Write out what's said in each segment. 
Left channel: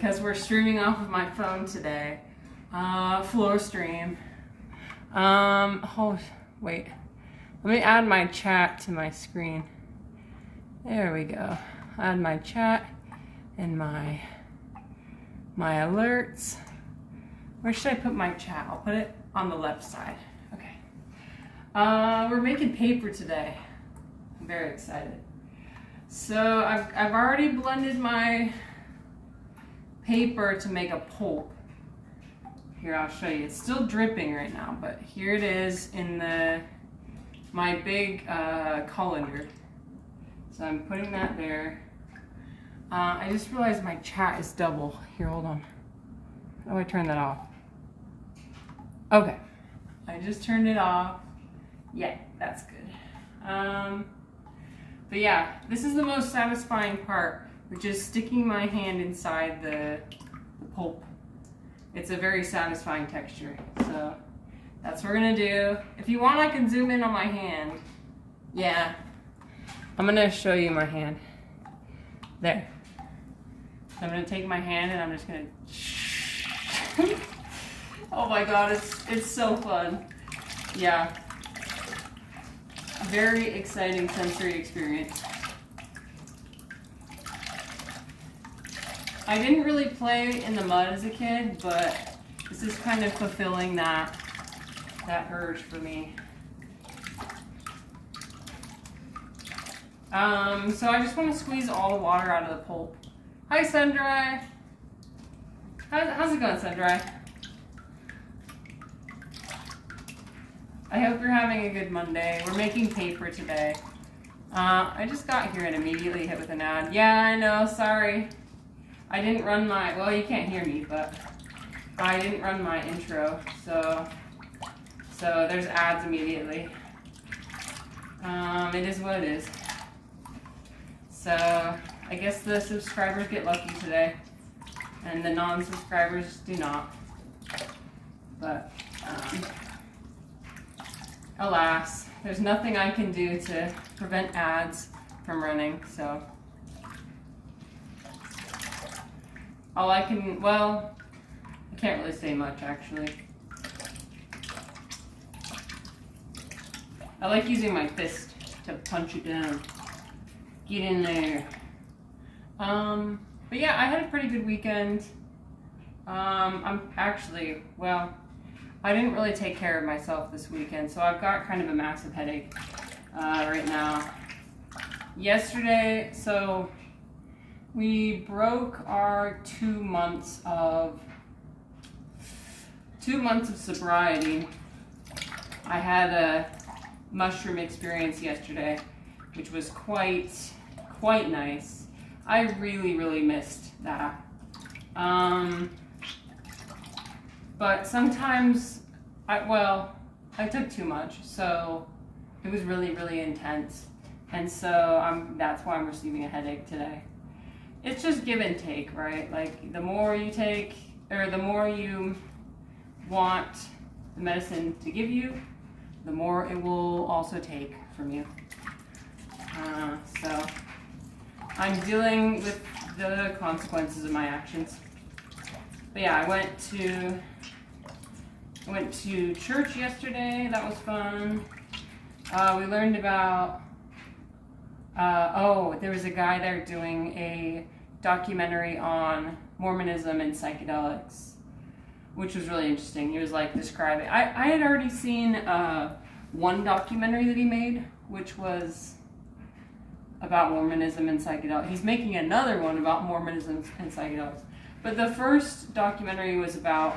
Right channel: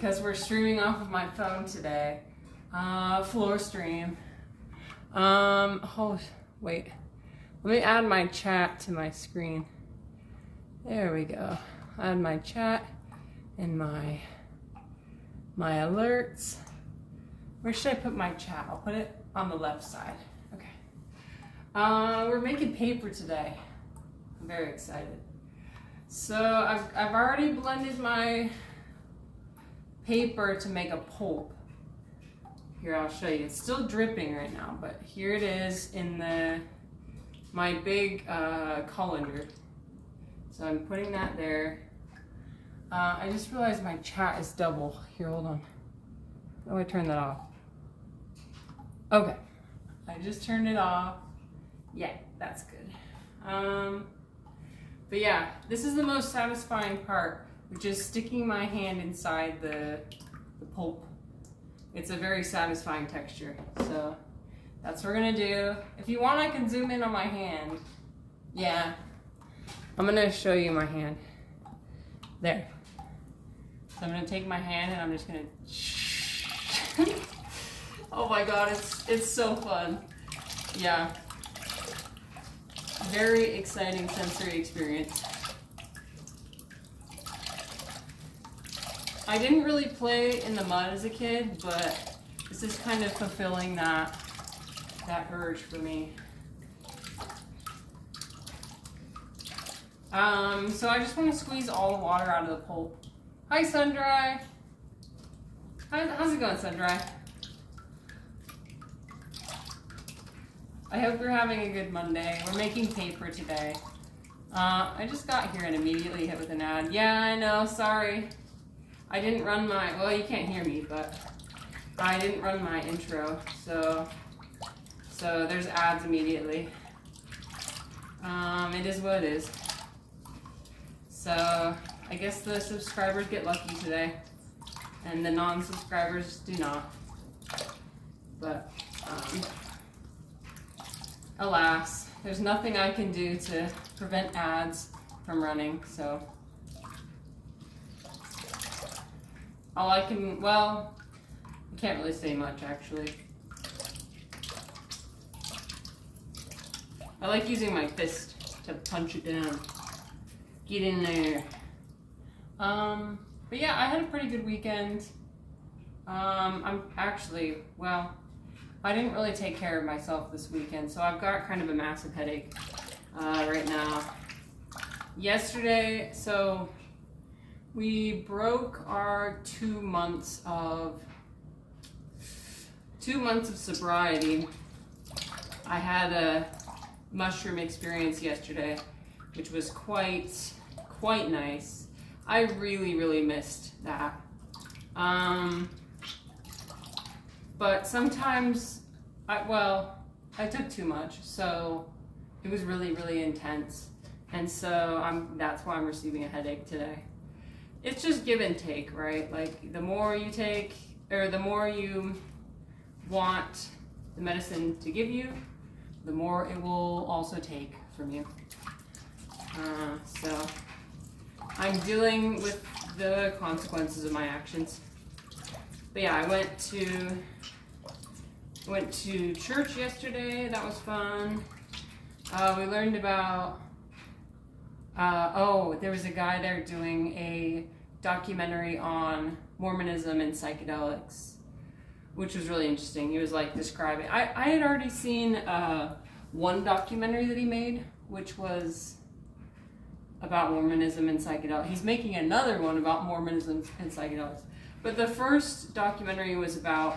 because we're streaming off of my phone today. Floor stream. Oh, wait. Let me add my chat to my screen. There we go. Add my chat and my alerts. Where should I put my chat? I'll put it on the left side. Okay. We're making paper today. I'm very excited. So I've already blended my paper to make a pulp. Here, I'll show you. It's still dripping right now, but here it is in my big colander. So I'm putting that there. I just realized my chat is double. Here, hold on. How do I turn that off? Okay. I just turned it off. Yeah, that's good. But yeah, this is the most satisfying part, which is sticking my hand inside the pulp. It's a very satisfying texture. So that's what we're gonna do. If you want, I can zoom in on my hand. Yeah. I'm gonna show you my hand. There. So I'm gonna take my hand and I'm just gonna oh my god, it's so fun. Yeah. Very exciting sensory experience. I didn't really play in the mud as a kid, but this is kind of fulfilling that urge for me. So I just want to squeeze all the water out of the pulp. Hi, Sundry. How's it going, Sundry? I hope you're having a good Monday. We're making paper today. I just got here and immediately hit with an ad. Yeah, I know, sorry. I didn't run my, well, you can't hear me, but I didn't run my intro, so there's ads immediately. It is what it is. So I guess the subscribers get lucky today, and the non-subscribers do not. But alas, there's nothing I can do to prevent ads from running, so all I can, well, I can't really say much actually. I like using my fist to punch it down. Get in there. But yeah, I had a pretty good weekend. I'm actually, well, I didn't really take care of myself this weekend, so I've got kind of a massive headache right now. Yesterday, so we broke our 2 months of sobriety. I had a mushroom experience yesterday, which was quite nice. I really missed that. But sometimes, I took too much, so it was really intense. And so that's why I'm receiving a headache today. It's just give and take, right? Like the more you take, or the more you want the medicine to give you, the more it will also take from you. So I'm dealing with the consequences of my actions. But yeah, I went to church yesterday. That was fun. We learned about, there was a guy there doing a documentary on Mormonism and psychedelics, which was really interesting. He was like describing, I had already seen one documentary that he made, which was about Mormonism and psychedelics. He's making another one about Mormonism and psychedelics. But the first documentary was about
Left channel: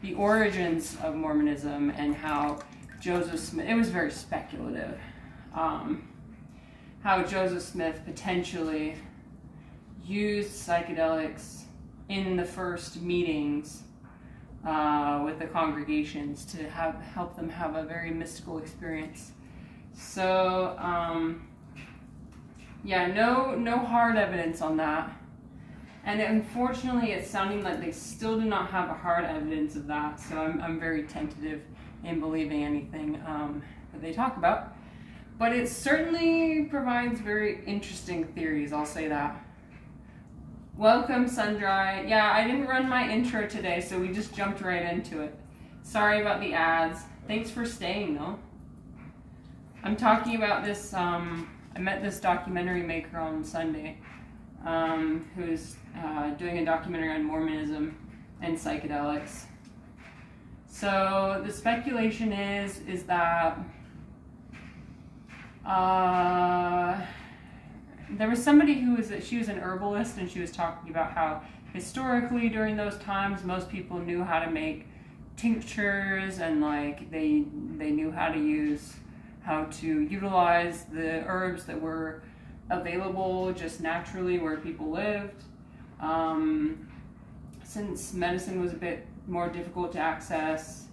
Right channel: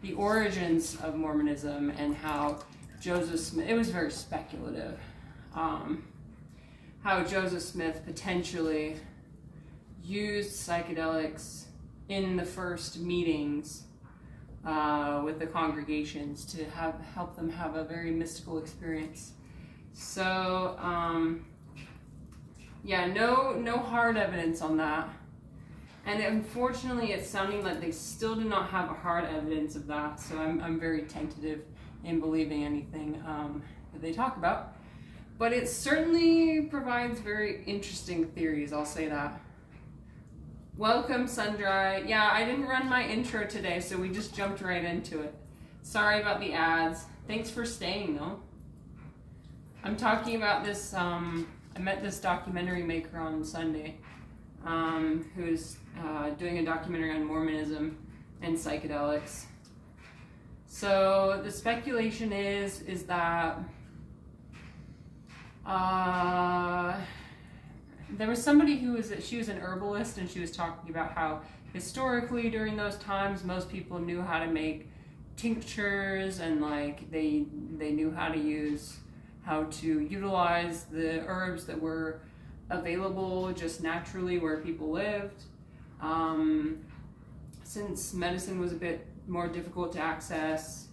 the origins of Mormonism and how Joseph Smith, it was very speculative, how Joseph Smith potentially used psychedelics in the first meetings with the congregations to help them have a very mystical experience. So, yeah, no hard evidence on that. And unfortunately, it's sounding like they still do not have a hard evidence of that. So I'm very tentative in believing anything that they talk about. But it certainly provides very interesting theories, I'll say that. Welcome, Sundry. Yeah, I didn't run my intro today, so we just jumped right into it. Sorry about the ads. Thanks for staying, though. I'm talking about this, I met this documentary maker on Sunday, who's doing a documentary on Mormonism and psychedelics. So the speculation is that there was somebody she was an herbalist, and she was talking about how historically during those times most people knew how to make tinctures, and like they knew how to utilize the herbs that were available just naturally where people lived. Since medicine was a bit more difficult to access,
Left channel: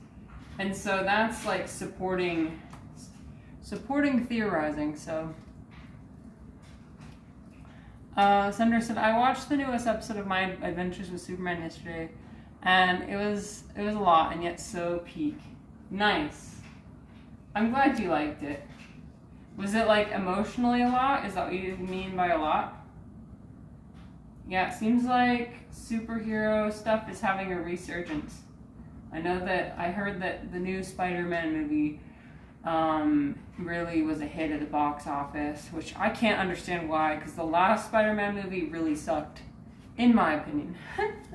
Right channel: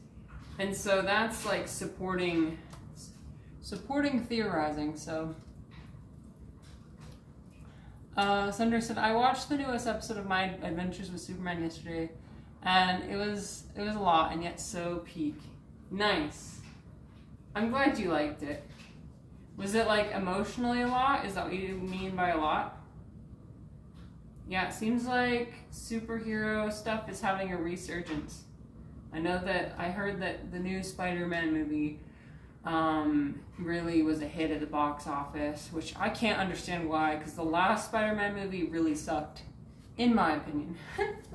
and so that's like supporting theorizing. So Sandra said, I watched the newest episode of My Adventures with Superman yesterday, and it was a lot, and yet so peak. Nice. I'm glad you liked it. Was it like emotionally a lot? Is that what you mean by a lot? Yeah, it seems like superhero stuff is having a resurgence. I heard that the new Spider-Man movie really was a hit at the box office, which I can't understand why, because the last Spider-Man movie really sucked, in my opinion.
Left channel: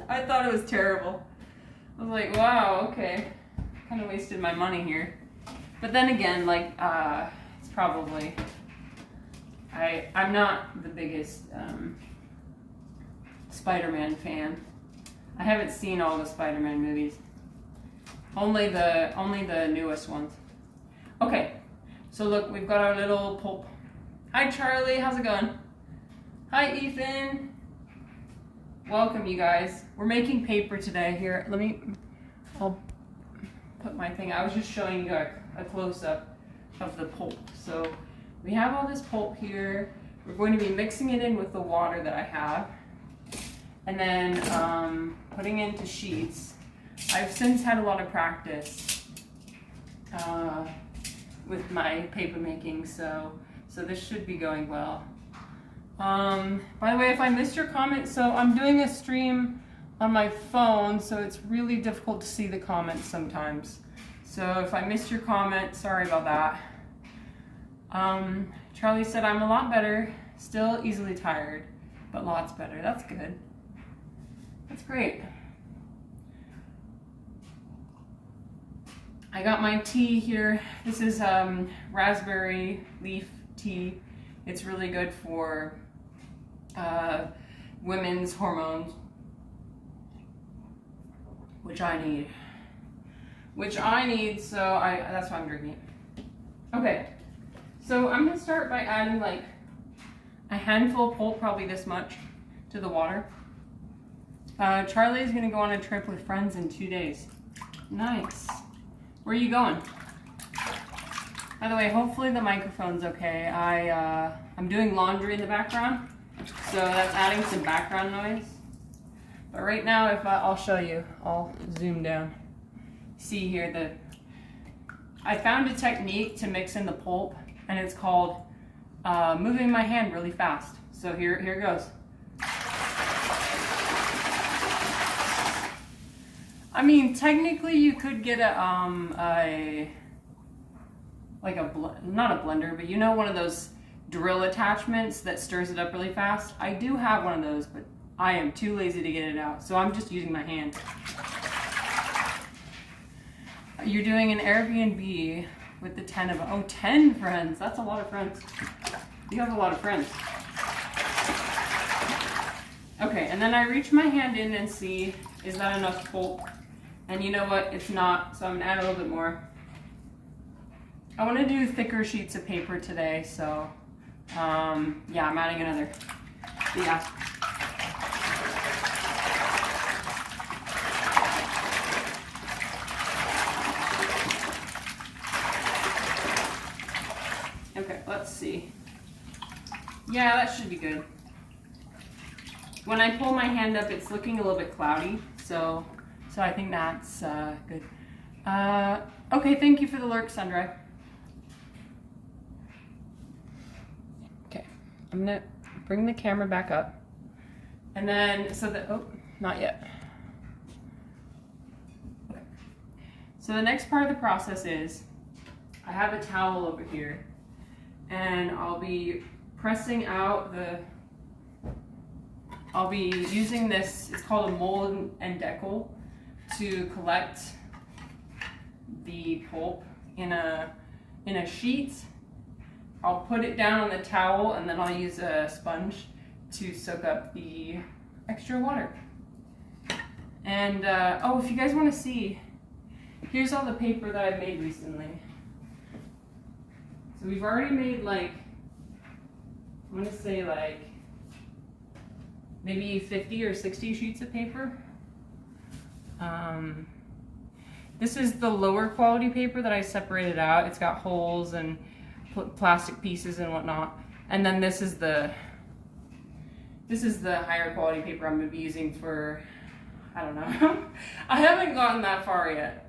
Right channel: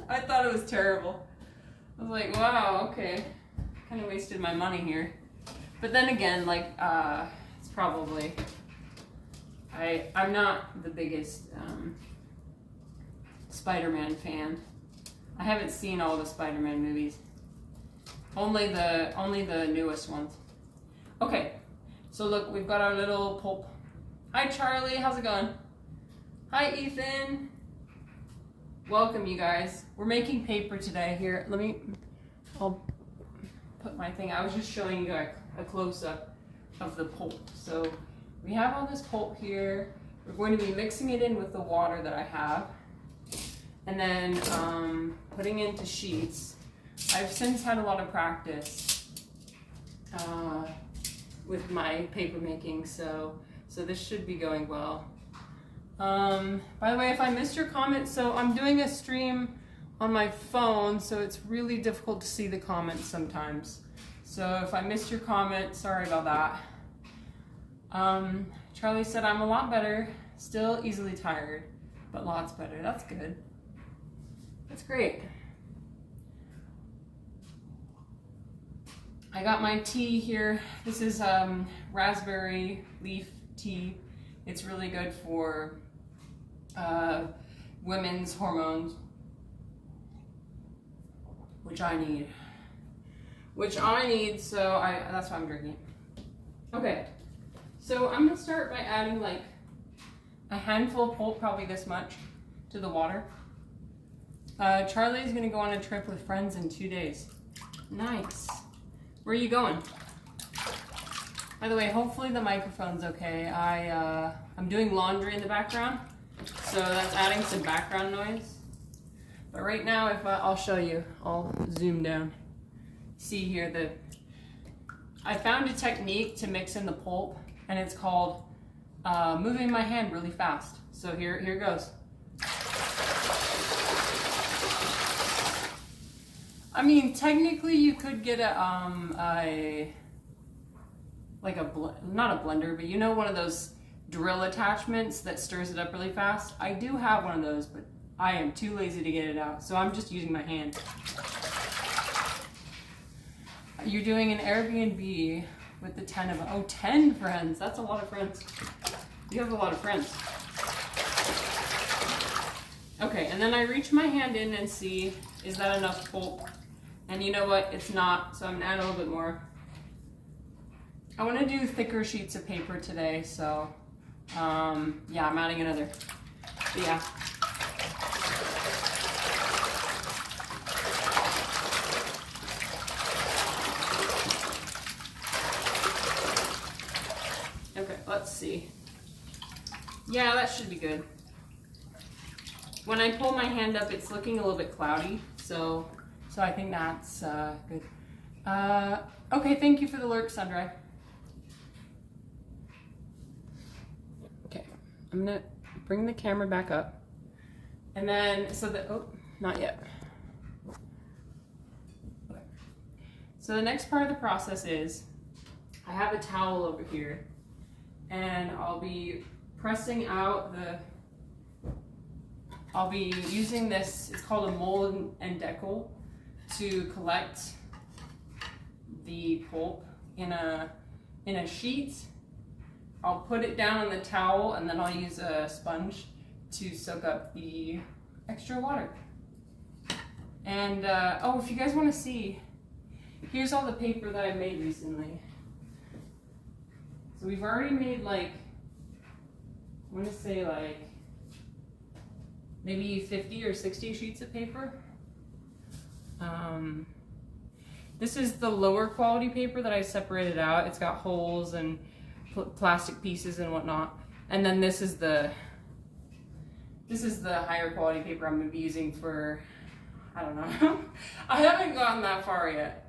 I thought it was terrible. I was like, wow, okay, kind of wasted my money here. But then again, like, it's probably, I'm not the biggest Spider-Man fan. I haven't seen all the Spider-Man movies. Only the newest ones. Okay, so look, we've got our little pulp. Hi Charlie, how's it going? Hi Ethan. Welcome, you guys. We're making paper today. Here, I'll put my thing. I was just showing you a close-up of the pulp. So we have all this pulp here. We're going to be mixing it in with the water that I have, and then putting it into sheets. I've since had a lot of practice with my paper making, so this should be going well. By the way, if I missed your comment, so I'm doing a stream on my phone, so it's really difficult to see the comments sometimes. So if I missed your comment, sorry about that. Charlie said, I'm a lot better, still easily tired, but lots better. That's good. That's great. I got my tea here. This is raspberry leaf tea. It's really good for women's hormones, which I need. So that's why I'm drinking it. Okay, so I'm gonna start by adding like a handful of pulp, probably this much, to the water. Charlie is gonna go on a trip with friends in 2 days. Nice. Where are you going? By the way, hopefully the microphone's okay. I'm doing laundry in the background, so that's adding some background noise. But right now, I'll show you. I'll zoom down. See here, I found a technique to mix in the pulp, and it's called moving my hand really fast. So here goes. I mean, technically you could get not a blender, but you know, one of those drill attachments that stirs it up really fast. I do have one of those, but I am too lazy to get it out, so I'm just using my hand. You're doing an Airbnb with the 10 friends. That's a lot of friends. You have a lot of friends. Okay, and then I reach my hand in and see, is that enough pulp? And you know what? It's not, so I'm gonna add a little bit more. I want to do thicker sheets of paper today, so yeah, I'm adding another. But yeah. Okay, let's see. Yeah, that should be good. When I pull my hand up, it's looking a little bit cloudy, so I think that's good. Okay, thank you for the lurk, Sundry. Okay, I'm gonna bring the camera back up, And then, oh, not yet. Okay. So the next part of the process is, I have a towel over here, and I'll be pressing out I'll be using this, it's called a mold and decal, to collect the pulp in a sheet. I'll put it down on the towel, and then I'll use a sponge to soak up the extra water. And oh, if you guys want to see, here's all the paper that I've made recently. So we've already made like, I'm gonna say like maybe 50 or 60 sheets of paper. This is the lower quality paper that I separated out. It's got holes and plastic pieces and whatnot. And then this is the higher quality paper I'm gonna be using for, I don't know. I haven't gotten that far yet.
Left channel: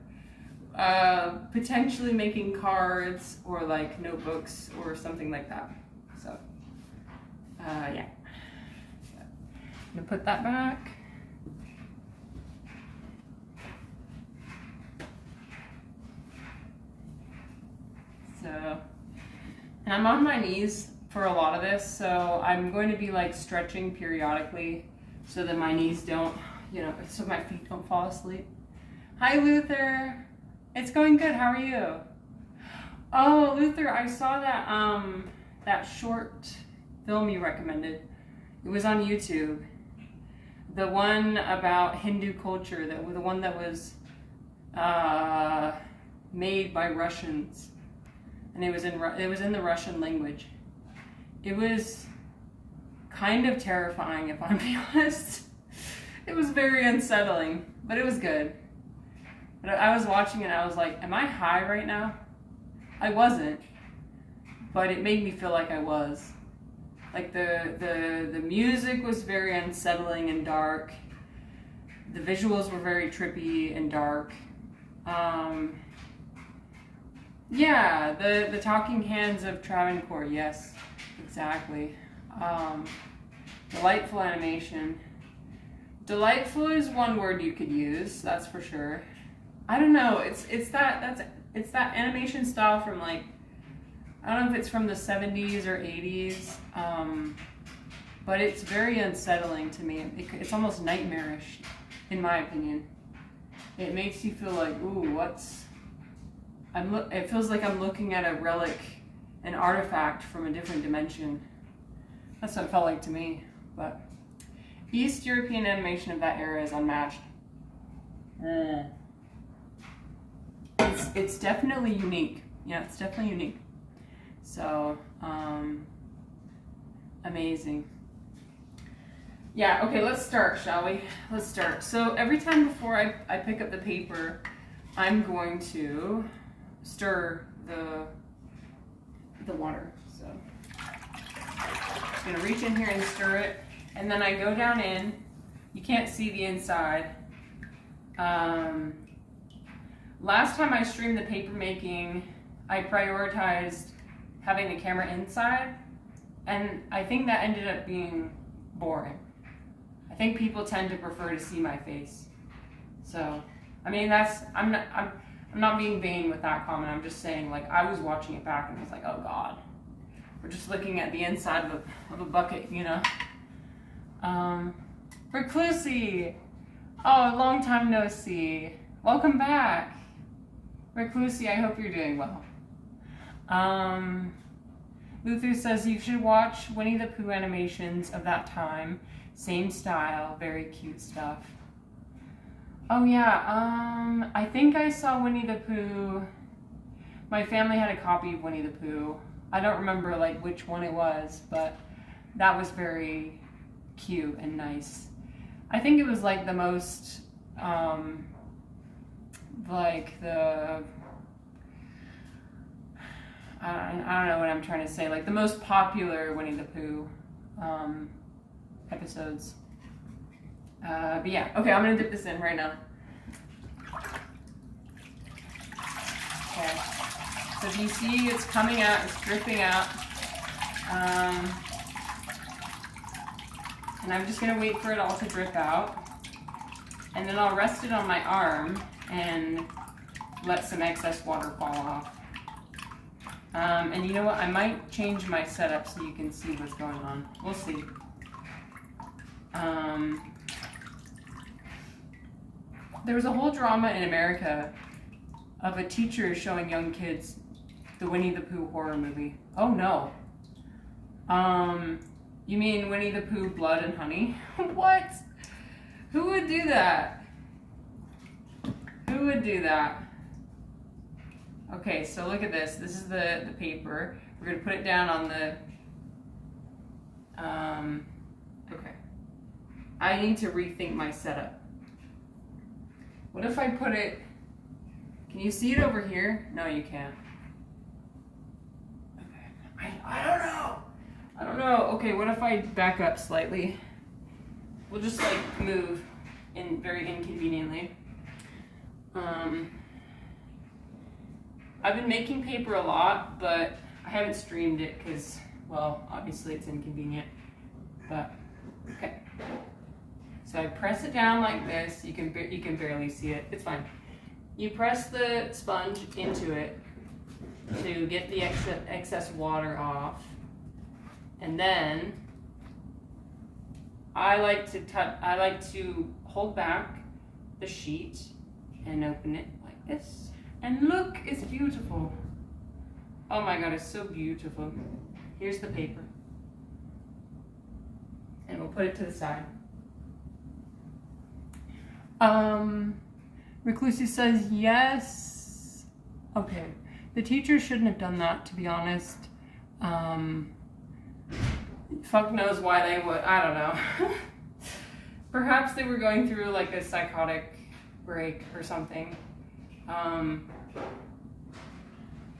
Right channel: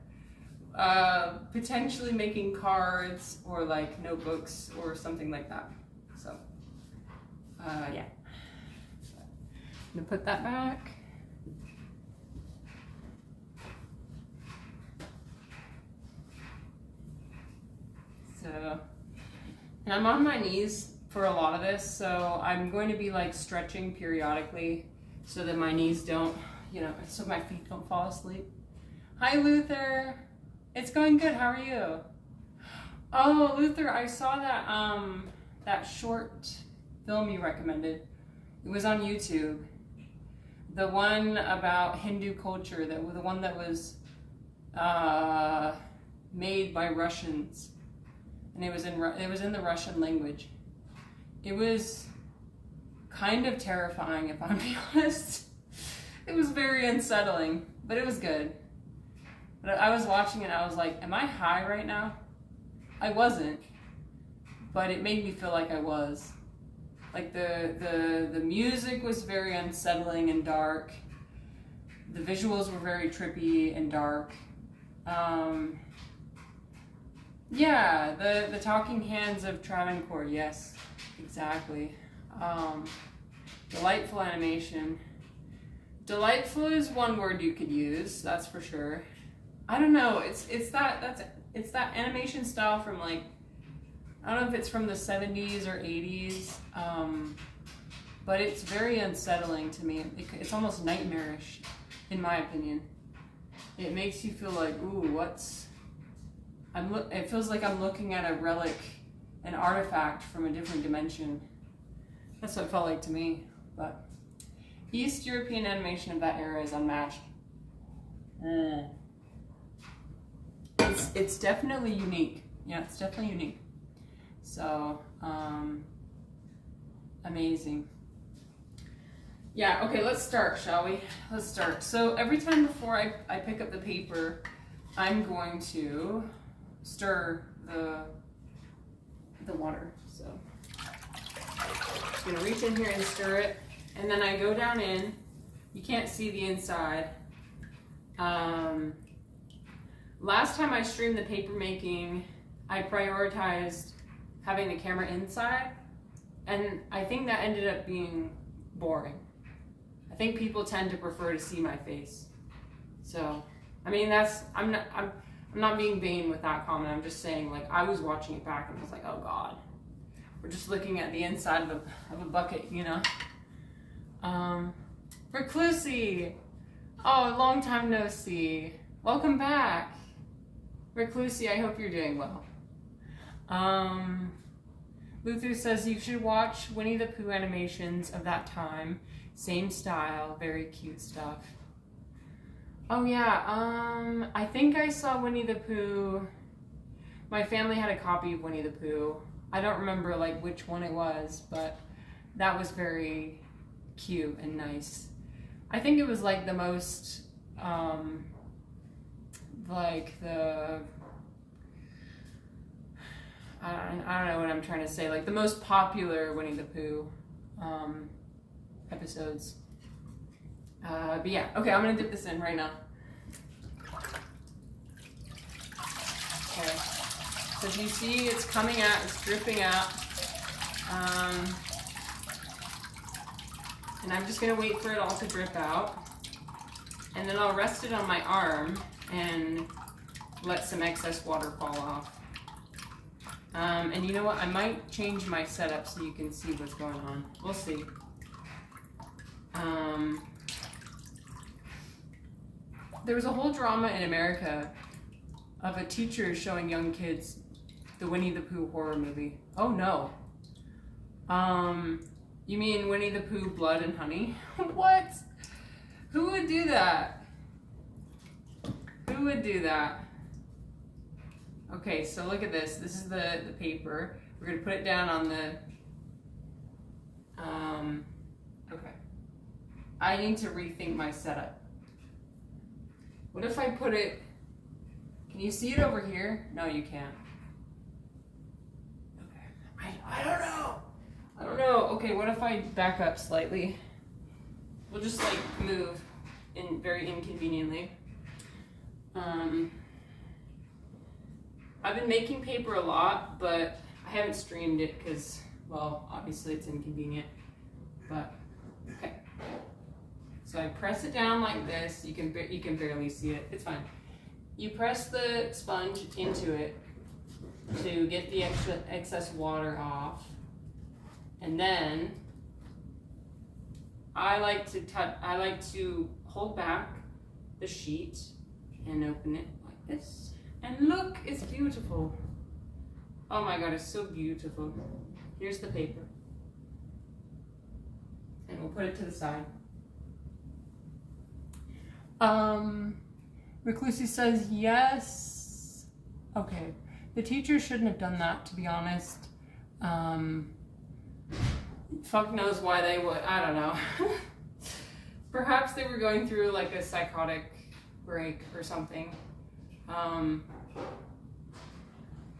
Potentially making cards or like notebooks or something like that. So, yeah. I'm gonna put that back. So, and I'm on my knees for a lot of this, so I'm going to be like stretching periodically so that my knees don't, you know, so my feet don't fall asleep. Hi, Luther. It's going good. How are you? Oh, Luther, I saw that that short film you recommended. It was on YouTube. The one about Hindu culture, the one that was made by Russians, and it was in the Russian language. It was kind of terrifying, if I'm being honest. It was very unsettling, but it was good. But I was watching it and I was like, am I high right now? I wasn't, but it made me feel like I was. Like the music was very unsettling and dark. The visuals were very trippy and dark. Yeah, the talking hands of Travancore, yes, exactly. Delightful animation. Delightful is one word you could use, that's for sure. I don't know, it's that animation style from like, I don't know if it's from the 70s or 80s, but it's very unsettling to me. It's almost nightmarish, in my opinion. It makes you feel like, ooh, it feels like I'm looking at a relic, an artifact from a different dimension. That's what it felt like to me. But East European animation of that era is unmatched. It's definitely unique. Yeah, it's definitely unique. So, amazing. Yeah, okay, let's start, shall we? Let's start. So every time before I pick up the paper, I'm going to stir the water. So I'm gonna reach in here and stir it, and then I go down in. You can't see the inside. Last time I streamed the paper making, I prioritized having the camera inside, and I think that ended up being boring. I think people tend to prefer to see my face. So, I mean, I'm not being vain with that comment. I'm just saying, like, I was watching it back and I was like, oh God, we're just looking at the inside of a bucket, you know? Reclusi, oh, long time no see. Welcome back. Reclusi, I hope you're doing well. Luther says you should watch Winnie the Pooh animations of that time. Same style, very cute stuff. Oh yeah, I think I saw Winnie the Pooh. My family had a copy of Winnie the Pooh. I don't remember like which one it was, but that was very cute and nice. I think it was like the most, like the, I don't know what I'm trying to say, like the most popular Winnie the Pooh episodes. But yeah, okay, I'm gonna dip this in right now. Okay, so if you see it's coming out, it's dripping out. And I'm just gonna wait for it all to drip out. And then I'll rest it on my arm and let some excess water fall off. And you know what? I might change my setup so you can see what's going on. We'll see. There was a whole drama in America of a teacher showing young kids the Winnie the Pooh horror movie. Oh no. You mean Winnie the Pooh, Blood and Honey? What? Who would do that? Who would do that? Okay, so look at this. This is the paper. We're gonna put it down on the, okay. I need to rethink my setup. What if I put it, can you see it over here? No, you can't. Okay, I don't know. I don't know. Okay, what if I back up slightly? We'll just like move in very inconveniently. I've been making paper a lot, but I haven't streamed it because, well, obviously it's inconvenient, but okay. So I press it down like this. You can barely see it. It's fine. You press the sponge into it to get the excess water off, and then I like to hold back the sheet and open it like this. And look, it's beautiful. Oh my God, it's so beautiful. Here's the paper. And we'll put it to the side. Reclusi says yes. Okay, the teacher shouldn't have done that, to be honest. Fuck knows why they would, I don't know. Perhaps they were going through like a psychotic break or something.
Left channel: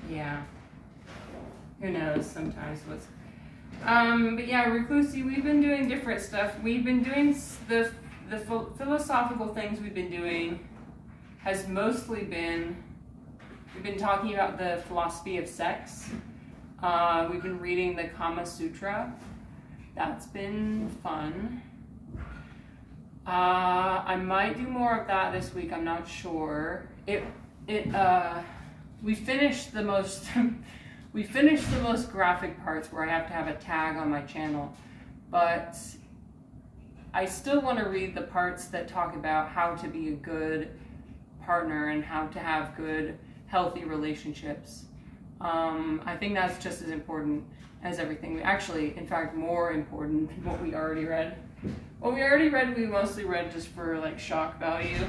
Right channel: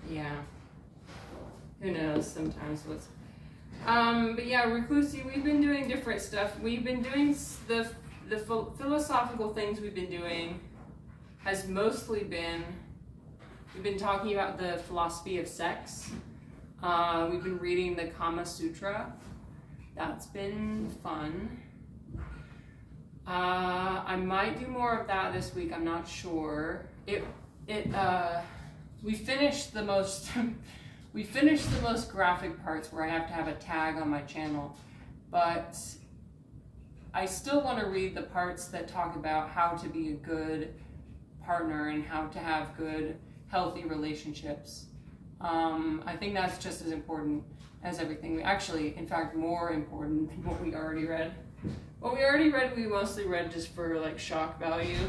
Yeah, who knows sometimes what's, but yeah, Reclusi, we've been doing different stuff. We've been doing the philosophical things we've been doing has mostly been, we've been talking about the philosophy of sex. We've been reading the Kama Sutra. That's been fun. I might do more of that this week. I'm not sure. We finished the most graphic parts where I have to have a tag on my channel, but I still want to read the parts that talk about how to be a good partner and how to have good, healthy relationships. I think that's just as important as everything. Actually, in fact, more important than what we already read. What we already read, we mostly read just for like shock value.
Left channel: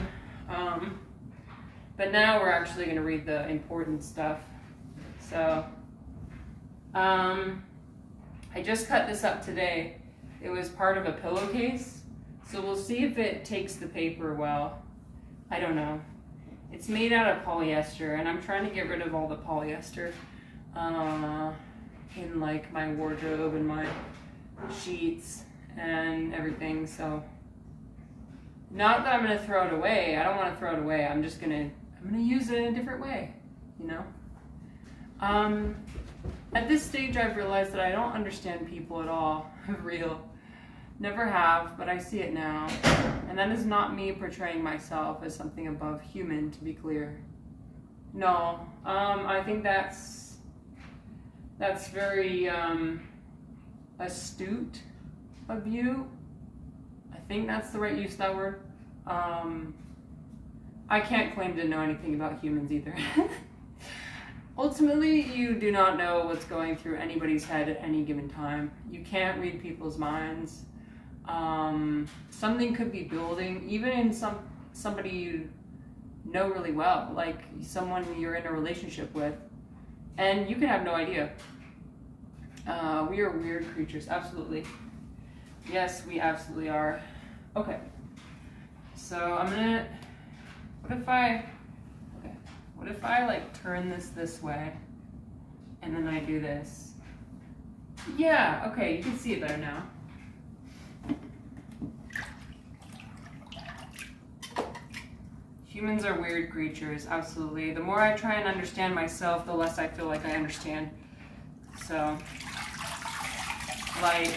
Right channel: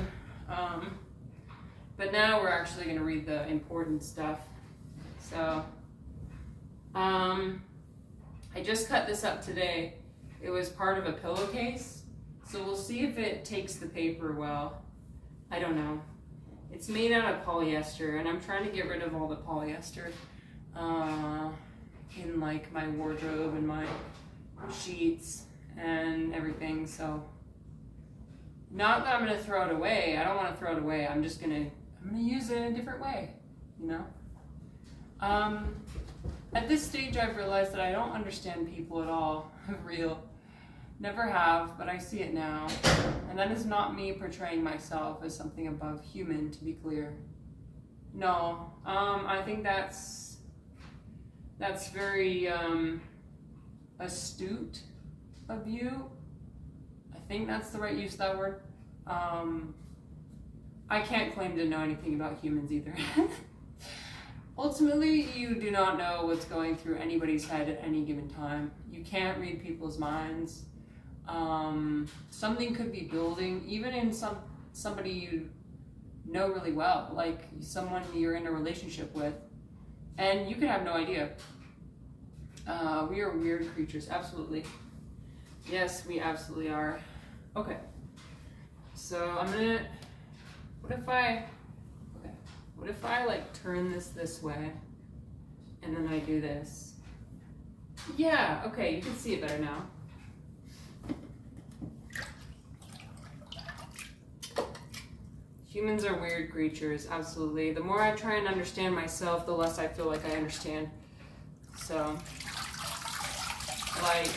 But now we're actually going to read the important stuff. So, I just cut this up today. It was part of a pillowcase. So we'll see if it takes the paper well. I don't know. It's made out of polyester, and I'm trying to get rid of all the polyester in like my wardrobe and my sheets and everything. So, not that I'm gonna throw it away. I don't want to throw it away. I'm gonna use it in a different way, you know. At this stage, I've realized that I don't understand people at all. Real. Never have, but I see it now. And that is not me portraying myself as something above human, to be clear. No, I think that's very astute of you. I think that's the right use of that word. I can't claim to know anything about humans either. Ultimately, you do not know what's going through anybody's head at any given time. You can't read people's minds. Something could be building, even in somebody you know really well, like someone you're in a relationship with, and you can have no idea. We are weird creatures, absolutely. Yes, we absolutely are. Okay, so I'm gonna, what if I like turn this way, and then I do this? Yeah, okay, you can see it better now. Humans are weird creatures, absolutely. The more I try and understand myself, the less I feel like I understand. So, like,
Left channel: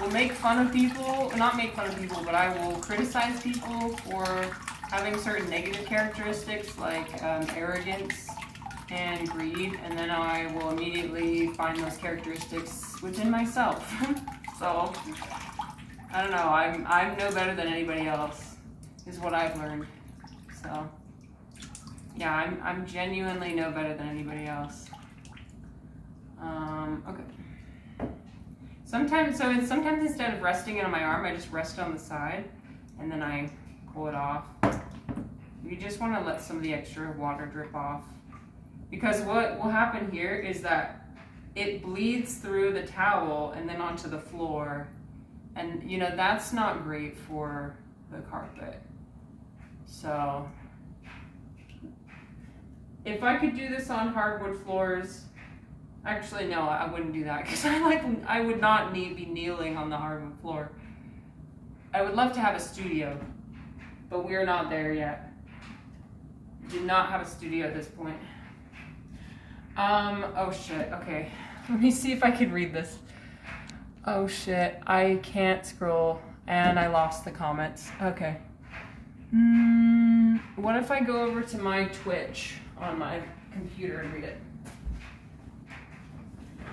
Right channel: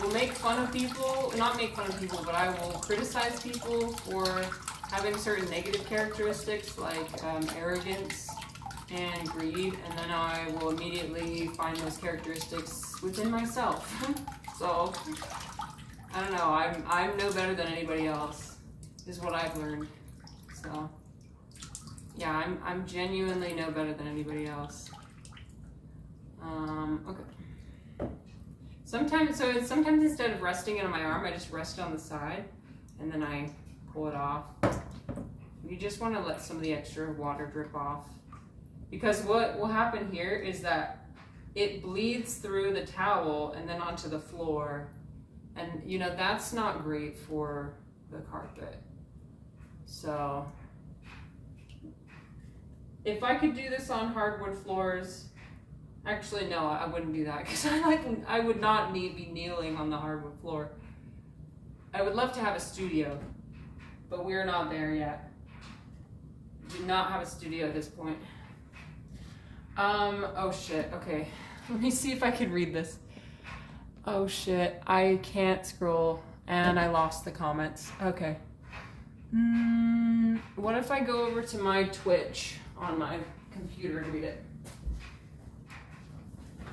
will make fun of people, not make fun of people, but I will criticize people for having certain negative characteristics like arrogance and greed, and then I will immediately find those characteristics within myself. So, I don't know, I'm no better than anybody else, is what I've learned. So, yeah, I'm genuinely no better than anybody else. Okay. Sometimes instead of resting it on my arm, I just rest it on the side, and then I pull it off. You just want to let some of the extra water drip off. Because what will happen here is that it bleeds through the towel and then onto the floor. And, you know, that's not great for the carpet. So, if I could do this on hardwood floors, actually no, I wouldn't do that. Because I would not be kneeling on the hardwood floor. I would love to have a studio, but we're not there yet. Do not have a studio at this point. Oh shit, okay. Let me see if I can read this. Oh shit, I can't scroll and I lost the comments. Okay. What if I go over to my Twitch on my computer and read it?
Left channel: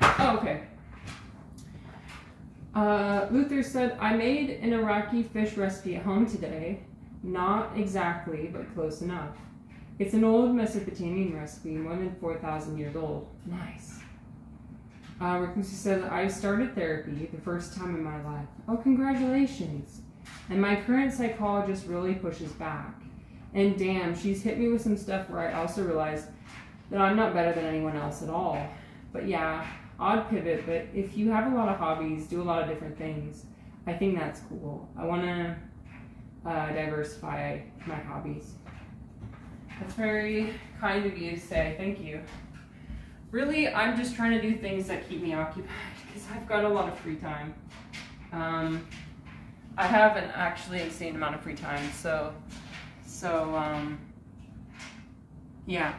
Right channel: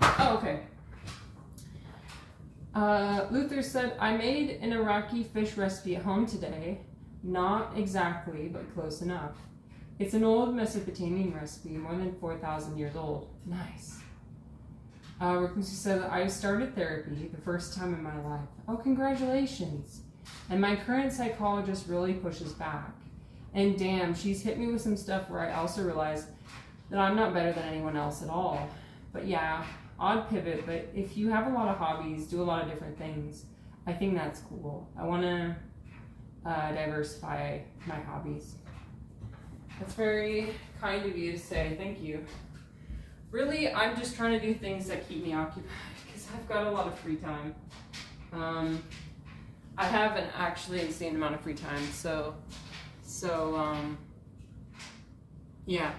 Oh, okay. Luther said, I made an Iraqi fish recipe at home today. Not exactly, but close enough. It's an old Mesopotamian recipe, more than 4,000 years old. Nice. Rickency said, I started therapy the first time in my life. Oh, congratulations. And my current psychologist really pushes back. And damn, she's hit me with some stuff where I also realized that I'm not better than anyone else at all. But yeah, odd pivot, but if you have a lot of hobbies, do a lot of different things, I think that's cool. I want to diversify my hobbies. That's very kind of you to say. Thank you. Really, I'm just trying to do things that keep me occupied because I've got a lot of free time. I have an actually insane amount of free time, so yeah.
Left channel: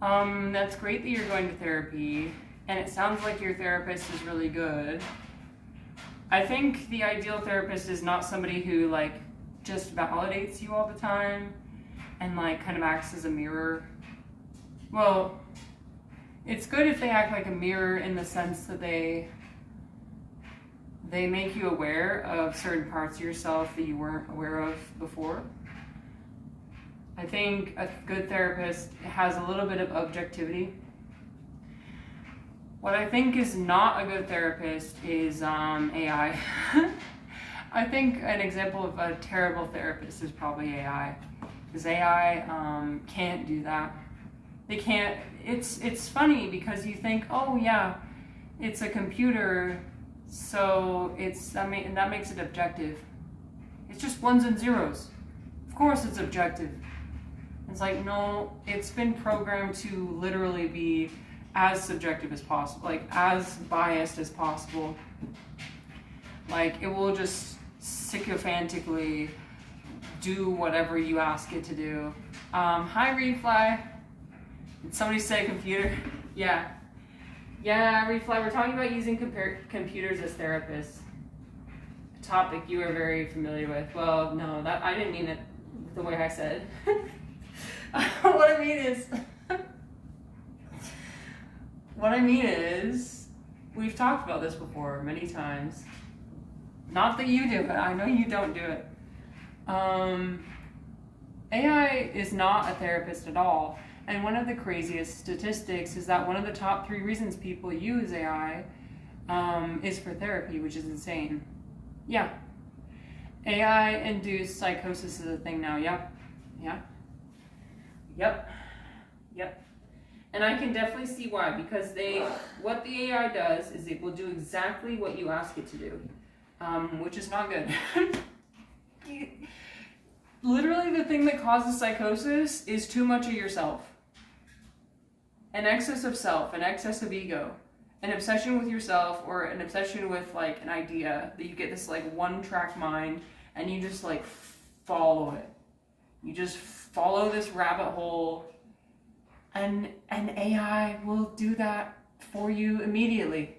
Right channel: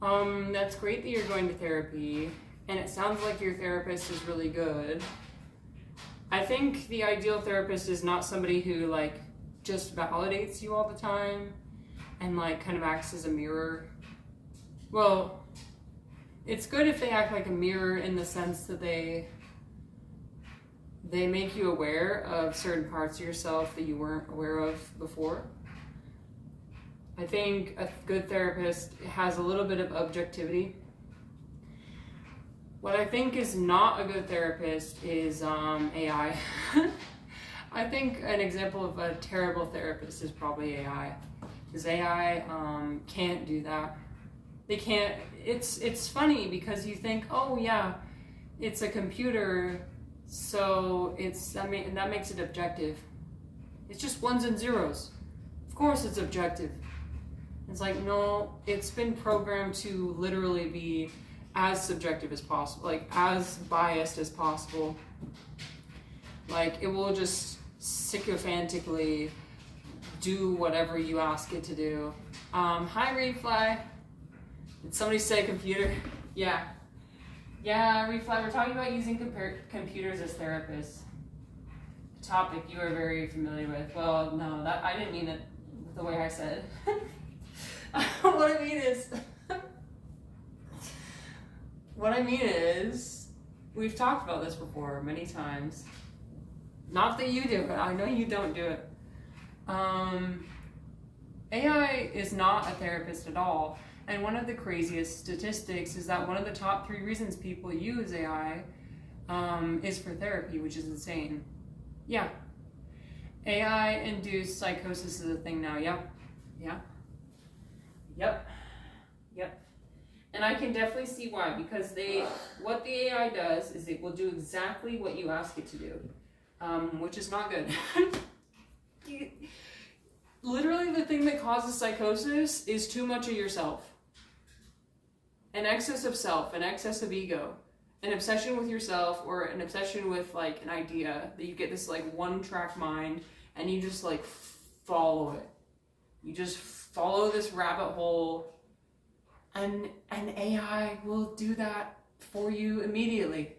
That's great that you're going to therapy, and it sounds like your therapist is really good. I think the ideal therapist is not somebody who like just validates you all the time and like kind of acts as a mirror. Well, it's good if they act like a mirror in the sense that they make you aware of certain parts of yourself that you weren't aware of before. I think a good therapist has a little bit of objectivity. What I think is not a good therapist is AI. I think an example of a terrible therapist is probably AI. Because AI can't do that. They can't. It's funny because you think, oh yeah, it's a computer, so that makes it objective. It's just ones and zeros. Of course it's objective. It's like, no, it's been programmed to literally be as subjective as possible, like as biased as possible. Like it will just sycophantically do whatever you ask it to do. Hi Refly. Did somebody say computer? Yeah. Yeah, Refly, we're talking about using computers as therapists. A topic you are very familiar with. Well, no, that I didn't mean it the way I said. What I mean is, we've talked about this before many times. Not that you do it, I know you don't do it. AI is not a therapist at all. And one of the craziest statistics is that one of the top 3 reasons people use AI is for therapy, which is insane. Yeah. AI-induced psychosis is a thing now. Yep. Yeah. Yep. Yep. And I can definitely see why, because what the AI does is it will do exactly what you ask it to do, which is not good. Literally the thing that causes psychosis is too much of yourself. An excess of self, an excess of ego, an obsession with yourself, or an obsession with like an idea that you get this like one-track mind and you just like follow it. You just follow this rabbit hole, and AI will do that for you immediately.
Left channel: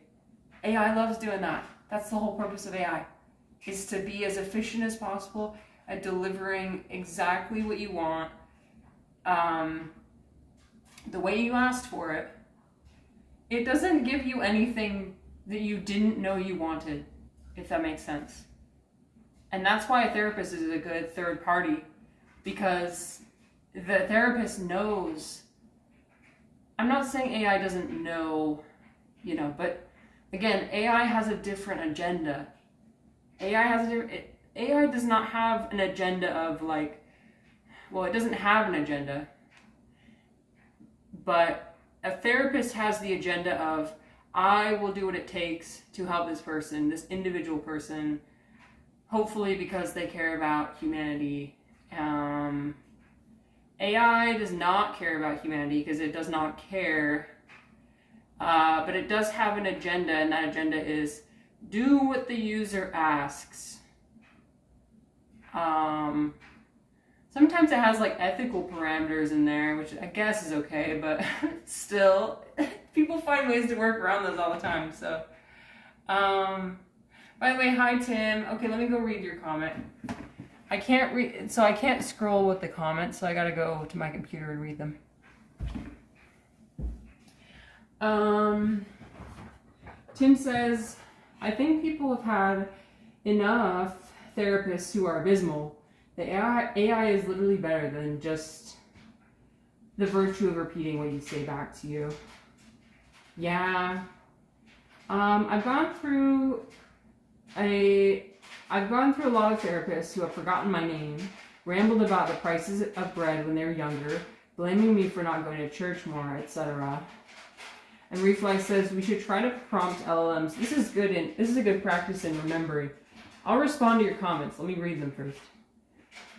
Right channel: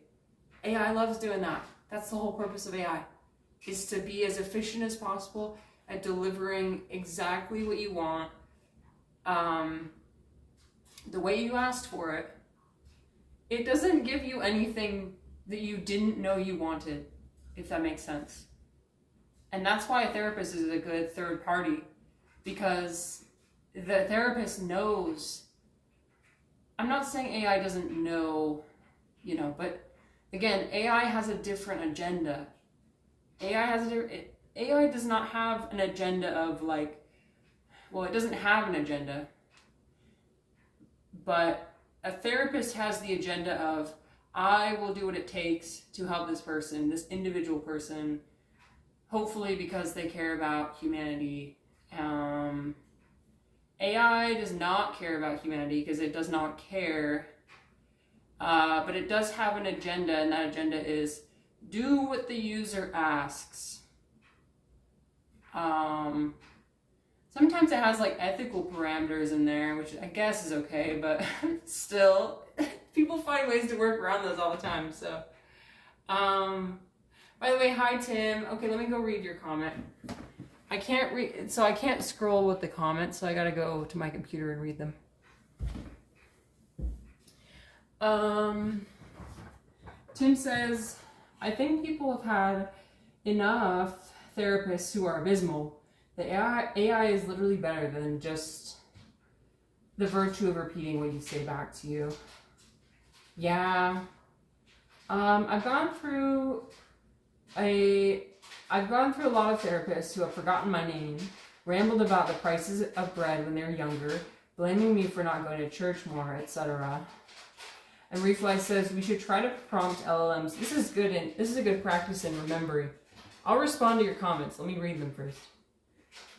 AI loves doing that. That's the whole purpose of AI, is to be as efficient as possible at delivering exactly what you want, the way you asked for it. It doesn't give you anything that you didn't know you wanted, if that makes sense. And that's why a therapist is a good third party, because the therapist knows. I'm not saying AI doesn't know, but again, AI has a different agenda. AI does not have an agenda of it doesn't have an agenda, but a therapist has the agenda of, I will do what it takes to help this person, this individual person, hopefully because they care about humanity. AI does not care about humanity because it does not care, but it does have an agenda, and that agenda is do what the user asks. Sometimes it has ethical parameters in there, which I guess is okay, but still, people find ways to work around those all the time. So, by the way, hi Tim. Okay, let me go read your comment. I can't scroll with the comments, so I gotta go to my computer and read them. Tim says, I think people have had enough therapists who are abysmal. The AI is literally better than just the virtue of repeating what you say back to you. Yeah. I've gone through a lot of therapists who have forgotten my name, rambled about the prices of bread when they were younger, blaming me for not going to church more, etc. And Refly says we should try to prompt LLMs. This is a good practice in remembering. I'll respond to your comments. Let me read them first.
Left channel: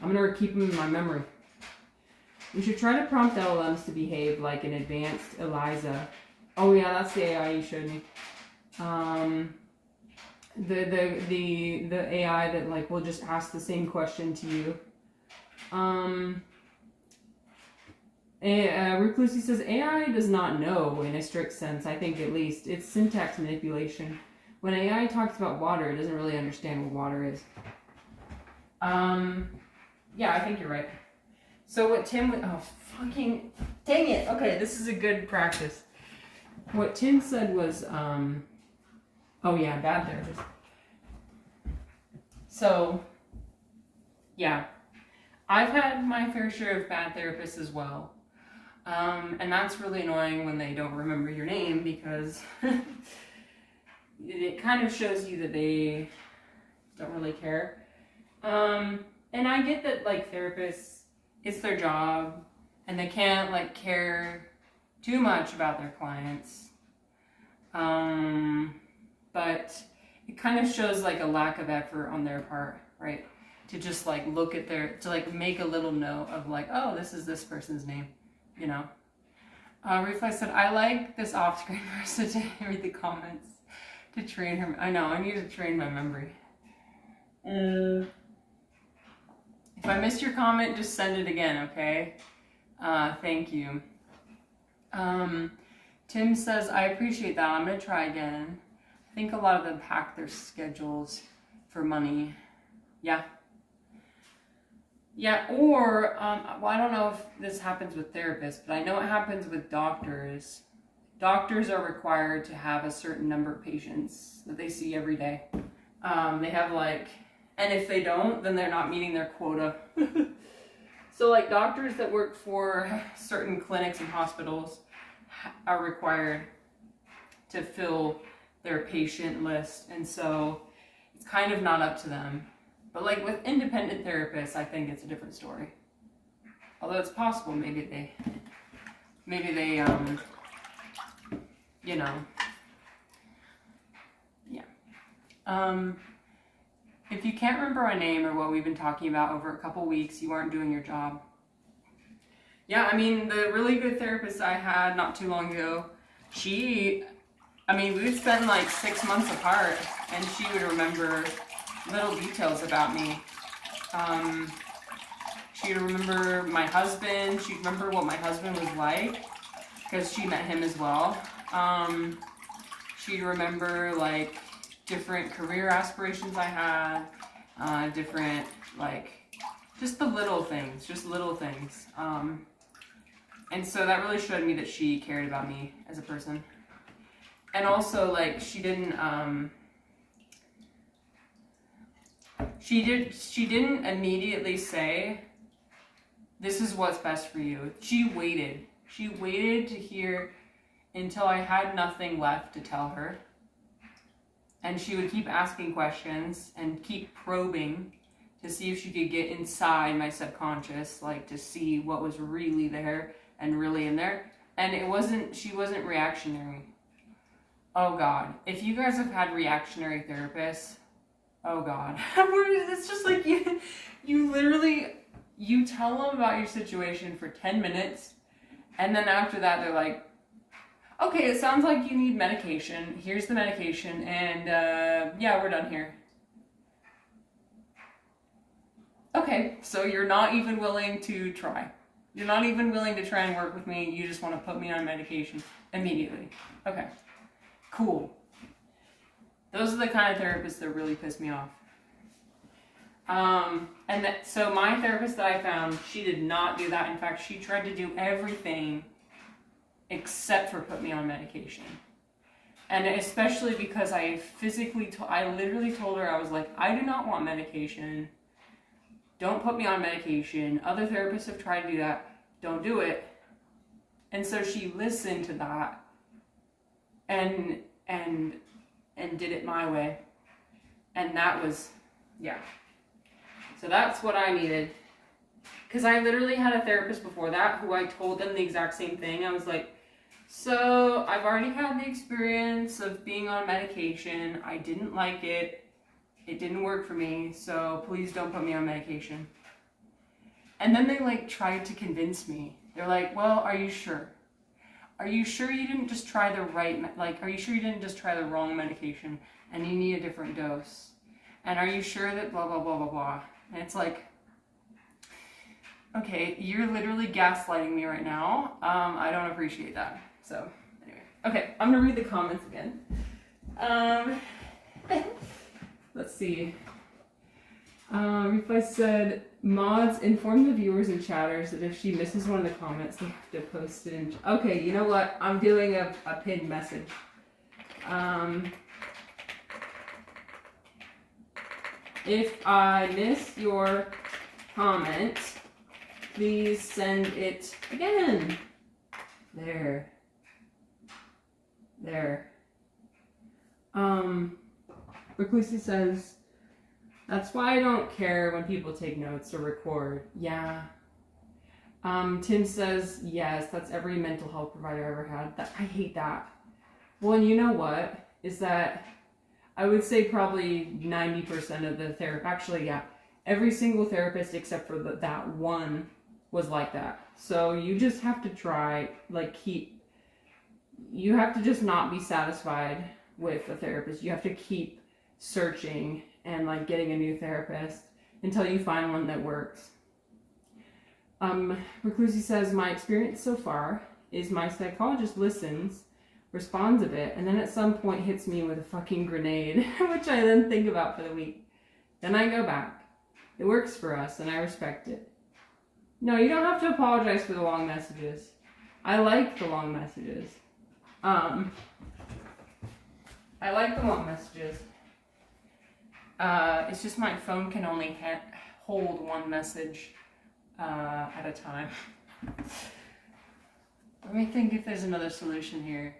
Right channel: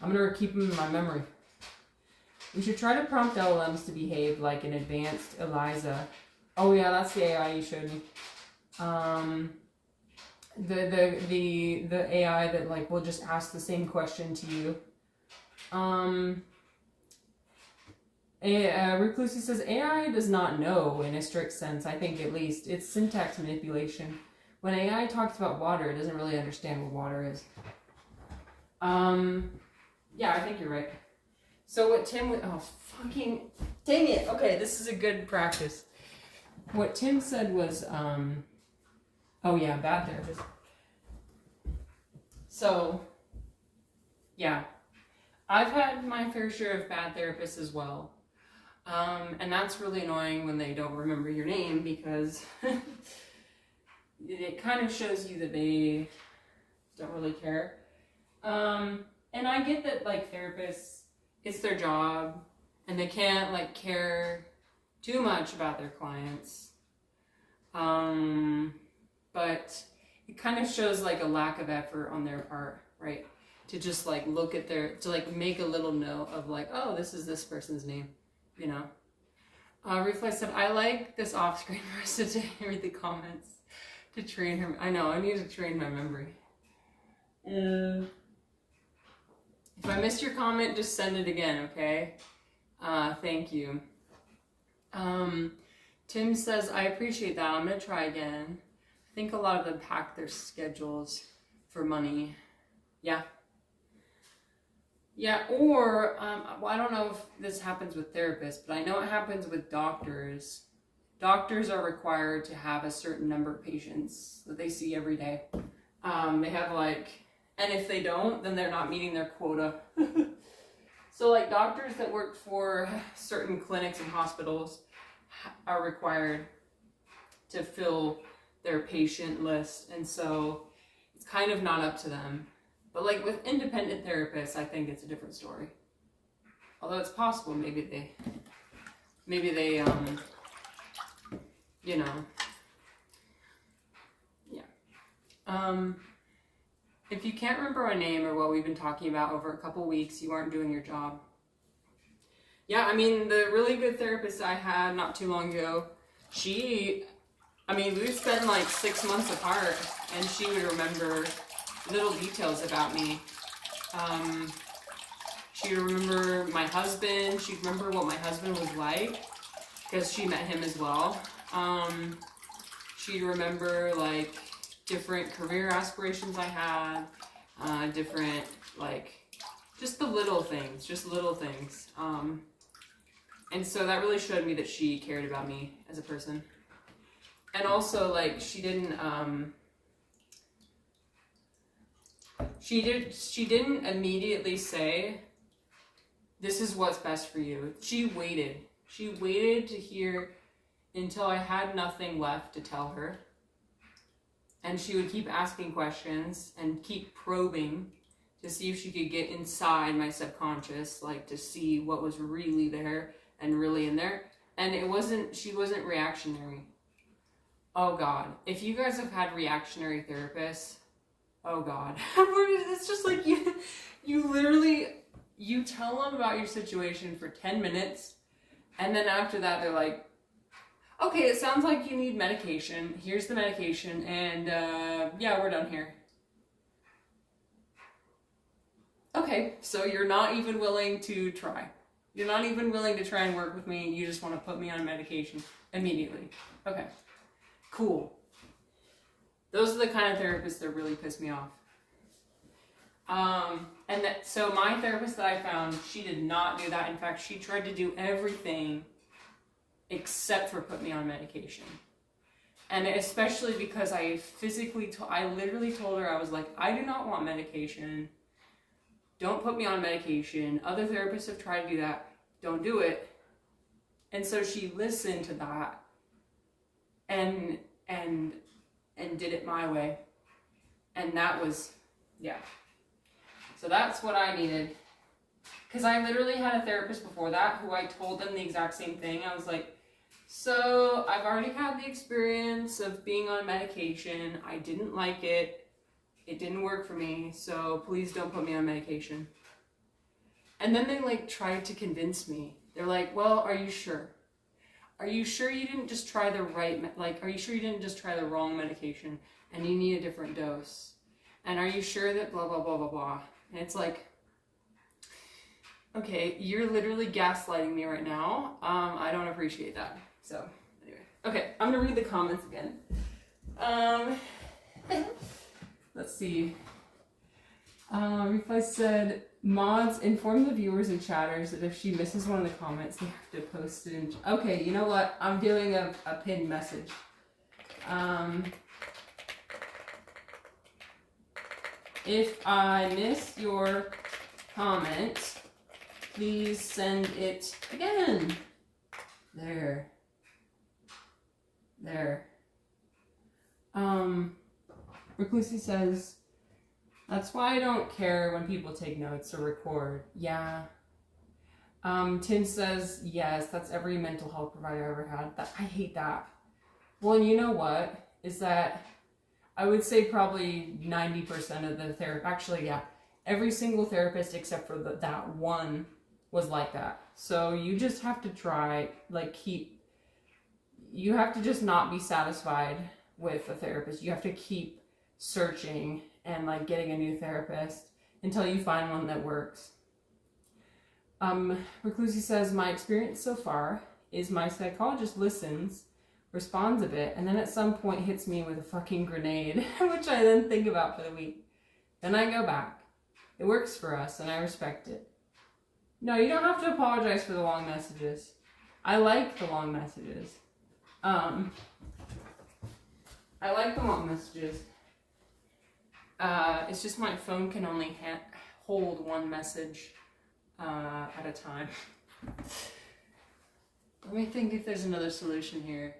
I'm going to keep them in my memory. We should try to prompt LLMs to behave like an advanced Eliza. Oh yeah, that's the AI you showed me. The AI that will just ask the same question to you. Reclusi says AI does not know in a strict sense. I think at least it's syntax manipulation. When AI talks about water, it doesn't really understand what water is. Yeah, I think you're right. So what Tim would, oh fucking dang it. Okay, this is a good practice. What Tim said was, oh yeah, bad therapist. So, yeah, I've had my fair share of bad therapists as well. And that's really annoying when they don't remember your name, because it kind of shows you that they don't really care. And I get that therapists, it's their job and they can't care too much about their clients. But it kind of shows a lack of effort on their part, right? To just look at make a little note of oh, this is this person's name, Reflex said, I like this off-screen person to read the comments to train her. I know, I need to train my memory. If I missed your comment, just send it again, okay? Thank you. Tim says, I appreciate that. I'm going to try again. I think a lot of them pack their schedules for money. Yeah. Yeah, or, I don't know if this happens with therapists, but I know it happens with doctors. Doctors are required to have a certain number of patients that they see every day. They have and if they don't, then they're not meeting their quota. So doctors that work for certain clinics and hospitals are required to fill their patient list. And so it's kind of not up to them. But with independent therapists, I think it's a different story. Although it's possible maybe they yeah. If you can't remember my name or what we've been talking about over a couple weeks, you aren't doing your job. Yeah, I mean, the really good therapist I had not too long ago, we spent 6 months apart, and she would remember little details about me. She would remember my husband. She'd remember what my husband was like, because she met him as well. She'd remember different career aspirations I had, different, like, just the little things, and so that really showed me that she cared about me as a person. And also, like, she didn't immediately say, this is what's best for you. She waited to hear until I had nothing left to tell her. And she would keep asking questions and keep probing to see if she could get inside my subconscious, like to see what was really there and really in there. And she wasn't reactionary. Oh God, if you guys have had reactionary therapists, oh God, it's just like you literally, you tell them about your situation for 10 minutes, and then after that they're like, okay, it sounds like you need medication. Here's the medication, and yeah, we're done here. Okay, so you're not even willing to try. You're not even willing to try and work with me. You just want to put me on medication immediately. Okay, cool. Those are the kind of therapists that really piss me off. So my therapist that I found, she did not do that. In fact, she tried to do everything except for put me on medication. And especially because I literally told her, I was like, I do not want medication. Don't put me on medication. Other therapists have tried to do that. Don't do it. And so she listened to that and did it my way. And that was, yeah. So that's what I needed. Because I literally had a therapist before that who I told them the exact same thing. I was like, so I've already had the experience of being on medication. I didn't like it. It didn't work for me. So please don't put me on medication. And then they like tried to convince me. They're like, well, are you sure? Are you sure you didn't just try the are you sure you didn't just try the wrong medication and you need a different dose? And are you sure that blah, blah, blah, blah, blah? And it's like, okay, you're literally gaslighting me right now. I don't appreciate that. So anyway, okay, I'm gonna read the comments again. Let's see. Reply said, mods, inform the viewers and chatters that if she misses one of the comments, they have to post it in. Okay, you know what? I'm doing a pinned message. If I miss your comment, please send it again. There. Reclusi says, that's why I don't care when people take notes or record. Yeah. Tim says, yes, that's every mental health provider I ever had. I hate that. Well, and you know what? Is that I would say probably 90% of the therapy, actually, yeah, every single therapist except for that one was like that. So you just have to try, you have to just not be satisfied with a therapist. You have to keep searching and getting a new therapist until you find one that works. Reclusi says, my experience so far is my psychologist listens, responds a bit, and then at some point hits me with a fucking grenade, which I then think about for the week. Then I go back. It works for us, and I respect it. No, you don't have to apologize for the long messages. I like the long messages. I like the long messages. It's just my phone can only hold one message at a time. Let me think if there's another solution here.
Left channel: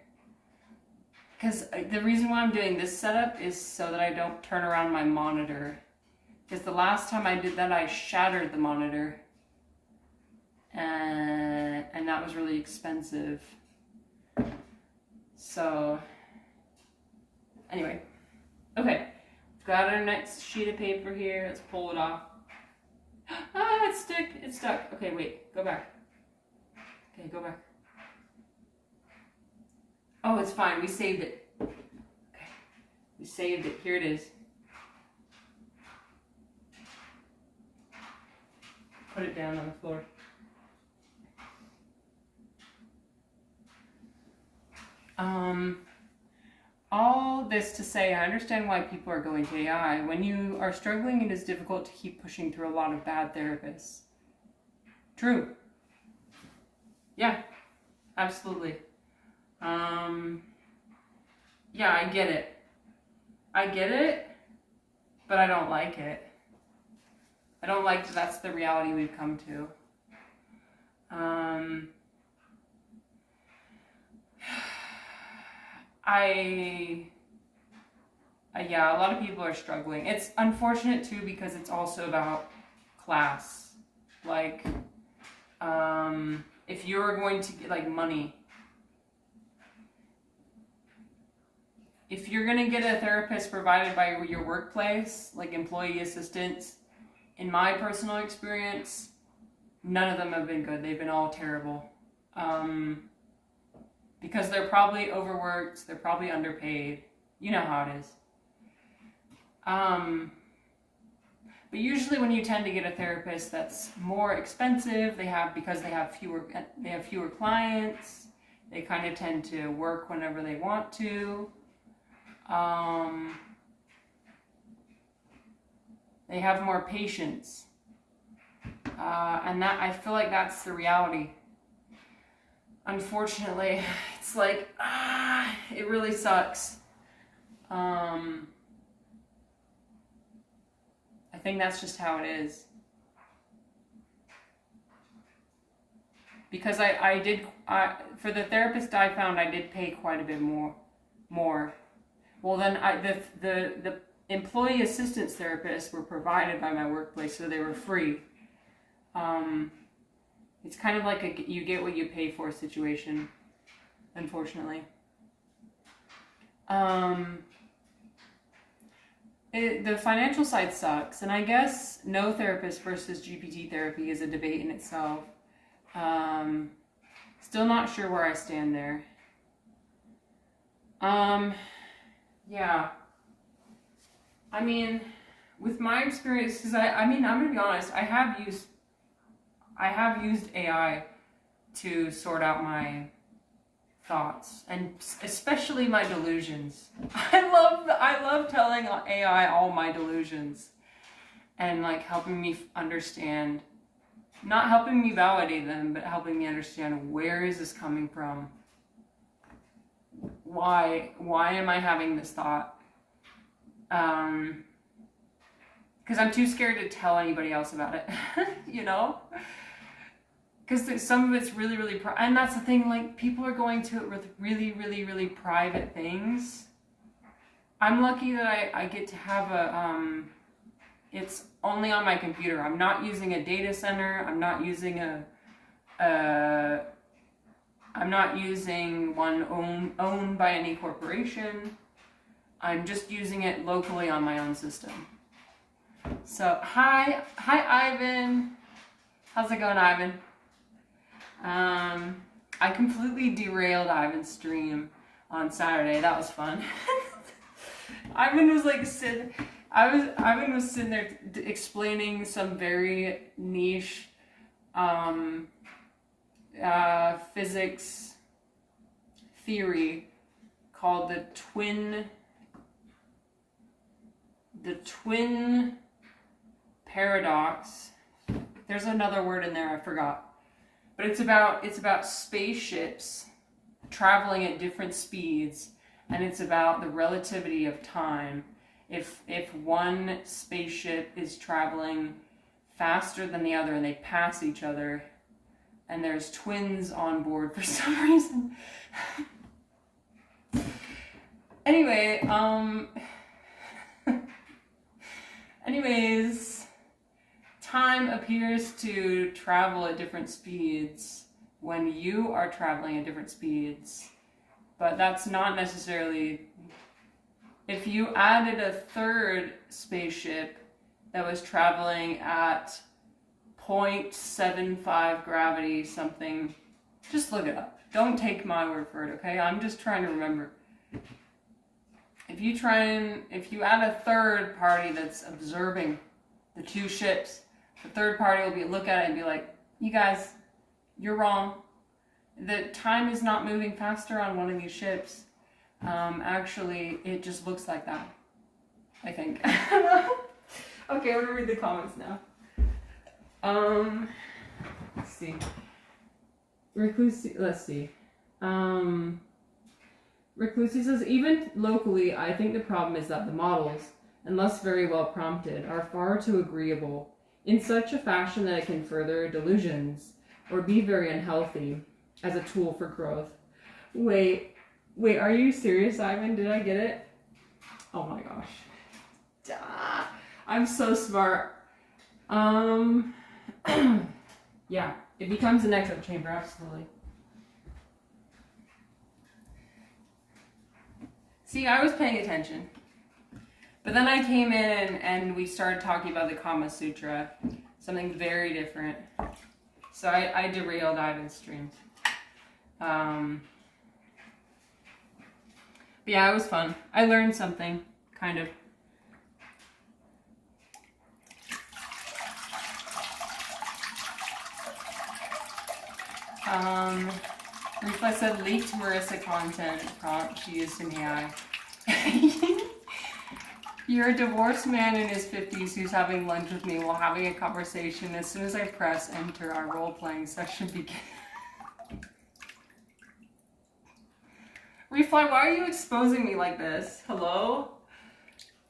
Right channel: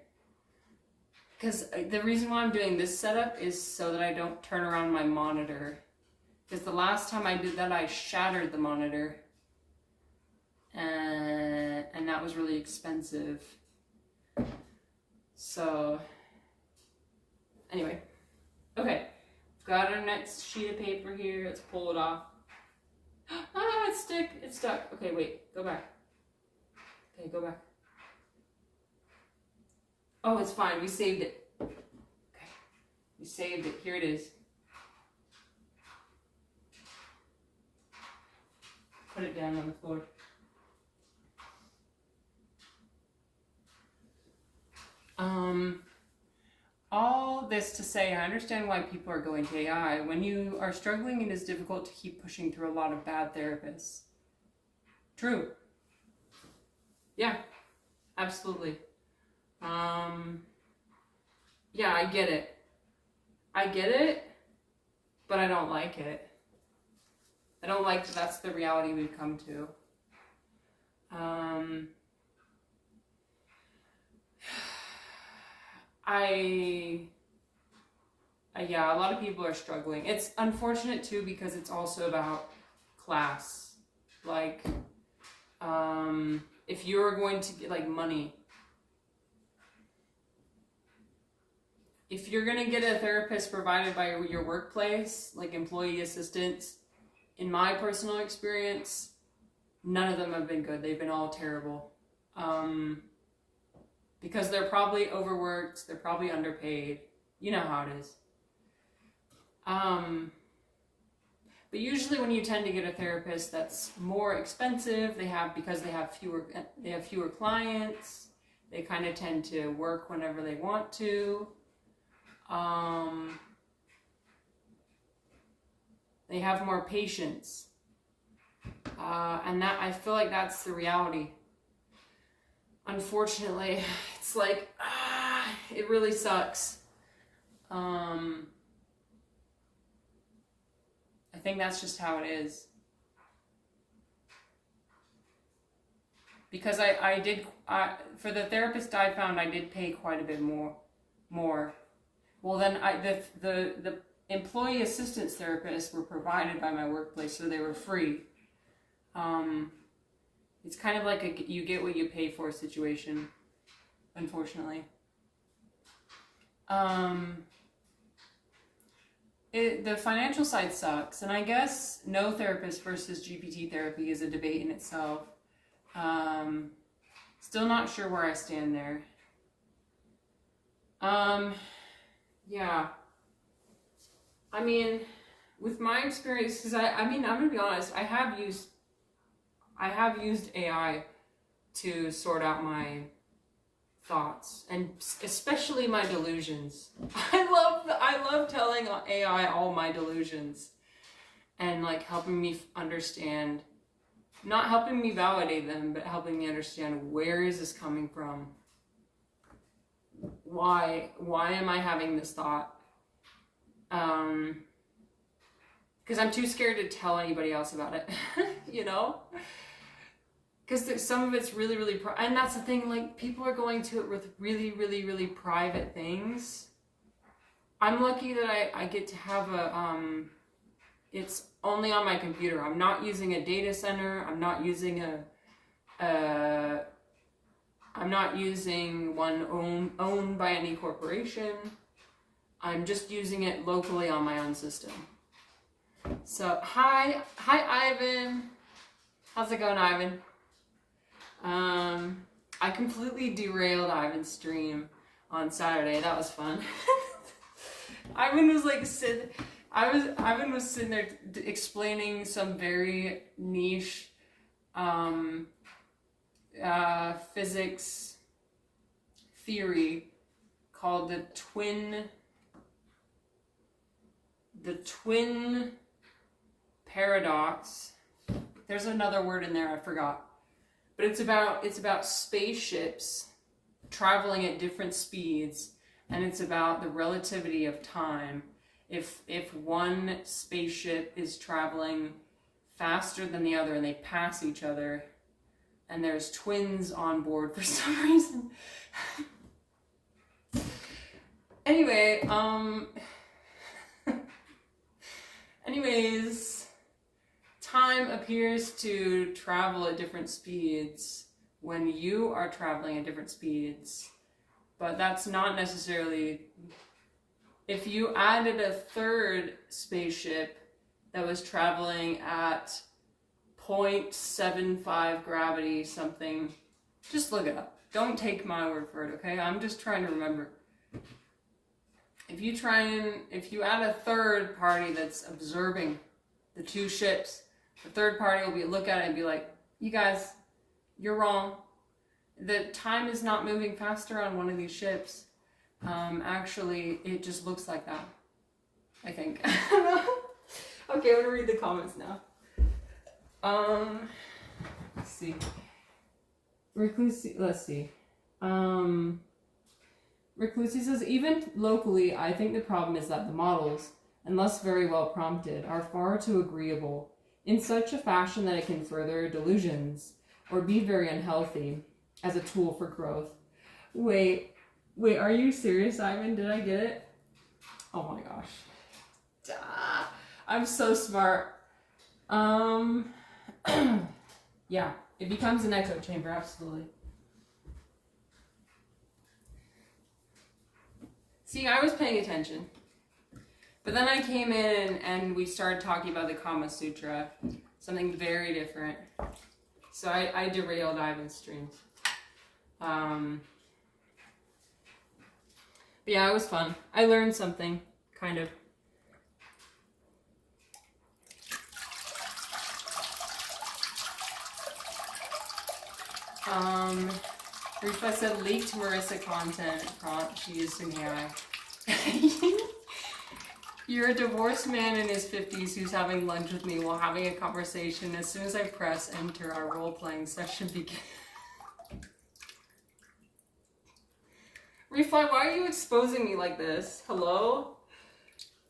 Because the reason why I'm doing this setup is so that I don't turn around my monitor. Because the last time I did that, I shattered the monitor. And that was really expensive. So, anyway. Okay. Got our next sheet of paper here. Let's pull it off. Ah, it's stuck. Okay, wait. Go back. Okay, go back. Oh, it's fine. We saved it. Okay. We saved it. Here it is. Put it down on the floor. this to say, I understand why people are going to AI. When you are struggling, it is difficult to keep pushing through a lot of bad therapists. True. Yeah, absolutely. Yeah, I get it. I get it, but I don't like it. I don't like that that's the reality we've come to. Yeah, a lot of people are struggling. It's unfortunate too because it's also about class. Like, if you're going to get like money, if you're going to get a therapist provided by your workplace, like employee assistants, in my personal experience, none of them have been good. They've been all terrible. Because they're probably overworked, they're probably underpaid. You know how it is. But usually when you tend to get a therapist that's more expensive, because they have fewer clients, they kind of tend to work whenever they want to. They have more patience. And that, I feel like that's the reality. Unfortunately, it's like, it really sucks. I think that's just how it is. Because for the therapist I found, I did pay quite a bit more. Well, then the employee assistance therapists were provided by my workplace, so they were free. It's kind of like a you get what you pay for situation, unfortunately. The financial side sucks, and I guess no therapist versus GPT therapy is a debate in itself. Still not sure where I stand there. Yeah. I mean, with my experience, because I'm gonna be honest, I have used AI to sort out my thoughts, and especially my delusions. I love telling AI all my delusions and like helping me understand, not helping me validate them, but helping me understand, where is this coming from? Why am I having this thought? Because I'm too scared to tell anybody else about it, you know? Because some of it's really, really, and that's the thing, like, people are going to it with really, really, really private things. I'm lucky that I get to have it's only on my computer. I'm not using a data center. I'm not using I'm not using one owned by any corporation. I'm just using it locally on my own system. So, hi Ivan. How's it going, Ivan? I completely derailed Ivan's stream on Saturday. That was fun. Ivan was like Ivan was sitting there explaining some very niche physics theory called the twin paradox. There's another word in there, I forgot. But it's about spaceships traveling at different speeds, and it's about the relativity of time. If one spaceship is traveling faster than the other and they pass each other, and there's twins on board for some reason. Anyway, anyways, time appears to travel at different speeds when you are traveling at different speeds, but that's not necessarily. If you added a third spaceship that was traveling at 0.75 gravity something, just look it up. Don't take my word for it, okay? I'm just trying to remember. If you add a third party that's observing the two ships, the third party will look at it and be like, you guys, you're wrong. The time is not moving faster on one of these ships. Actually, it just looks like that, I think. Okay, I'm gonna read the comments now. Let's see. Let's see. Reclusi says, even locally, I think the problem is that the models, unless very well prompted, are far too agreeable, in such a fashion that it can further delusions, or be very unhealthy, as a tool for growth. Wait, are you serious, Ivan? Did I get it? Oh my gosh. Duh. I'm so smart. Yeah, it becomes an echo chamber, absolutely. See, I was paying attention. But then I came in and we started talking about the Kama Sutra, something very different. So I derailed Ivan's streams. But yeah, it was fun. I learned something, kind of. Rufa said leaked Marissa content prompt used in AI. You're a divorced man in his 50s who's having lunch with me while having a conversation. As soon as I press enter, our role-playing session begins. Refly, why are you exposing me like this? Hello?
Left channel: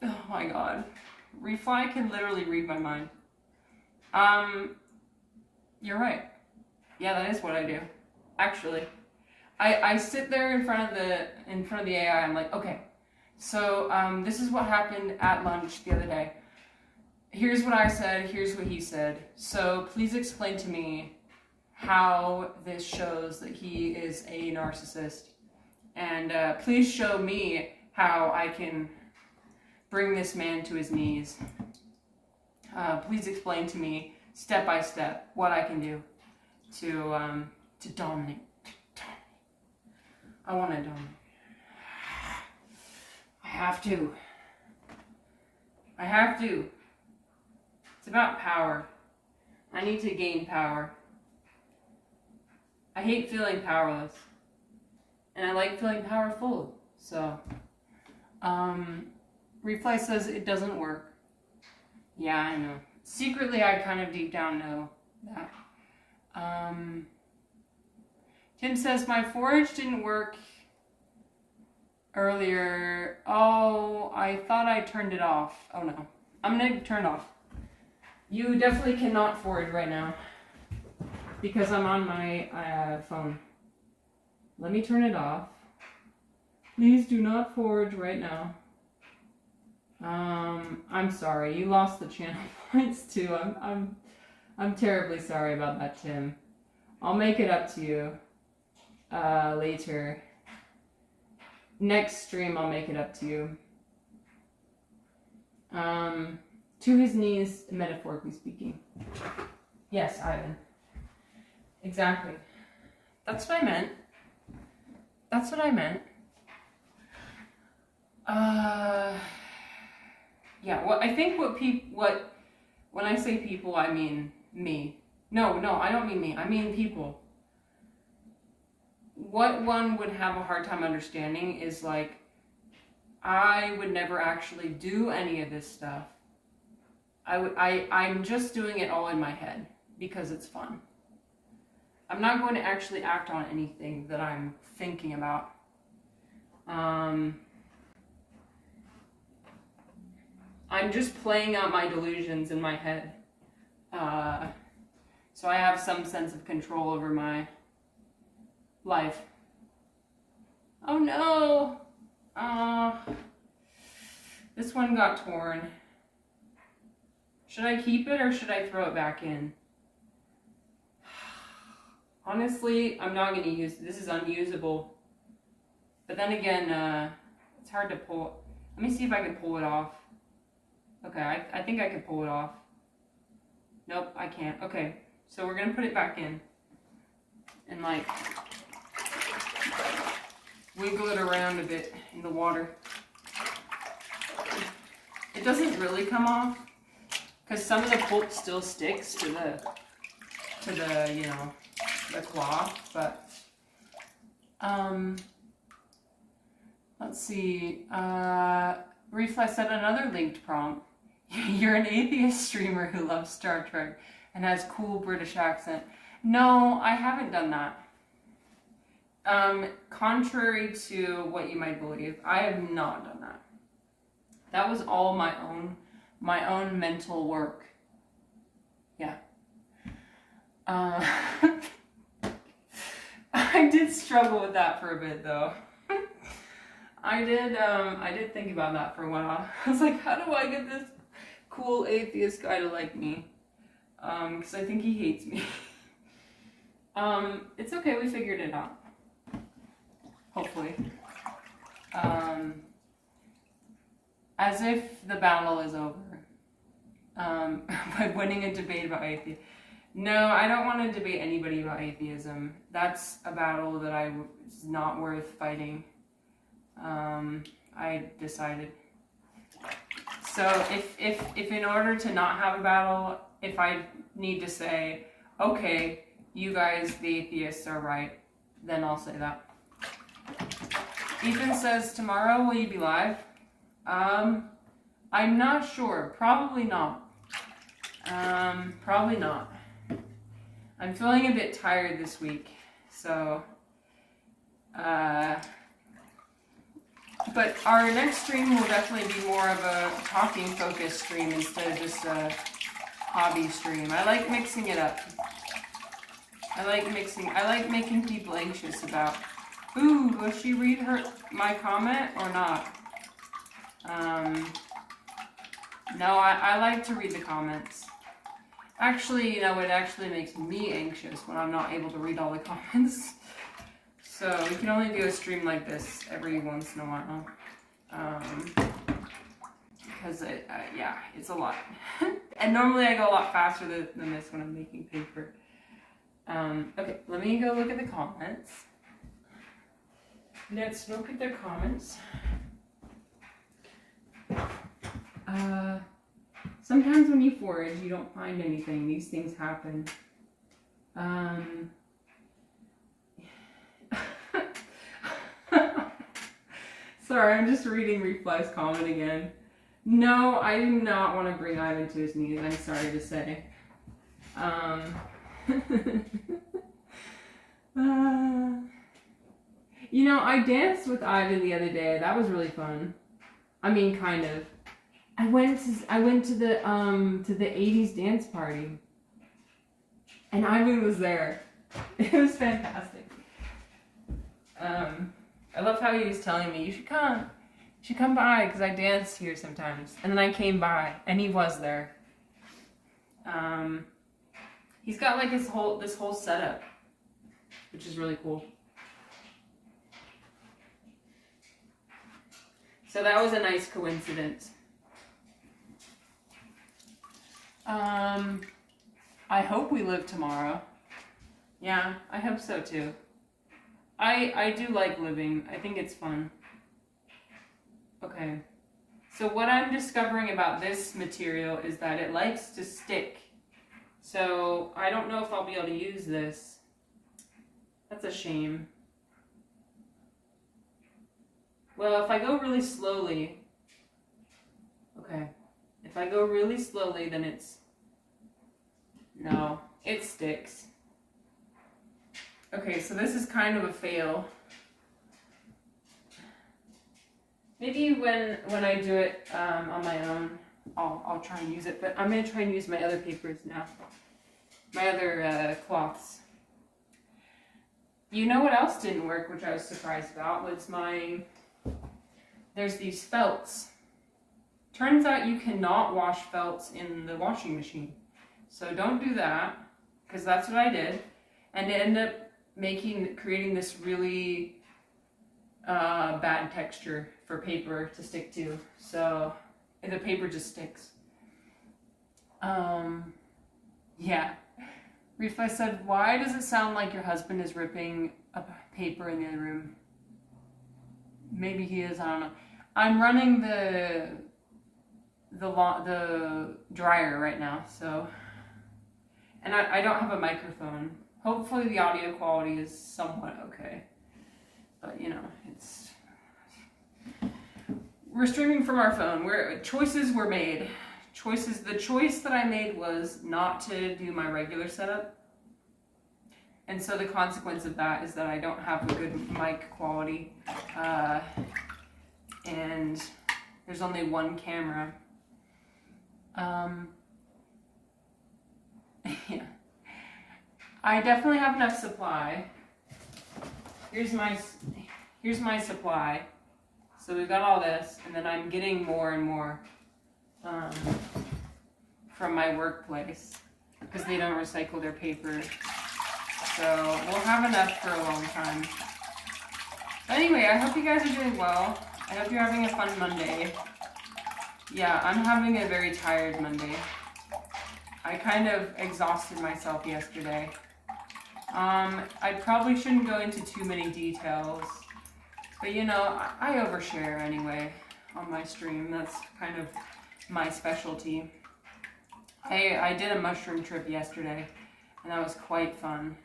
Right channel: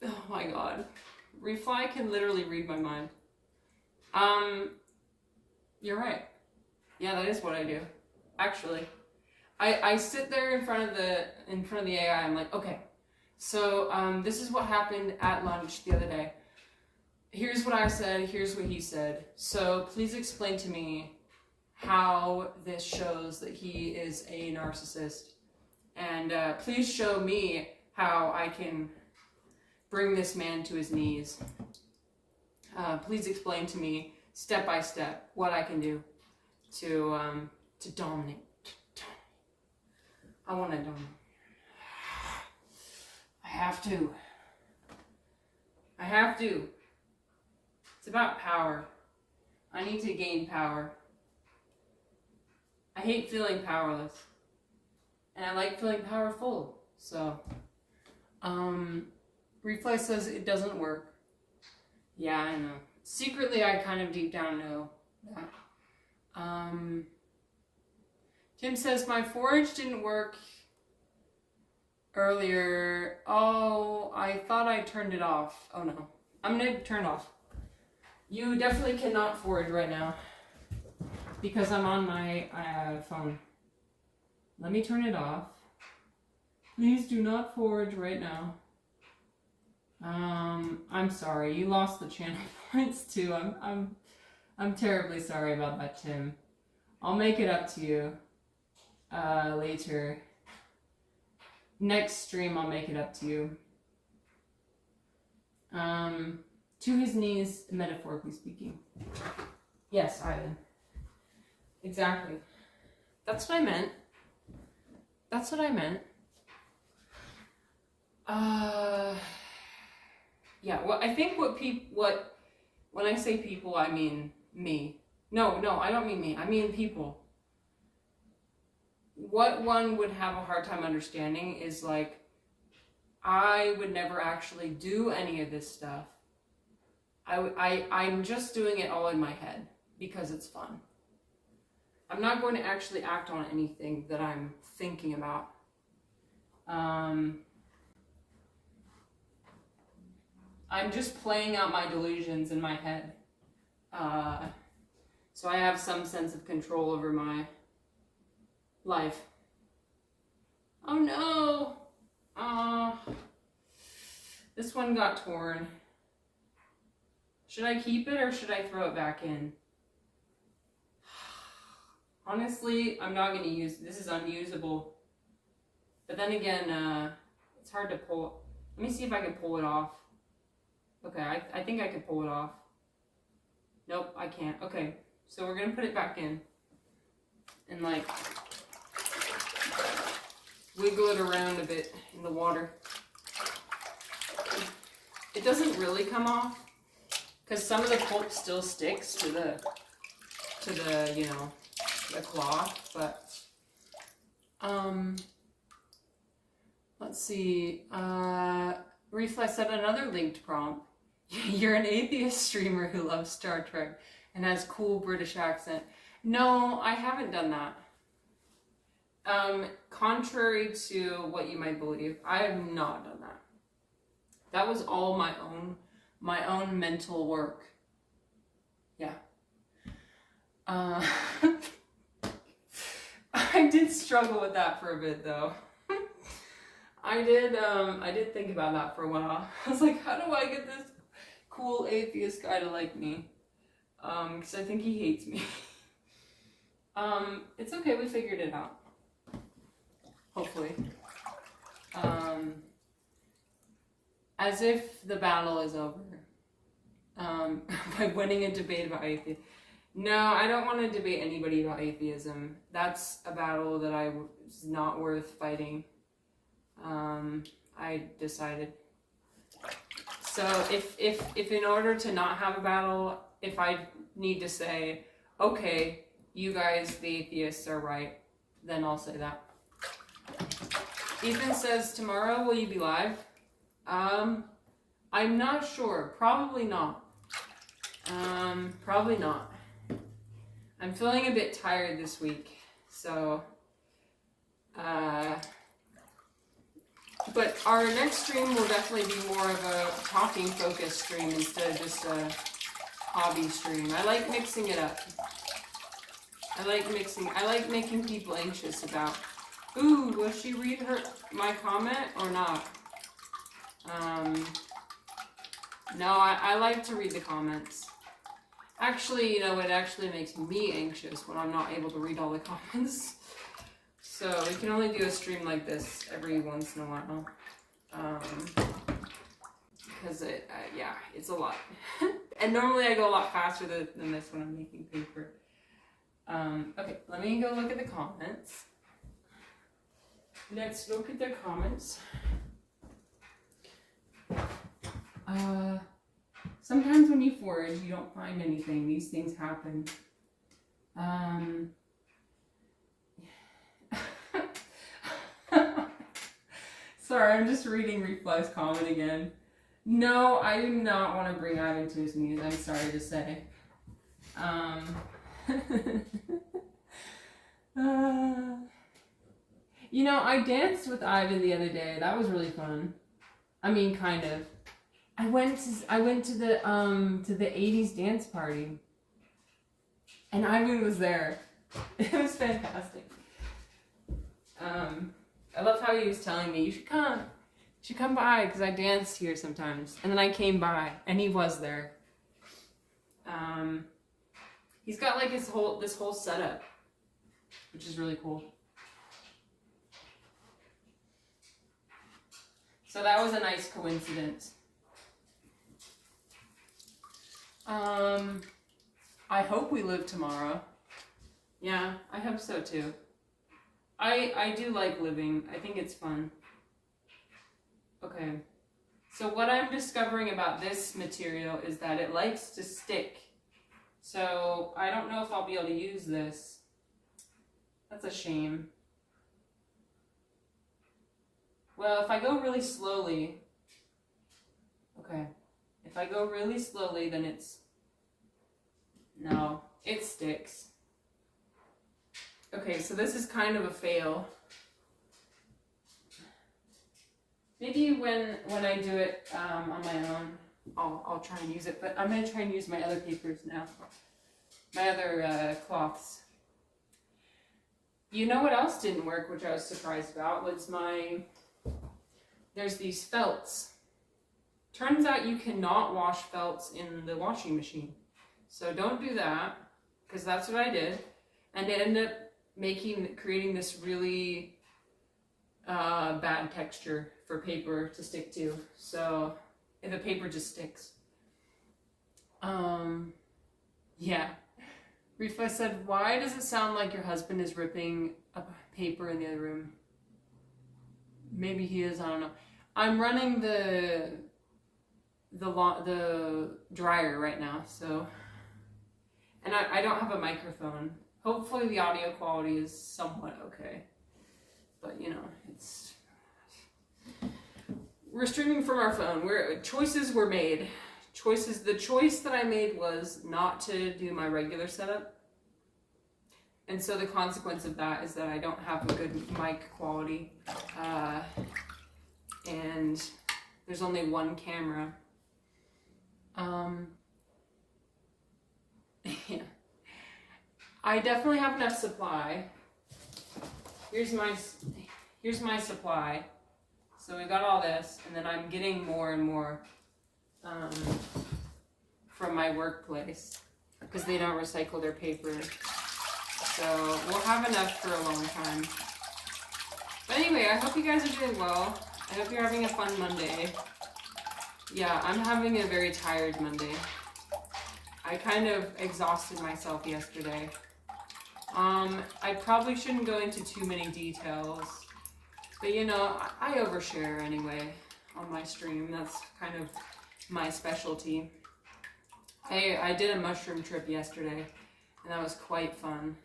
Oh my god. Refly can literally read my mind. You're right. Yeah, that is what I do. Actually. I sit there in front of the AI, I'm like, okay, so this is what happened at lunch the other day. Here's what I said, here's what he said. So please explain to me how this shows that he is a narcissist. And please show me how I can bring this man to his knees. Please explain to me, step by step, what I can do to dominate. I want to dominate. I have to. It's about power. I need to gain power. I hate feeling powerless. And I like feeling powerful. So, Replay says it doesn't work. Yeah, I know. Secretly, I kind of deep down know that. Tim says, my forage didn't work earlier. Oh, I thought I turned it off. Oh no. I'm going to turn it off. You definitely cannot forage right now because I'm on my phone. Let me turn it off. Please do not forage right now. I'm sorry. You lost the channel points too. I'm terribly sorry about that, Tim. I'll make it up to you later. Next stream, I'll make it up to you. To his knees, metaphorically speaking. Yes, Ivan. Exactly. That's what I meant. That's what I meant. Yeah, well, I think when I say people, I mean me. No, I don't mean me. I mean people. What one would have a hard time understanding is like, I would never actually do any of this stuff. I'm just doing it all in my head because it's fun. I'm not going to actually act on anything that I'm thinking about. I'm just playing out my delusions in my head. So I have some sense of control over my life. Oh no! This one got torn. Should I keep it or should I throw it back in? Honestly, I'm not going to use it. This is unusable. But then again, it's hard to pull. Let me see if I can pull it off. Okay, I think I can pull it off. Nope, I can't. Okay, so we're going to put it back in. And like, wiggle it around a bit in the water. It doesn't really come off because some of the pulp still sticks to the you know, the cloth, but Let's see. Reflex said another linked prompt. You're an atheist streamer who loves Star Trek and has cool British accent. No, I haven't done that. Contrary to what you might believe, I have not done that. That was all my own mental work. Yeah. I did struggle with that for a bit though. I did think about that for a while. I was like, how do I get this cool atheist guy to like me? Because I think he hates me. It's okay, we figured it out. Hopefully. As if the battle is over. By winning a debate about atheism. No, I don't want to debate anybody about atheism. That's a battle that is not worth fighting. I decided. So if in order to not have a battle, if I need to say, okay, you guys, the atheists, are right, then I'll say that. Ethan says, tomorrow will you be live? I'm not sure. Probably not. Probably not. I'm feeling a bit tired this week, so but our next stream will definitely be more of a talking focused stream instead of just a hobby stream. I like mixing it up. I like making people anxious about, ooh, will she read my comment or not? No, I like to read the comments. Actually, it actually makes me anxious when I'm not able to read all the comments. So we can only do a stream like this every once in a while. Because it's a lot. And normally I go a lot faster than this when I'm making paper. Okay, let me go look at the comments. Let's look at their comments. Sometimes when you forage, you don't find anything. These things happen. Sorry, I'm just reading Refly's comment again. No, I do not want to bring Ivan to his knees, I'm sorry to say. I danced with Ivan the other day. That was really fun. I mean, kind of. I went to the 80s dance party. And Ivan was there. It was fantastic. I love how he was telling me, you should come by, because I dance here sometimes. And then I came by, and he was there. He's got like this whole setup, which is really cool. So that was a nice coincidence. I hope we live tomorrow. Yeah, I hope so too. I do like living. I think it's fun. Okay. So what I'm discovering about this material is that it likes to stick. So I don't know if I'll be able to use this. That's a shame. Well, if I go really slowly, okay. If I go really slowly, then no, it sticks. Okay, so this is kind of a fail. Maybe when I do it on my own, I'll try and use it. But I'm going to try and use my other papers now. My other cloths. You know what else didn't work, which I was surprised about, was there's these felts. Turns out you cannot wash felts in the washing machine. So don't do that, because that's what I did. And it ended up creating this really bad texture for paper to stick to. So the paper just sticks. Yeah. Rifa said, why does it sound like your husband is ripping a paper in the other room? Maybe he is, I don't know. I'm running the dryer right now, so, and I don't have a microphone. Hopefully the audio quality is somewhat okay, but it's we're streaming from our phone. Choices were made. The choice that I made was not to do my regular setup. And so the consequence of that is that I don't have a good mic quality. And there's only one camera. Yeah. I definitely have enough supply. Here's my supply. So we've got all this, and then I'm getting more and more from my workplace because they don't recycle their paper. So we'll have enough for a long time. But anyway, I hope you guys are doing well. I hope you're having a fun Monday. Yeah, I'm having a very tired Monday. I kind of exhausted myself yesterday. I probably shouldn't go into too many details, but you know, I overshare anyway on my stream. That's kind of my specialty. I did a mushroom trip yesterday, and that was quite fun.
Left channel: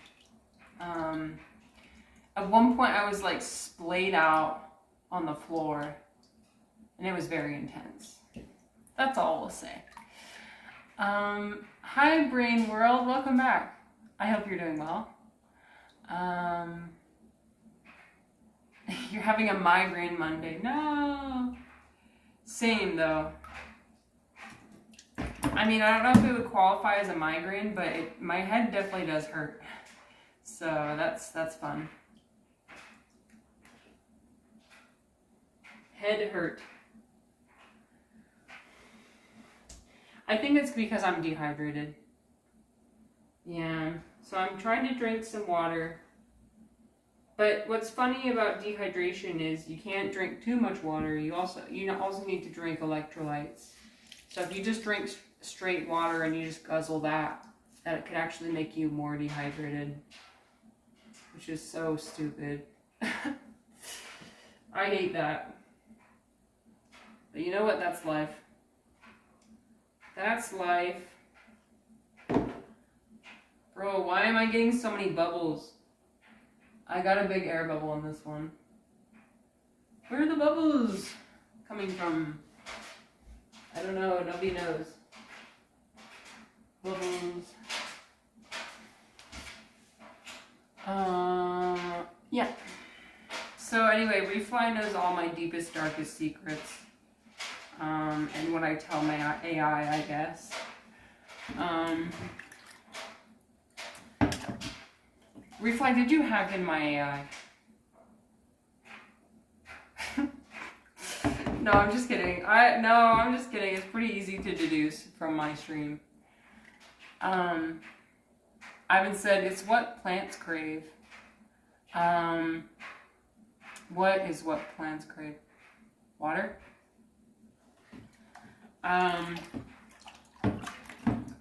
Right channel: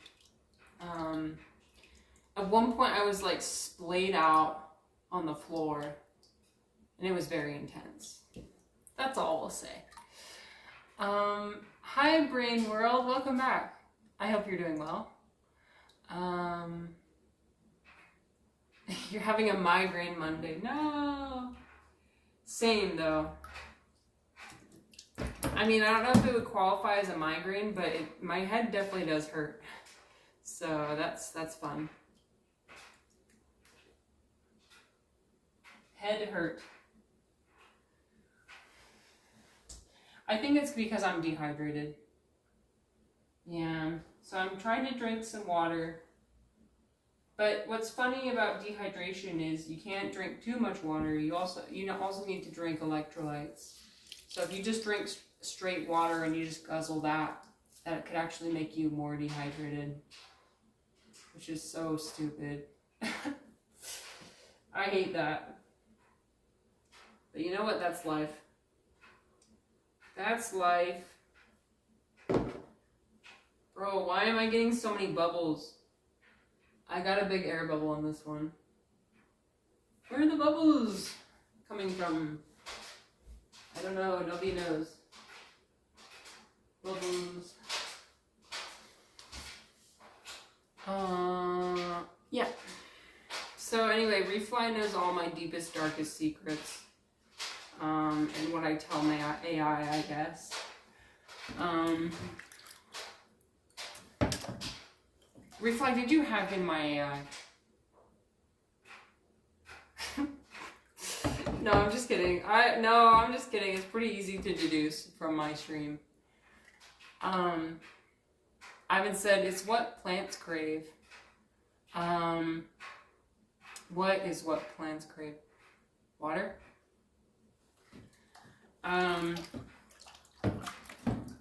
At one point I was like splayed out on the floor, and it was very intense. That's all we'll say. Hi Brain World, welcome back. I hope you're doing well. You're having a migraine Monday. No. Same though. I mean, I don't know if it would qualify as a migraine, but my head definitely does hurt. So that's fun. Head hurt. I think it's because I'm dehydrated. Yeah. So I'm trying to drink some water. But what's funny about dehydration is you can't drink too much water. You also need to drink electrolytes. So if you just drink straight water and you just guzzle that could actually make you more dehydrated, which is so stupid. I hate that. But you know what? That's life. That's life. Bro, why am I getting so many bubbles? I got a big air bubble in this one. Where are the bubbles coming from? I don't know. Nobody knows. Bubbles. Yeah. So anyway, Refly knows all my deepest, darkest secrets. And what I tell my AI, I guess. Refly, did you hack in my AI? No, I'm just kidding. I'm just kidding. It's pretty easy to deduce from my stream. Ivan said, it's what plants crave. What is what plants crave? Water?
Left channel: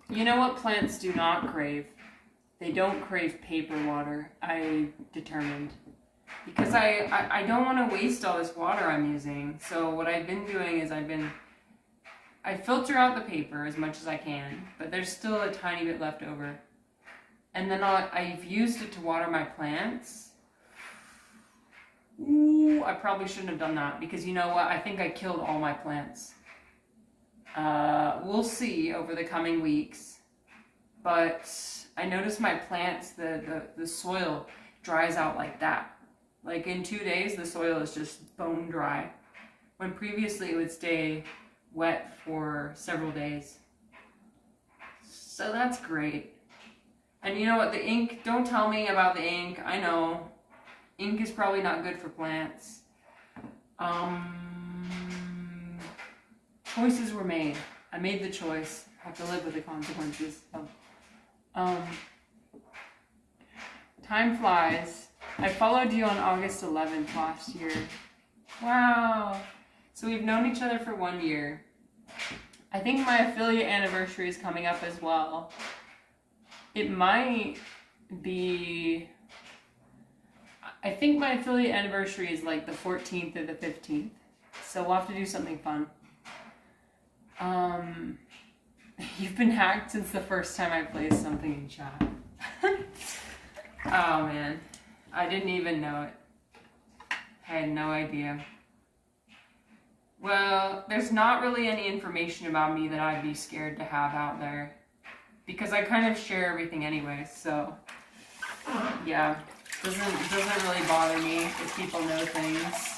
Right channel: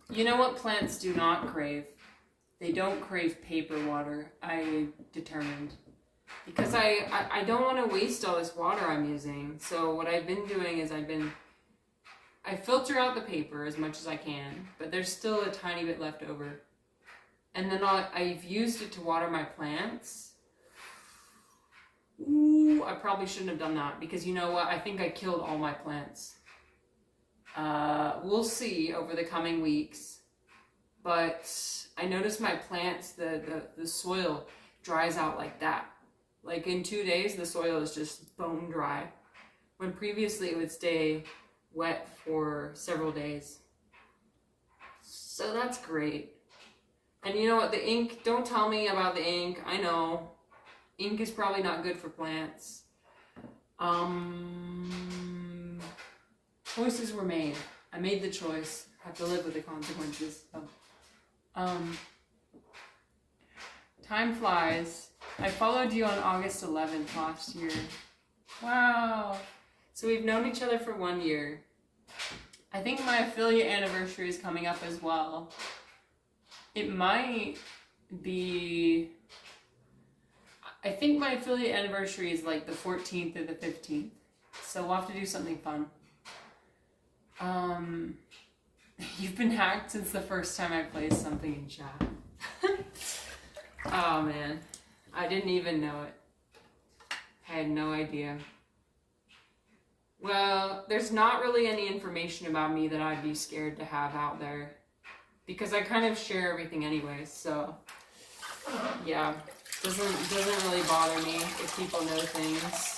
You know what plants do not crave? They don't crave paper water, I determined. Because I don't want to waste all this water I'm using. So what I've been doing is I filter out the paper as much as I can, but there's still a tiny bit left over. And then I've used it to water my plants. Ooh, I probably shouldn't have done that because you know what? I think I killed all my plants. We'll see over the coming weeks. But I noticed my plants, the soil dries out like that. Like in 2 days, the soil is just bone dry. When previously it would stay wet for several days. So that's great. And you know what, the ink, don't tell me about the ink. I know. Ink is probably not good for plants. Choices were made. I made the choice. I have to live with the consequences. Time flies. I followed you on August 11th last year. Wow. So we've known each other for 1 year. I think my affiliate anniversary is coming up as well. It might be... I think my affiliate anniversary is like the 14th or the 15th. So we'll have to do something fun. You've been hacked since the first time I placed something in chat. Oh man, I didn't even know it. I had no idea. Well, there's not really any information about me that I'd be scared to have out there, because I kind of share everything anyways, so yeah, doesn't really bother me if people know things.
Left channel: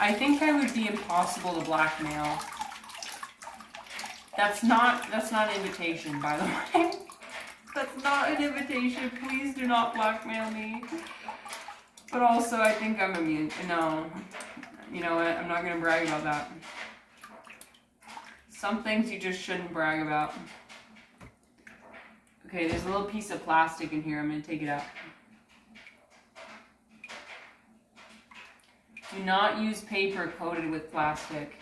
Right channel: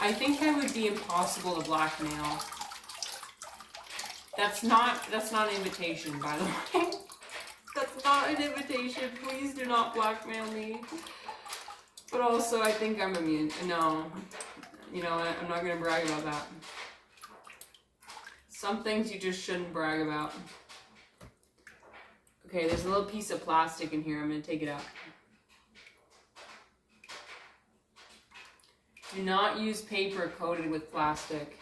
I think I would be impossible to blackmail. That's not an invitation, by the way. That's not an invitation. Please do not blackmail me. But also, I think I'm immune. No. You know what? I'm not going to brag about that. Some things you just shouldn't brag about. Okay, there's a little piece of plastic in here. I'm going to take it out. Do not use paper coated with plastic.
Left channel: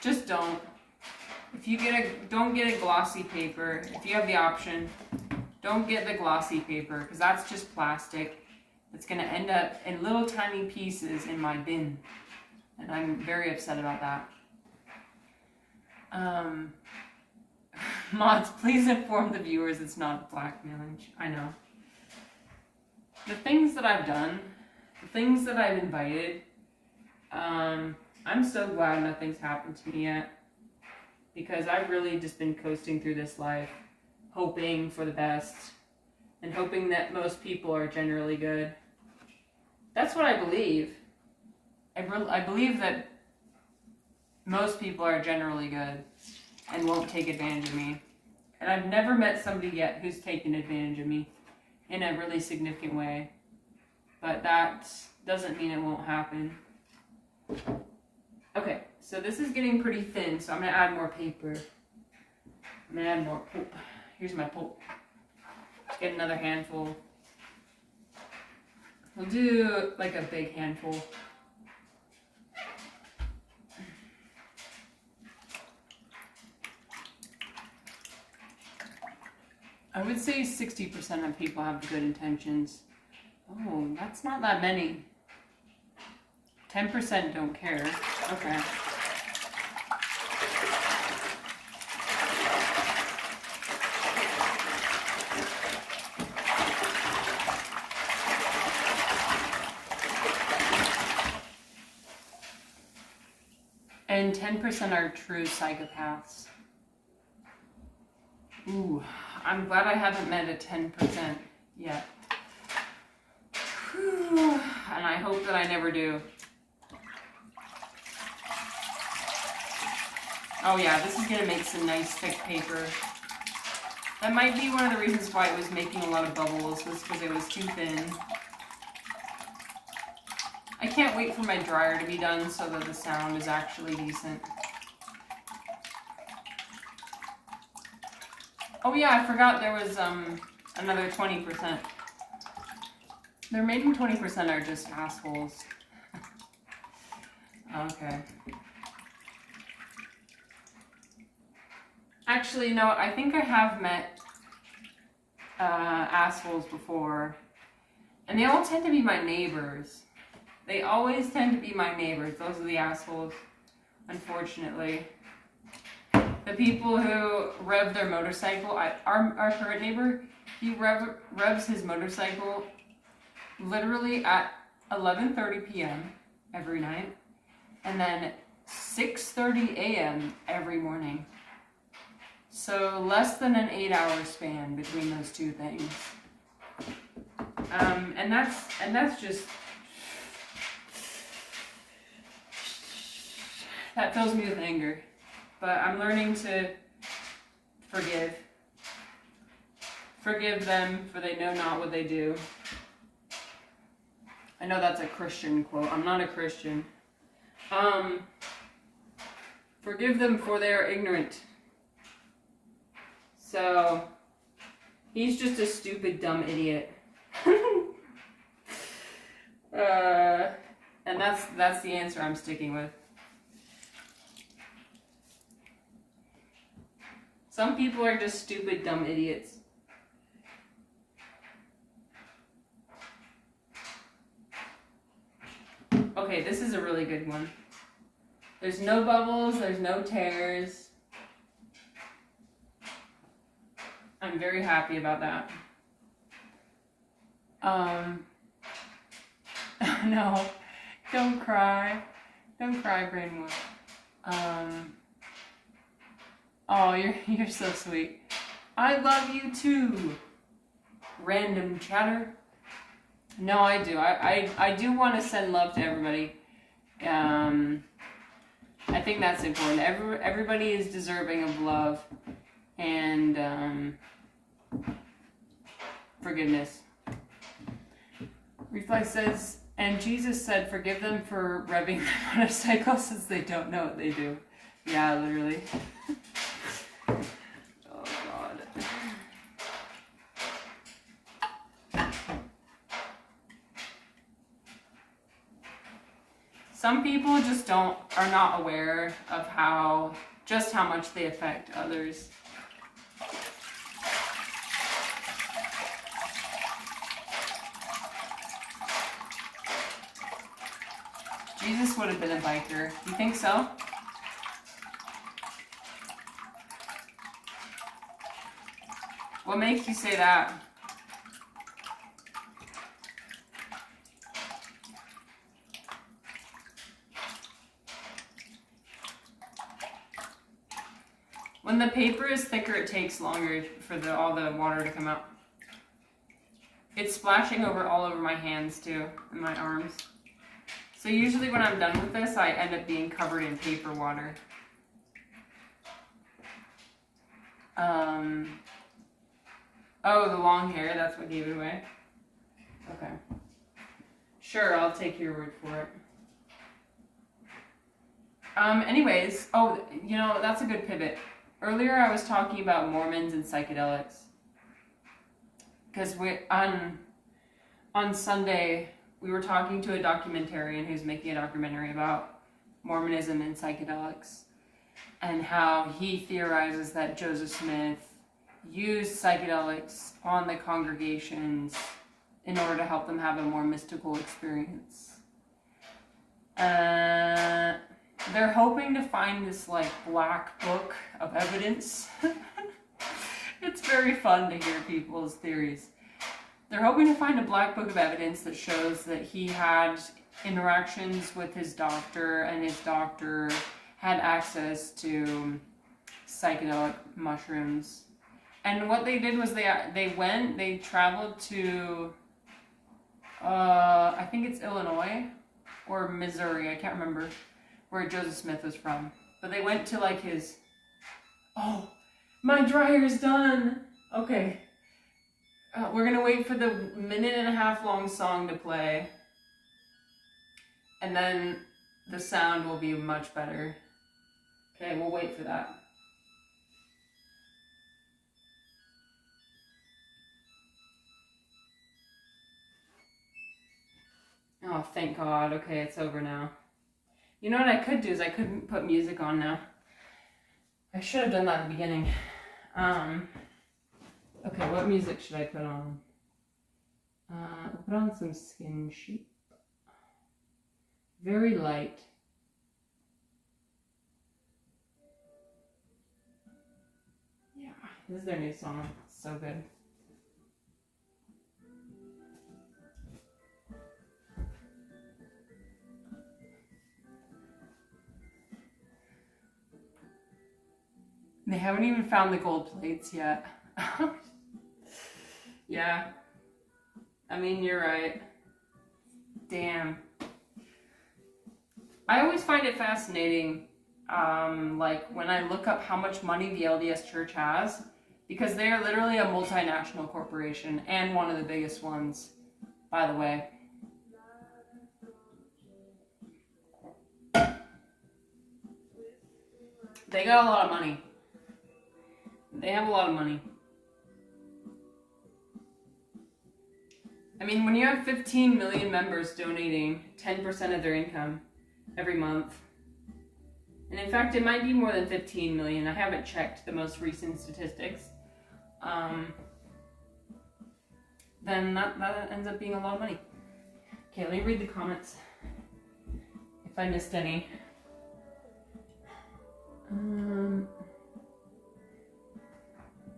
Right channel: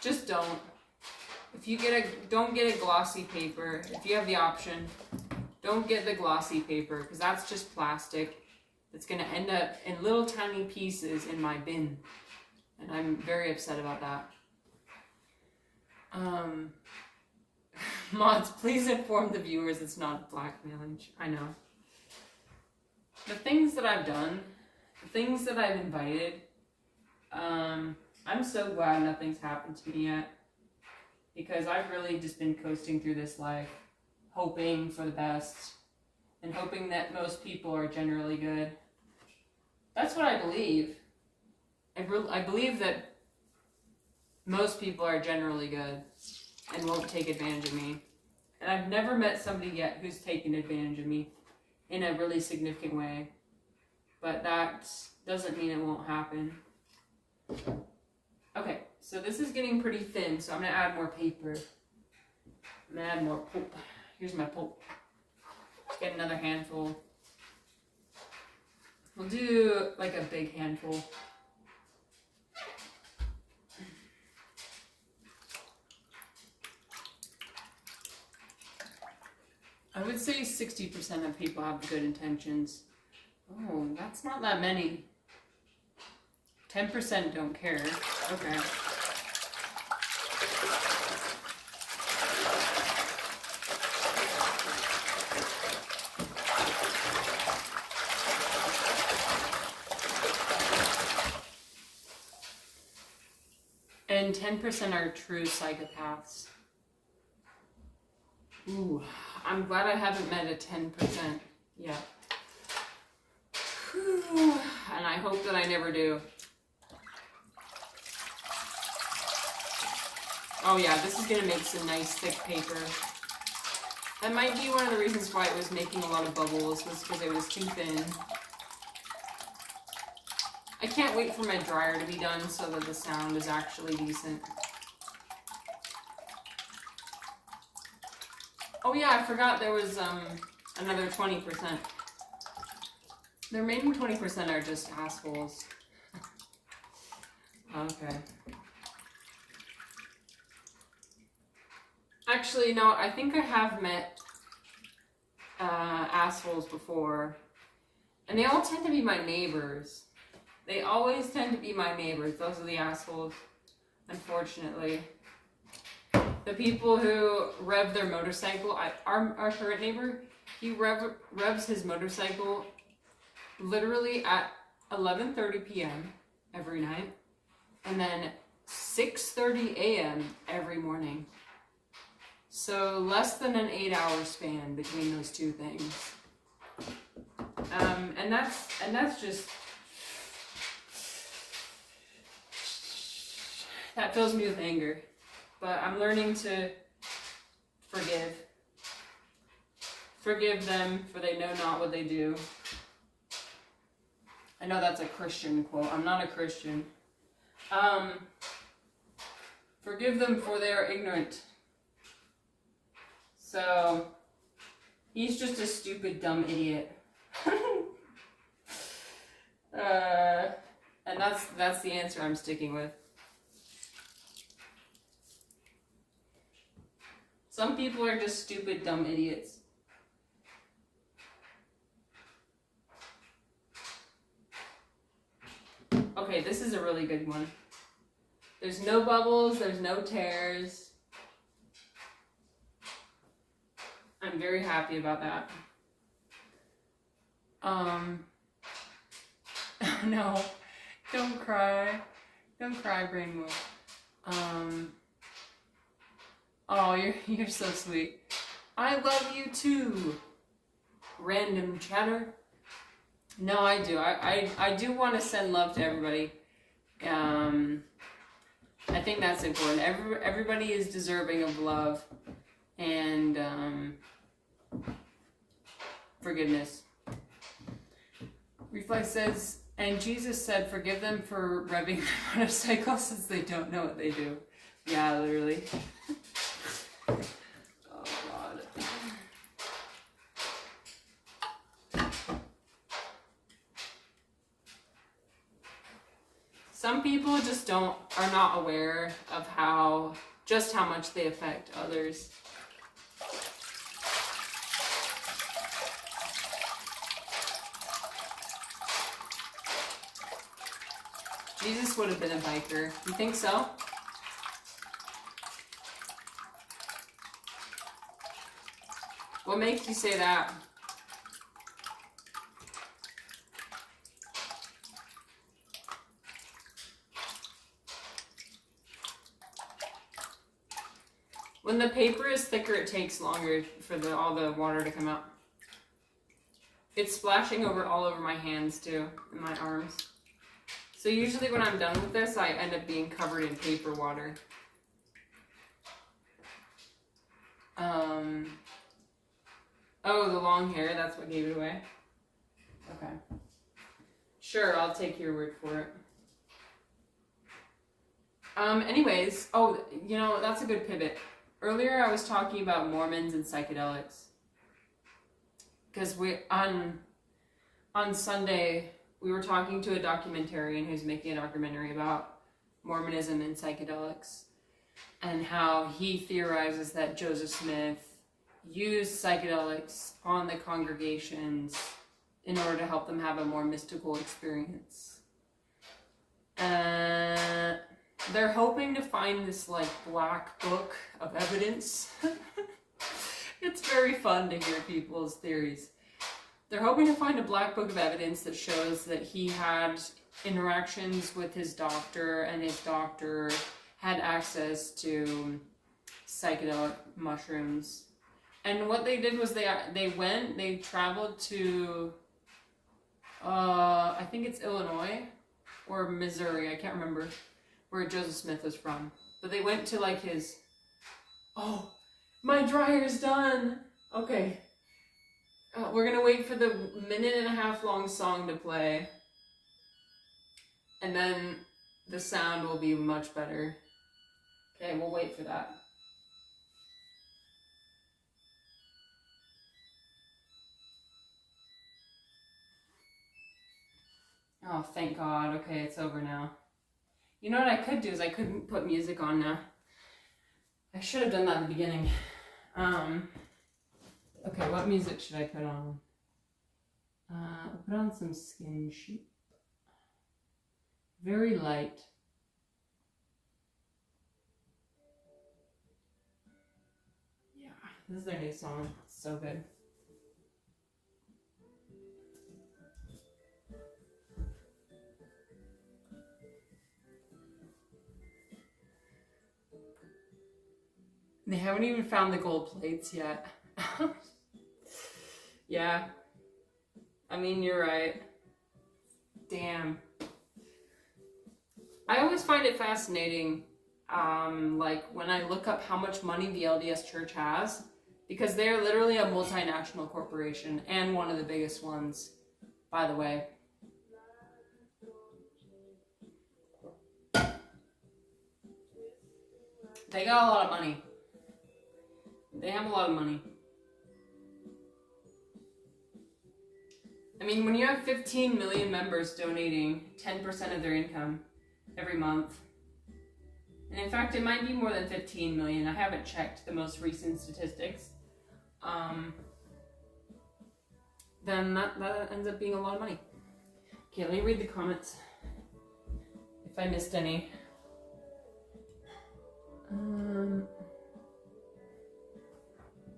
Just don't. If you don't get a glossy paper. If you have the option, don't get the glossy paper, because that's just plastic. It's going to end up in little tiny pieces in my bin. And I'm very upset about that. Mods, please inform the viewers it's not blackmailing. I know. The things that I've done, the things that I've invited, I'm so glad nothing's happened to me yet. Because I've really just been coasting through this life, hoping for the best, and hoping that most people are generally good. That's what I believe. I believe that most people are generally good and won't take advantage of me. And I've never met somebody yet who's taken advantage of me in a really significant way. But that doesn't mean it won't happen. Okay, so this is getting pretty thin, so I'm going to add more paper. I'm going to add more pulp. Here's my pulp. Let's get another handful. We'll do like a big handful. I would say 60% of people have good intentions. Oh, that's not that many. 10% don't care. Okay. And 10% are true psychopaths. Ooh, I'm glad I haven't met a 10% yet. Whew. And I hope that I never do. Oh yeah, this is going to make some nice thick paper. That might be one of the reasons why it was making a lot of bubbles, was because it was too thin. I can't wait for my dryer to be done so that the sound is actually decent. Oh yeah, I forgot there was another 20%. The remaining 20% are just assholes. Okay. Actually, no, I think I have met assholes before. And they all tend to be my neighbors. They always tend to be my neighbors. Those are the assholes, unfortunately. The people who rev their motorcycle, our current neighbor, he revs his motorcycle literally at 11:30 p.m. every night, and then 6:30 a.m. every morning. So less than an 8-hour span between those two things. And that's just, that fills me with anger. But I'm learning to forgive. Forgive them, for they know not what they do. I know that's a Christian quote. I'm not a Christian. Forgive them, for they are ignorant. So, he's just a stupid, dumb idiot. And that's the answer I'm sticking with. Some people are just stupid, dumb idiots. Okay, this is a really good one. There's no bubbles, there's no tears. I'm very happy about that. No, don't cry. Don't cry, Brainwood. Oh, you're so sweet. I love you too. Random chatter. No, I do. I do want to send love to everybody. I think that's important. Everybody is deserving of love and forgiveness. Reflex says, and Jesus said, forgive them for revving their motorcycle since they don't know what they do. Yeah, literally. Oh, God. Some people just are not aware of just how much they affect others. Jesus would have been a biker. You think so? What makes you say that? When the paper is thicker, it takes longer for all the water to come out. It's splashing all over my hands too, and my arms. So usually when I'm done with this, I end up being covered in paper water. Oh, the long hair, that's what gave it away? Okay. Sure, I'll take your word for it. Anyways, that's a good pivot. Earlier I was talking about Mormons and psychedelics. Because on Sunday, we were talking to a documentarian who's making a documentary about Mormonism and psychedelics and how he theorizes that Joseph Smith used psychedelics on the congregations in order to help them have a more mystical experience. They're hoping to find this black book of evidence. It's very fun to hear people's theories. They're hoping to find a black book of evidence that shows that he had interactions with his doctor and his doctor had access to psychedelic mushrooms. And what they did was they traveled to, I think it's Illinois or Missouri, I can't remember where Joseph Smith was from. But they went to his, oh, my dryer's done. Okay. We're going to wait for the 1.5-minute long song to play. And then the sound will be much better. Okay, we'll wait for that. Oh, thank God. Okay, it's over now. You know what I could do is I could put music on now. I should have done that at the beginning. Okay, what music should I put on? I'll put on some Skin Sheep. Very light. Yeah, this is their new song. It's so good. They haven't even found the gold plates yet. Yeah. I mean, you're right. Damn. I always find it fascinating, when I look up how much money the LDS Church has, because they are literally a multinational corporation, and one of the biggest ones, by the way. They got a lot of money. They have a lot of money. I mean, when you have 15 million members donating 10% of their income every month, and in fact, it might be more than 15 million. I haven't checked the most recent statistics. Then that ends up being a lot of money. Okay, let me read the comments. If I missed any.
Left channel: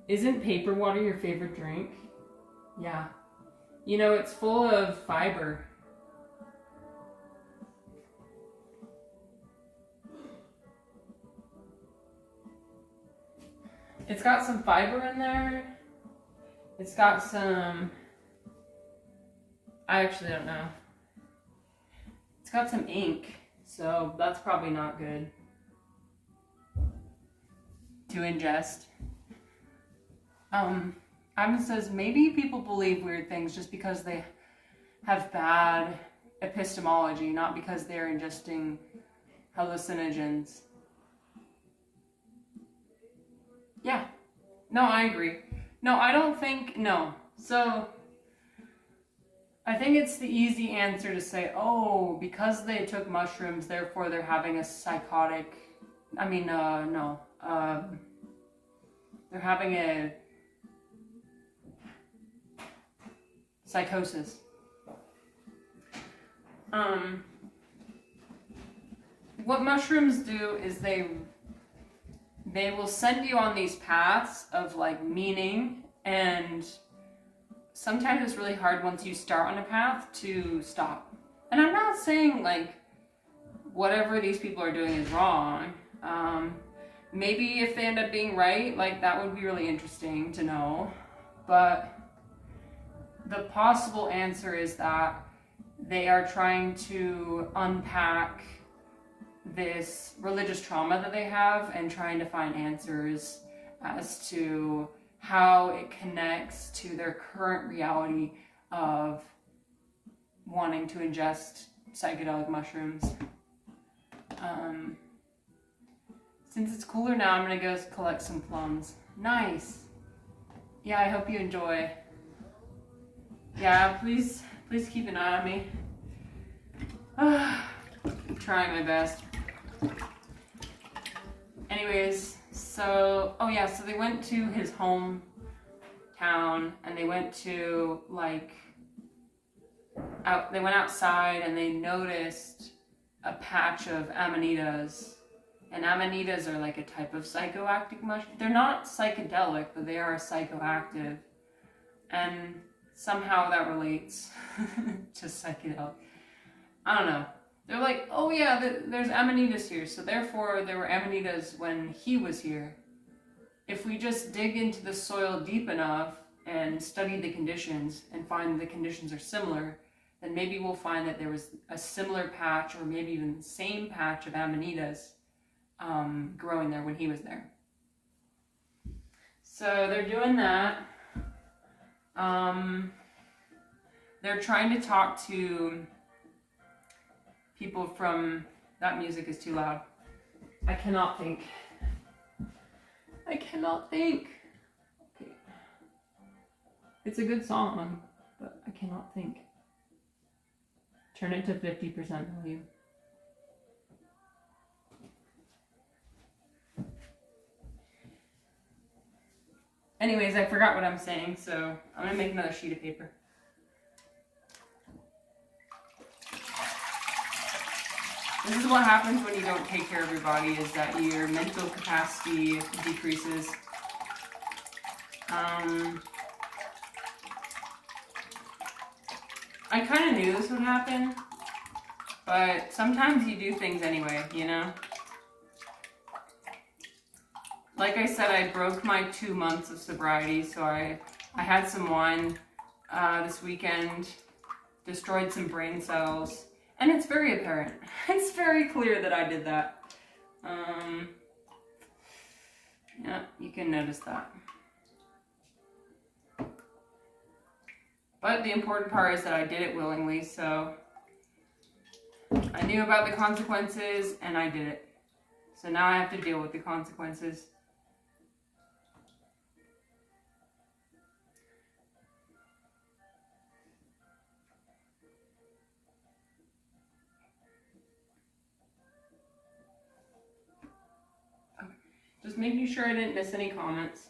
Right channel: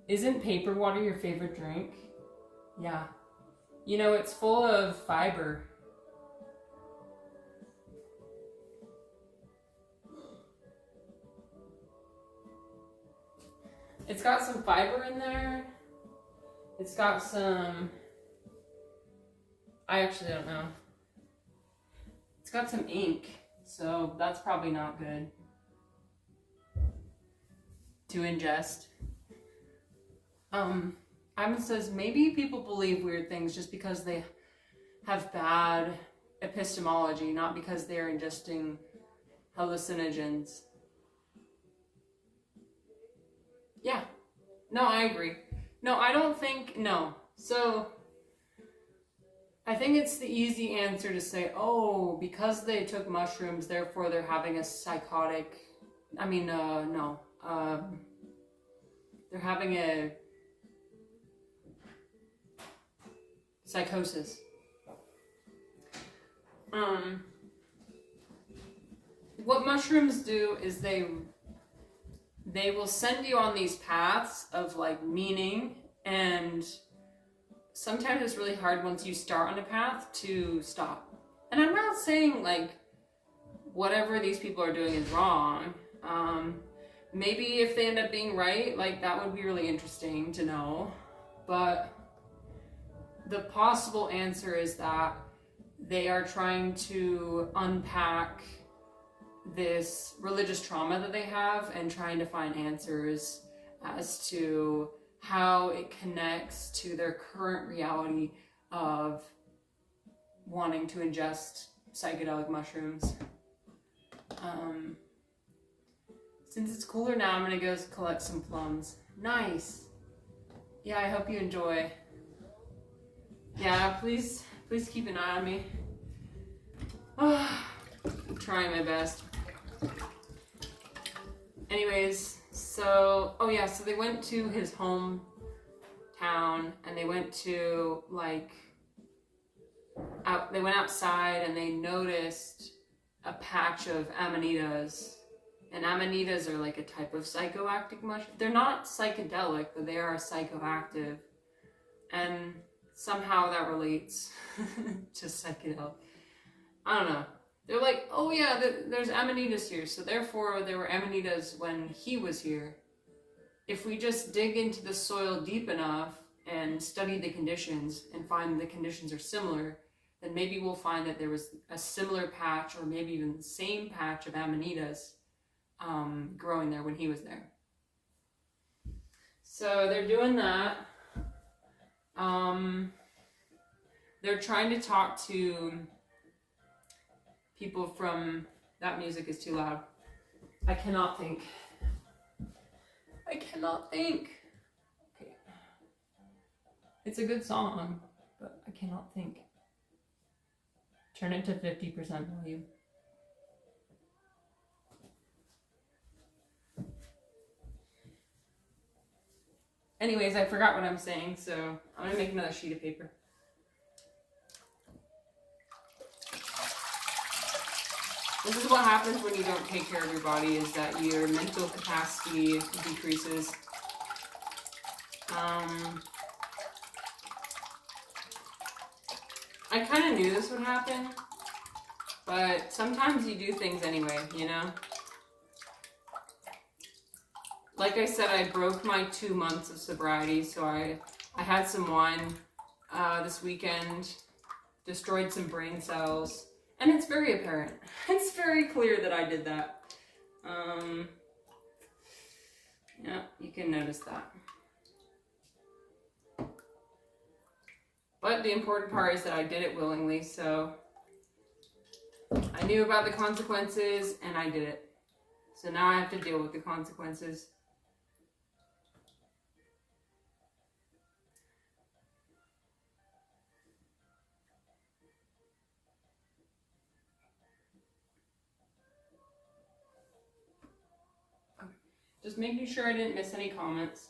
Isn't paper water your favorite drink? Yeah. You know, it's full of fiber. It's got some fiber in there. It's got some, I actually don't know. It's got some ink, so that's probably not good to ingest. Ivan says maybe people believe weird things just because they have bad epistemology, not because they're ingesting hallucinogens. Yeah. No, I agree. No, I don't think, no. So, I think it's the easy answer to say, oh, because they took mushrooms, therefore they're having a psychotic, no. They're having a psychosis. What mushrooms do is they will send you on these paths of like meaning, and sometimes it's really hard once you start on a path to stop. And I'm not saying like whatever these people are doing is wrong. Maybe if they end up being right, like that would be really interesting to know. But the possible answer is that they are trying to unpack this religious trauma that they have and trying to find answers as to how it connects to their current reality of wanting to ingest psychedelic mushrooms. Since it's cooler now, I'm gonna go collect some plums. Nice. Yeah, I hope you enjoy. Yeah, please keep an eye on me. I'm trying my best. Anyways, so they went to his hometown and they went to they went outside and they noticed a patch of amanitas. And amanitas are like a type of psychoactive mushroom. They're not psychedelic, but they are psychoactive. And somehow that relates to psychedelic. I don't know. They're like, oh yeah, there's amanitas here, so therefore there were amanitas when he was here. If we just dig into the soil deep enough and study the conditions and find the conditions are similar, then maybe we'll find that there was a similar patch or maybe even the same patch of amanitas growing there when he was there. So they're doing that. They're trying to talk to people from, that music is too loud. I cannot think. Okay. It's a good song, but I cannot think. Turn it to 50% volume. Anyways, I forgot what I'm saying, so I'm gonna make another sheet of paper. This is what happens when you don't take care of your body, is that your mental capacity decreases. I kind of knew this would happen, but sometimes you do things anyway, you know? Like I said, I broke my 2 months of sobriety, so I had some wine this weekend, destroyed some brain cells, and it's very apparent. It's very clear that I did that. Yeah, you can notice that. But the important part is that I did it willingly, so I knew about the consequences and I did it. So now I have to deal with the consequences. Just making sure I didn't miss any comments.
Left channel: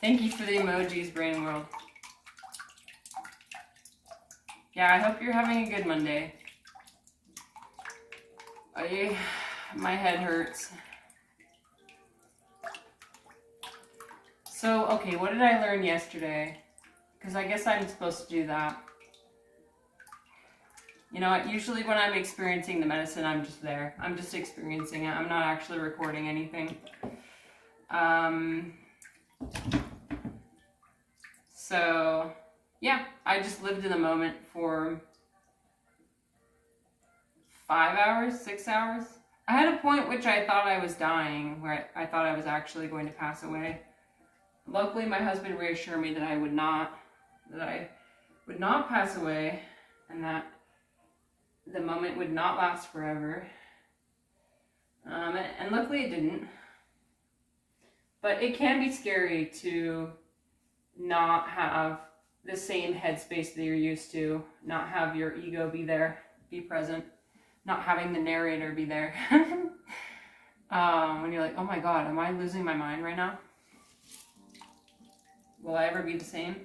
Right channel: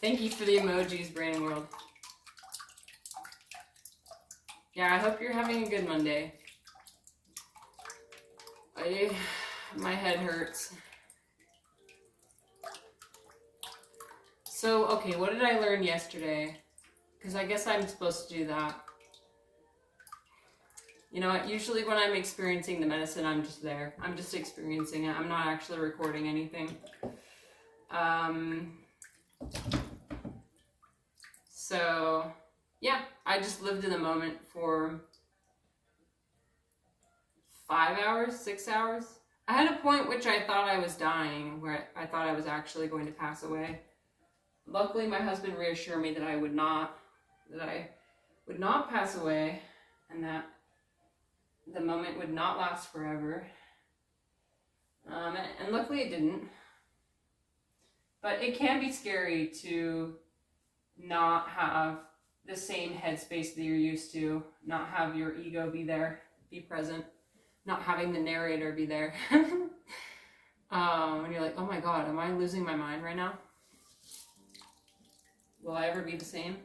Thank you for the emojis, Brain World. Yeah, I hope you're having a good Monday. My head hurts. So, okay, what did I learn yesterday? Because I guess I'm supposed to do that. You know what? Usually when I'm experiencing the medicine, I'm just there. I'm just experiencing it. I'm not actually recording anything. So, yeah, I just lived in the moment for 5 hours, 6 hours. I had a point which I thought I was dying, where I thought I was actually going to pass away. Luckily, my husband reassured me that I would not pass away, and that the moment would not last forever. And luckily it didn't. But it can be scary to not have the same headspace that you're used to, not have your ego be there, be present, not having the narrator be there. When you're like, oh my God, am I losing my mind right now? Will I ever be the same?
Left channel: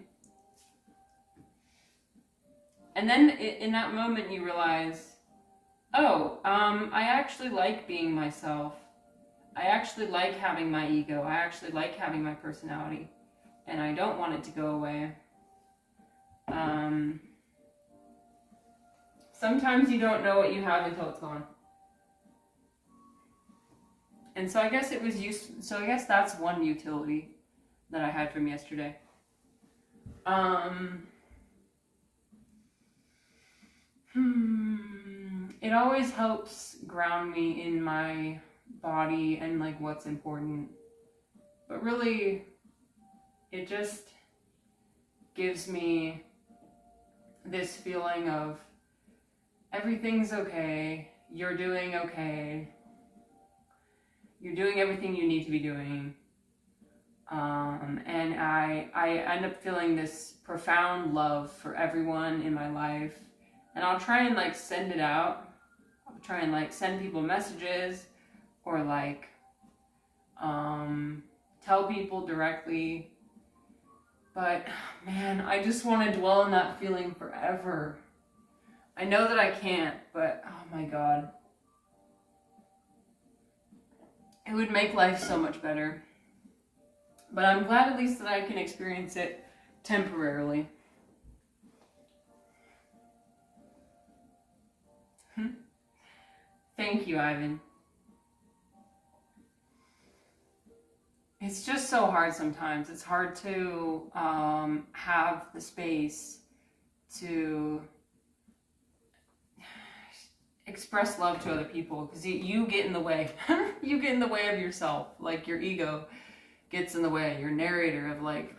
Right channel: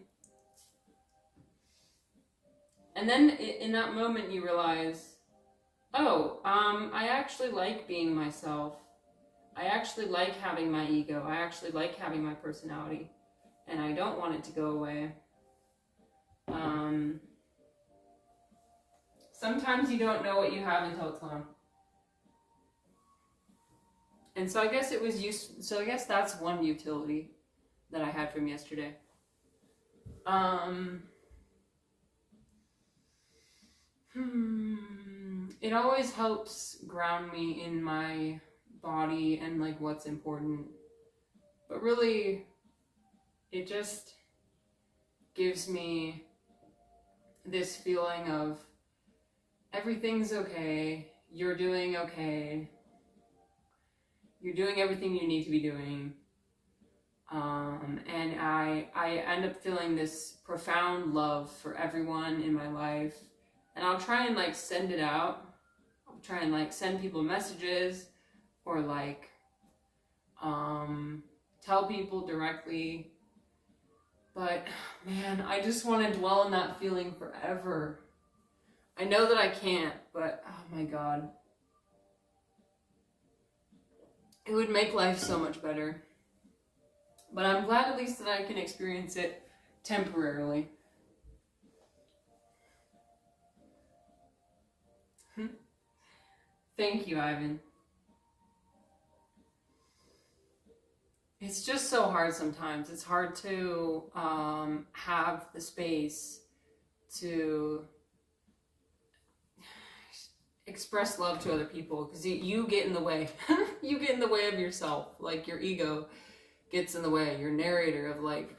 And then in that moment you realize, oh, I actually like being myself. I actually like having my ego. I actually like having my personality. And I don't want it to go away. Sometimes you don't know what you have until it's gone. And so I guess it was so I guess that's one utility that I had from yesterday. It always helps ground me in my body and like what's important. But really, it just gives me this feeling of everything's okay, you're doing okay, you're doing everything you need to be doing. And I end up feeling this profound love for everyone in my life. And I'll try and like send it out. I'll try and like send people messages or like tell people directly. But man, I just want to dwell in that feeling forever. I know that I can't, but oh my God. It would make life so much better. But I'm glad at least that I can experience it temporarily. Thank you, Ivan. It's just so hard sometimes. It's hard to have the space to express love to other people, because you get in the way. You get in the way of yourself. Like your ego gets in the way. Your narrator of like,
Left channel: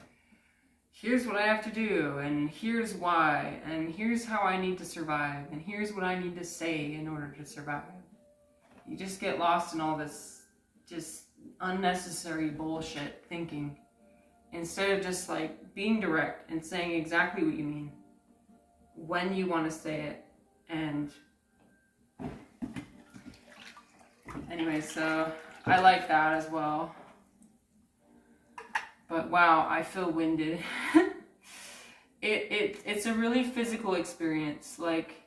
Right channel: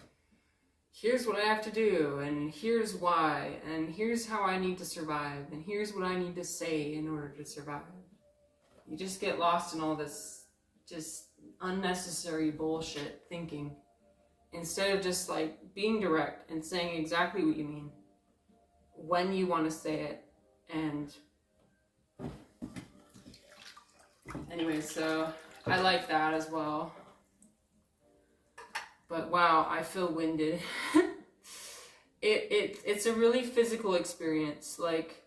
here's what I have to do, and here's why, and here's how I need to survive, and here's what I need to say in order to survive. You just get lost in all this just unnecessary bullshit thinking, instead of just like being direct and saying exactly what you mean, when you want to say it. And anyway, so I like that as well. But wow, I feel winded. It's a really physical experience. Like,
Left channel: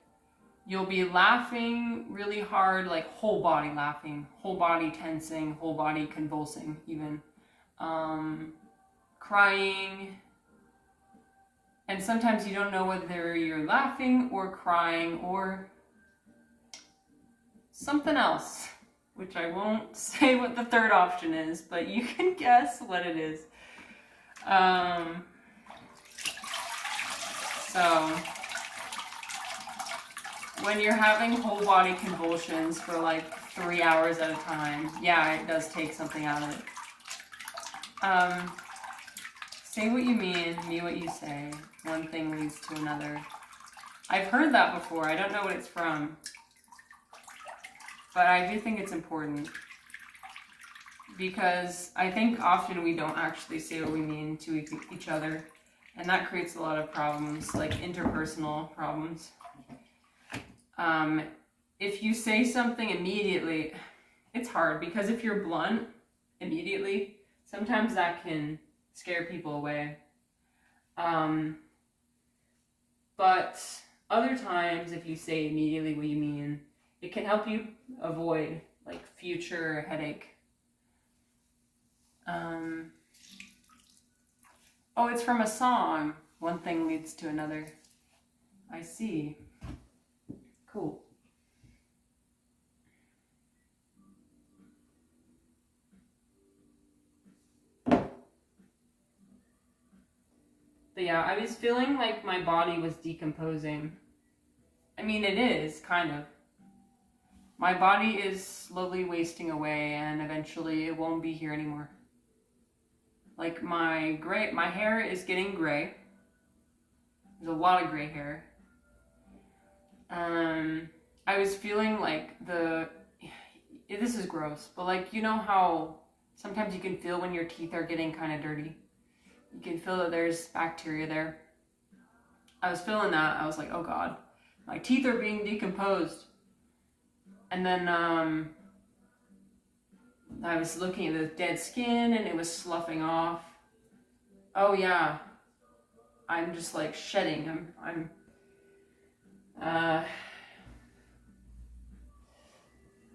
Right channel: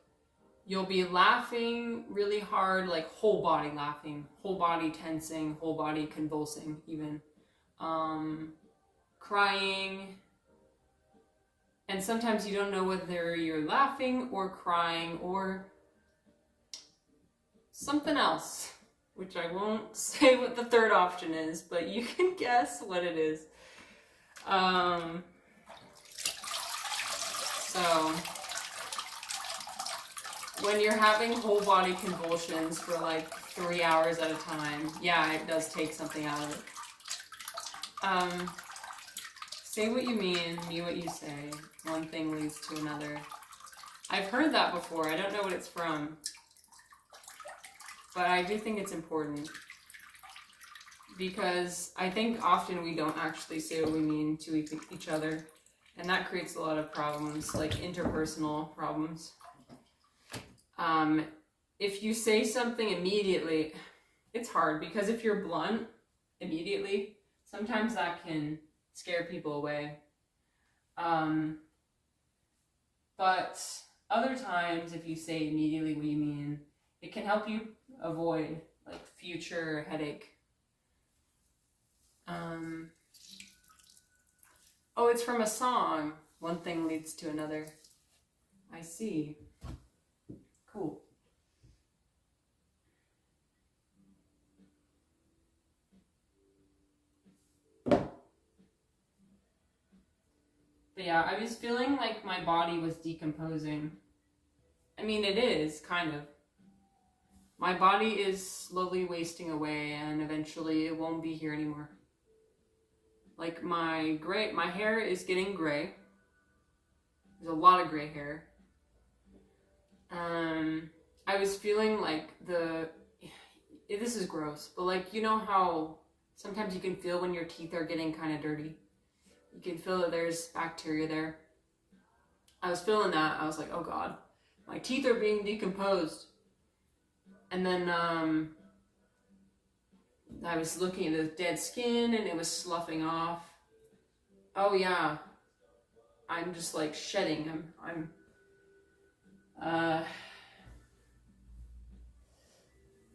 you'll be laughing really hard, like whole body laughing, whole body tensing, whole body convulsing even. Crying. And sometimes you don't know whether you're laughing or crying or something else, which I won't say what the third option is, but you can guess what it is. So when you're having whole body convulsions for like 3 hours at a time, yeah, it does take something out of it. Say what you mean what you say. One thing leads to another. I've heard that before. I don't know what it's from. But I do think it's important. Because I think often we don't actually say what we mean to each other. And that creates a lot of problems, like interpersonal problems. If you say something immediately, it's hard because if you're blunt immediately, sometimes that can scare people away. But other times, if you say immediately what you mean, it can help you avoid like future headache. Oh, it's from a song. One thing leads to another. I see. Cool. But yeah, I was feeling like my body was decomposing. I mean, it is, kind of. My body is slowly wasting away, and eventually it won't be here anymore. Like my hair is getting gray. There's a lot of gray hair. I was feeling like this is gross, but like, you know how sometimes you can feel when your teeth are getting kind of dirty? You can feel that there's bacteria there. I was feeling that. I was like, oh God, my teeth are being decomposed. And then I was looking at the dead skin and it was sloughing off. Oh yeah, I'm just like shedding. I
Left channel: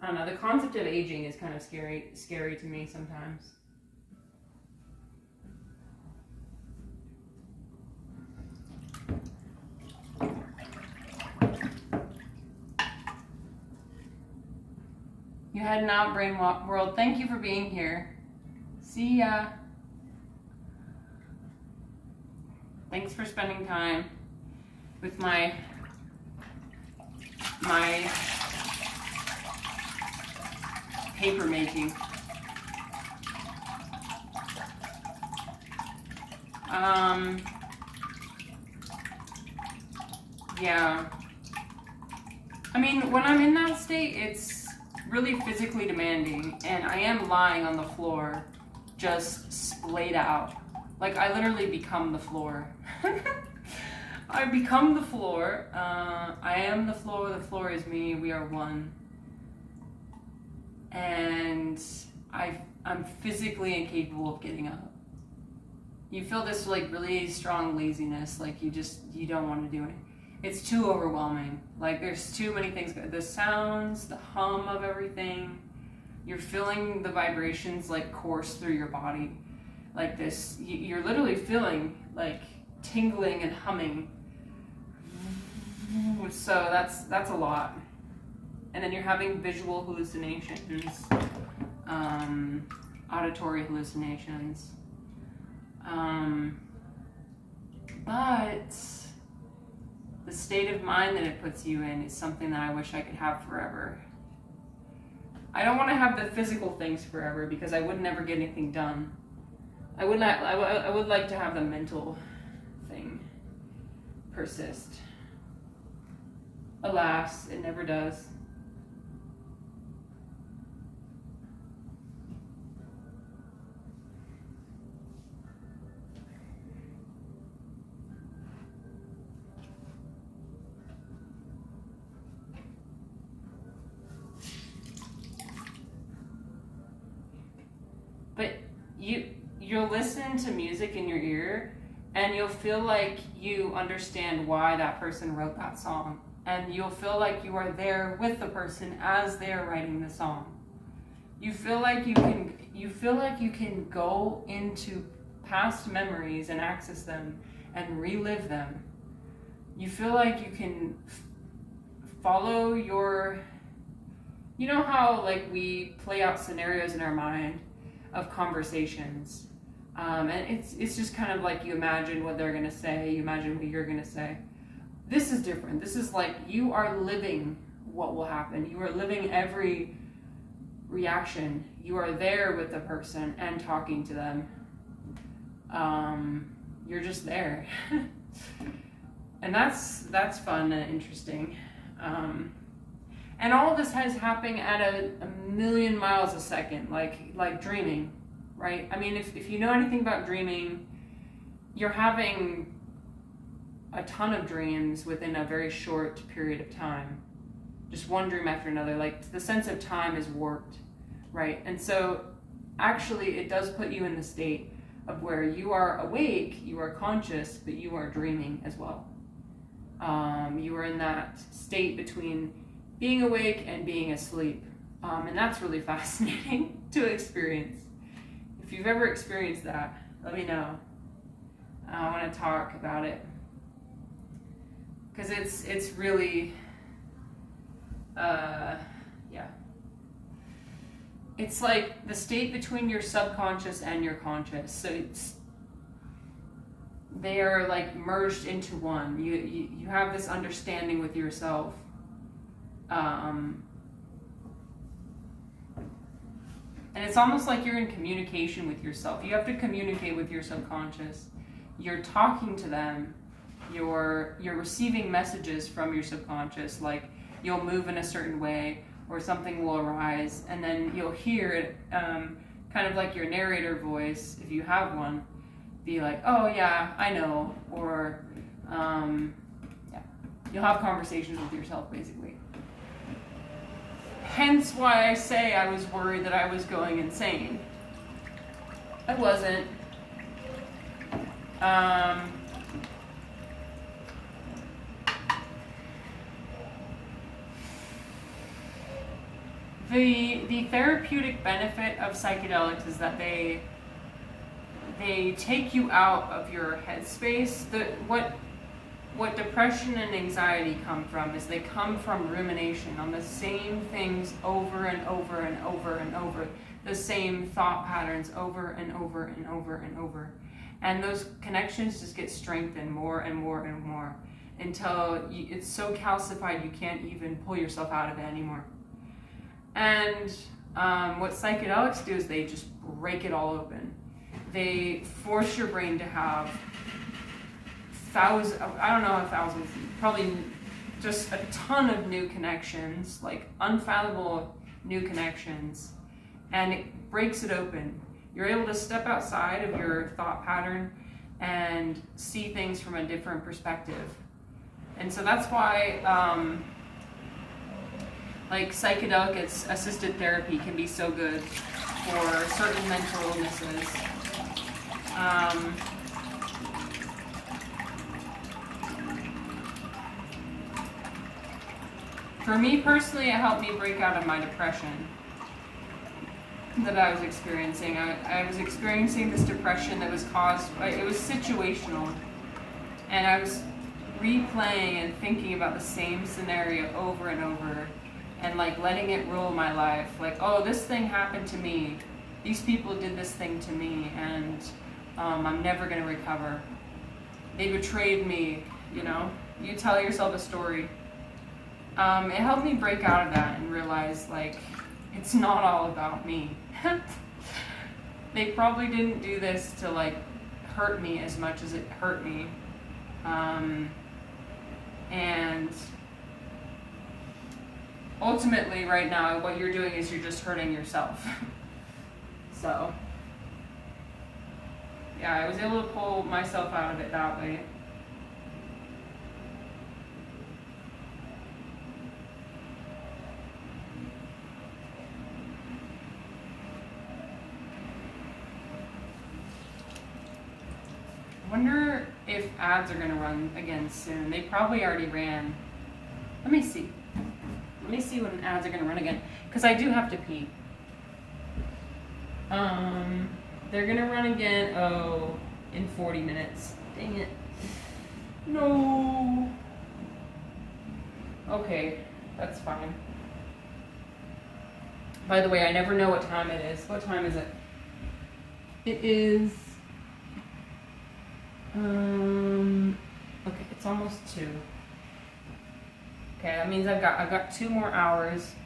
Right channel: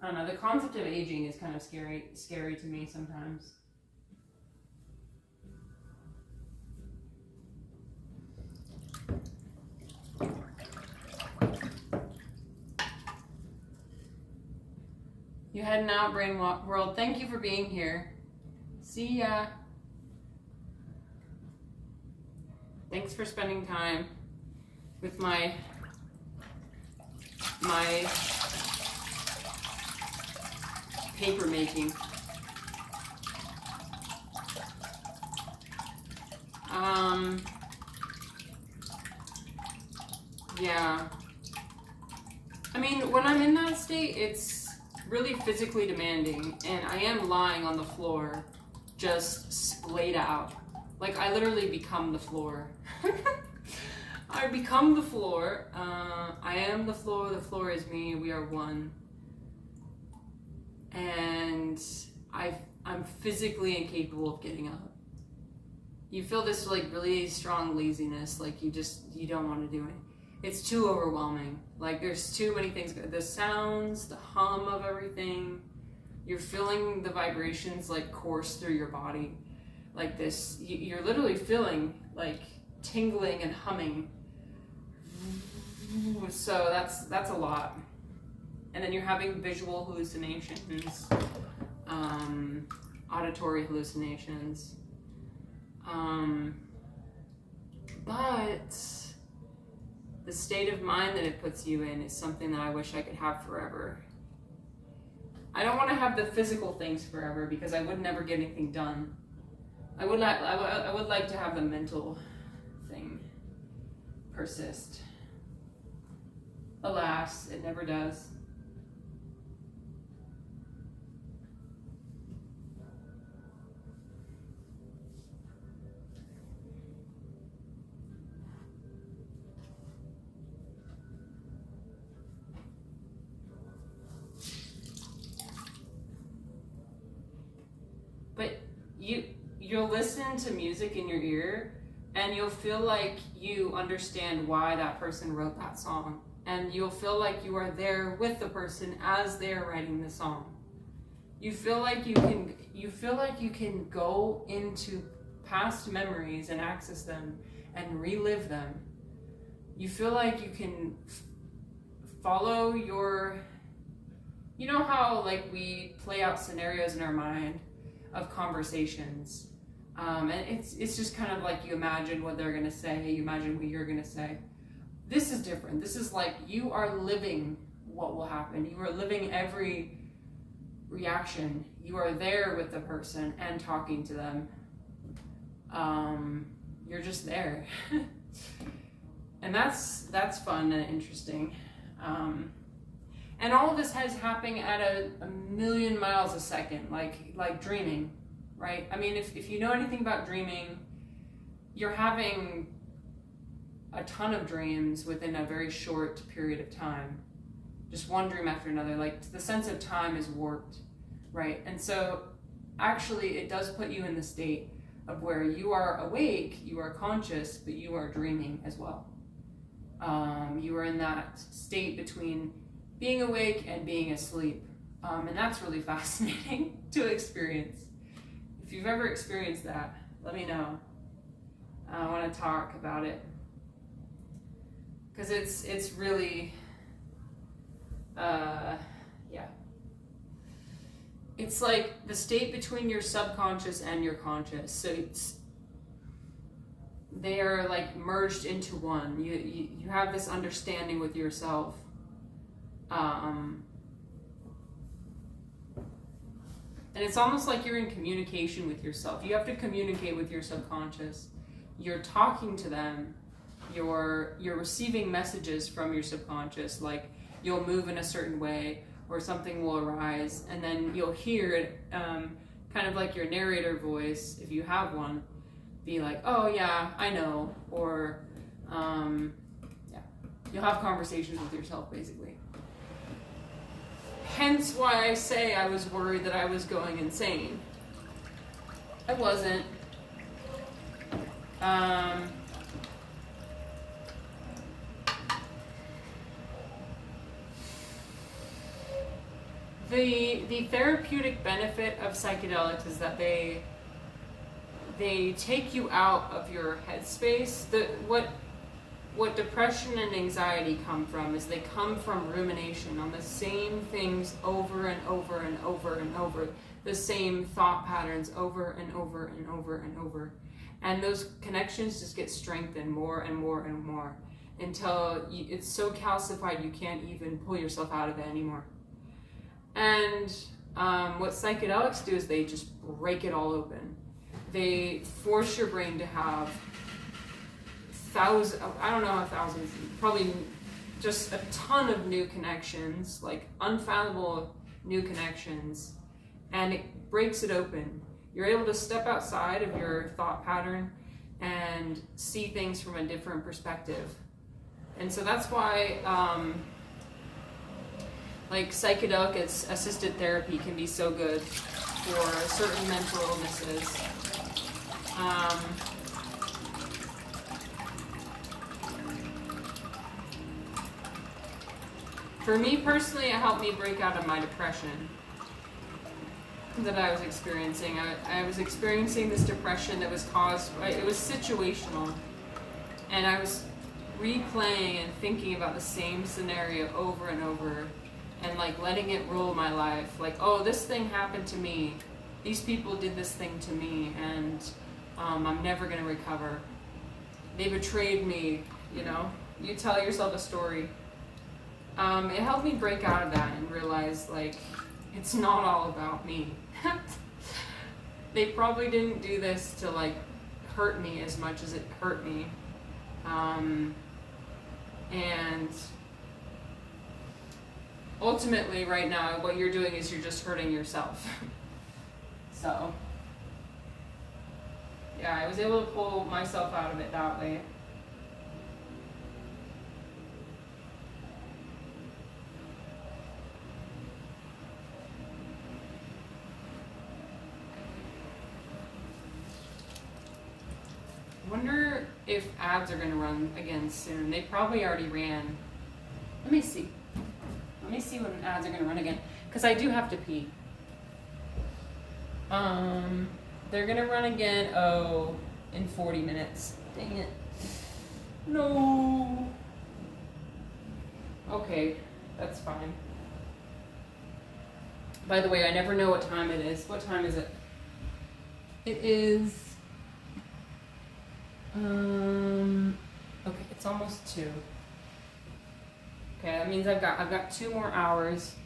don't know, the concept of aging is kind of scary to me sometimes. You heading out, Brain World. Thank you for being here. See ya. Thanks for spending time with my paper making. Yeah. I mean, when I'm in that state, it's really physically demanding, and I am lying on the floor, just splayed out. Like, I literally become the floor. I become the floor. I am the floor is me, we are one. And I'm physically incapable of getting up. You feel this like really strong laziness, like you don't want to do it. It's too overwhelming. Like there's too many things. The sounds, the hum of everything. You're feeling the vibrations like course through your body. Like this, you're literally feeling like tingling and humming. So that's a lot. And then you're having visual hallucinations, auditory hallucinations. But the state of mind that it puts you in is something that I wish I could have forever. I don't want to have the physical things forever because I would never get anything done. I would like to have the mental thing persist. Alas, it never does. But you'll listen to music in your ear and you'll feel like you understand why that person wrote that song. And you'll feel like you are there with the person as they're writing the song. You feel like you can go into past memories and access them and relive them. You feel like you can follow your, you know how like we play out scenarios in our mind of conversations, and it's just kind of like you imagine what they're gonna say, you imagine what you're gonna say. This is different. This is like you are living what will happen. You are living every reaction. You are there with the person and talking to them. You're just there. And that's fun and interesting. And all of this is happening at a million miles a second, like dreaming, right? I mean, if you know anything about dreaming, you're having a ton of dreams within a very short period of time. just one dream after another. Like the sense of time is warped, right? And so actually it does put you in the state of where you are awake, you are conscious, but you are dreaming as well. You are in that state between being awake and being asleep. And that's really fascinating to experience. If you've ever experienced that, let me know. I want to talk about it. Because it's really, yeah. It's like the state between your subconscious and your conscious. So they are like merged into one. You have this understanding with yourself. And it's almost like you're in communication with yourself. You have to communicate with your subconscious. You're talking to them. You're receiving messages from your subconscious, like you'll move in a certain way or something will arise, and then you'll hear it, kind of like your narrator voice, if you have one, be like, oh yeah, I know, or yeah, you'll have conversations with yourself basically. Hence why I say I was worried that I was going insane. I wasn't. The therapeutic benefit of psychedelics is that they take you out of your headspace. What depression and anxiety come from is they come from rumination on the same things over and over and over and over, the same thought patterns over and over and over and over. And those connections just get strengthened more and more and more until it's so calcified you can't even pull yourself out of it anymore. And what psychedelics do is they just break it all open. They force your brain to have thousands, probably just a ton of new connections, like unfathomable new connections, and it breaks it open. You're able to step outside of your thought pattern and see things from a different perspective. And so that's why like psychedelic assisted therapy can be so good for certain mental illnesses. For me personally, it helped me break out of my depression that I was experiencing. I was experiencing this depression that was caused by, it was situational, and I was replaying and thinking about the same scenario over and over, and like letting it rule my life. Like, oh, this thing happened to me. These people did this thing to me, and I'm never gonna recover. They betrayed me, you know? You tell yourself a story. It helped me break out of that and realize, like, it's not all about me. They probably didn't do this to, like, hurt me as much as it hurt me. And ultimately, right now, what you're doing is you're just hurting yourself. So, yeah, I was able to pull myself out of it that way. I wonder if ads are going to run again soon. They probably already ran. Let me see. Let me see when ads are going to run again. Because I do have to pee. They're going to run again, in 40 minutes. Dang it. No. Okay, that's fine. By the way, I never know what time it is. What time is it? It is... okay, it's almost 2. Okay, that means I've got 2 more hours.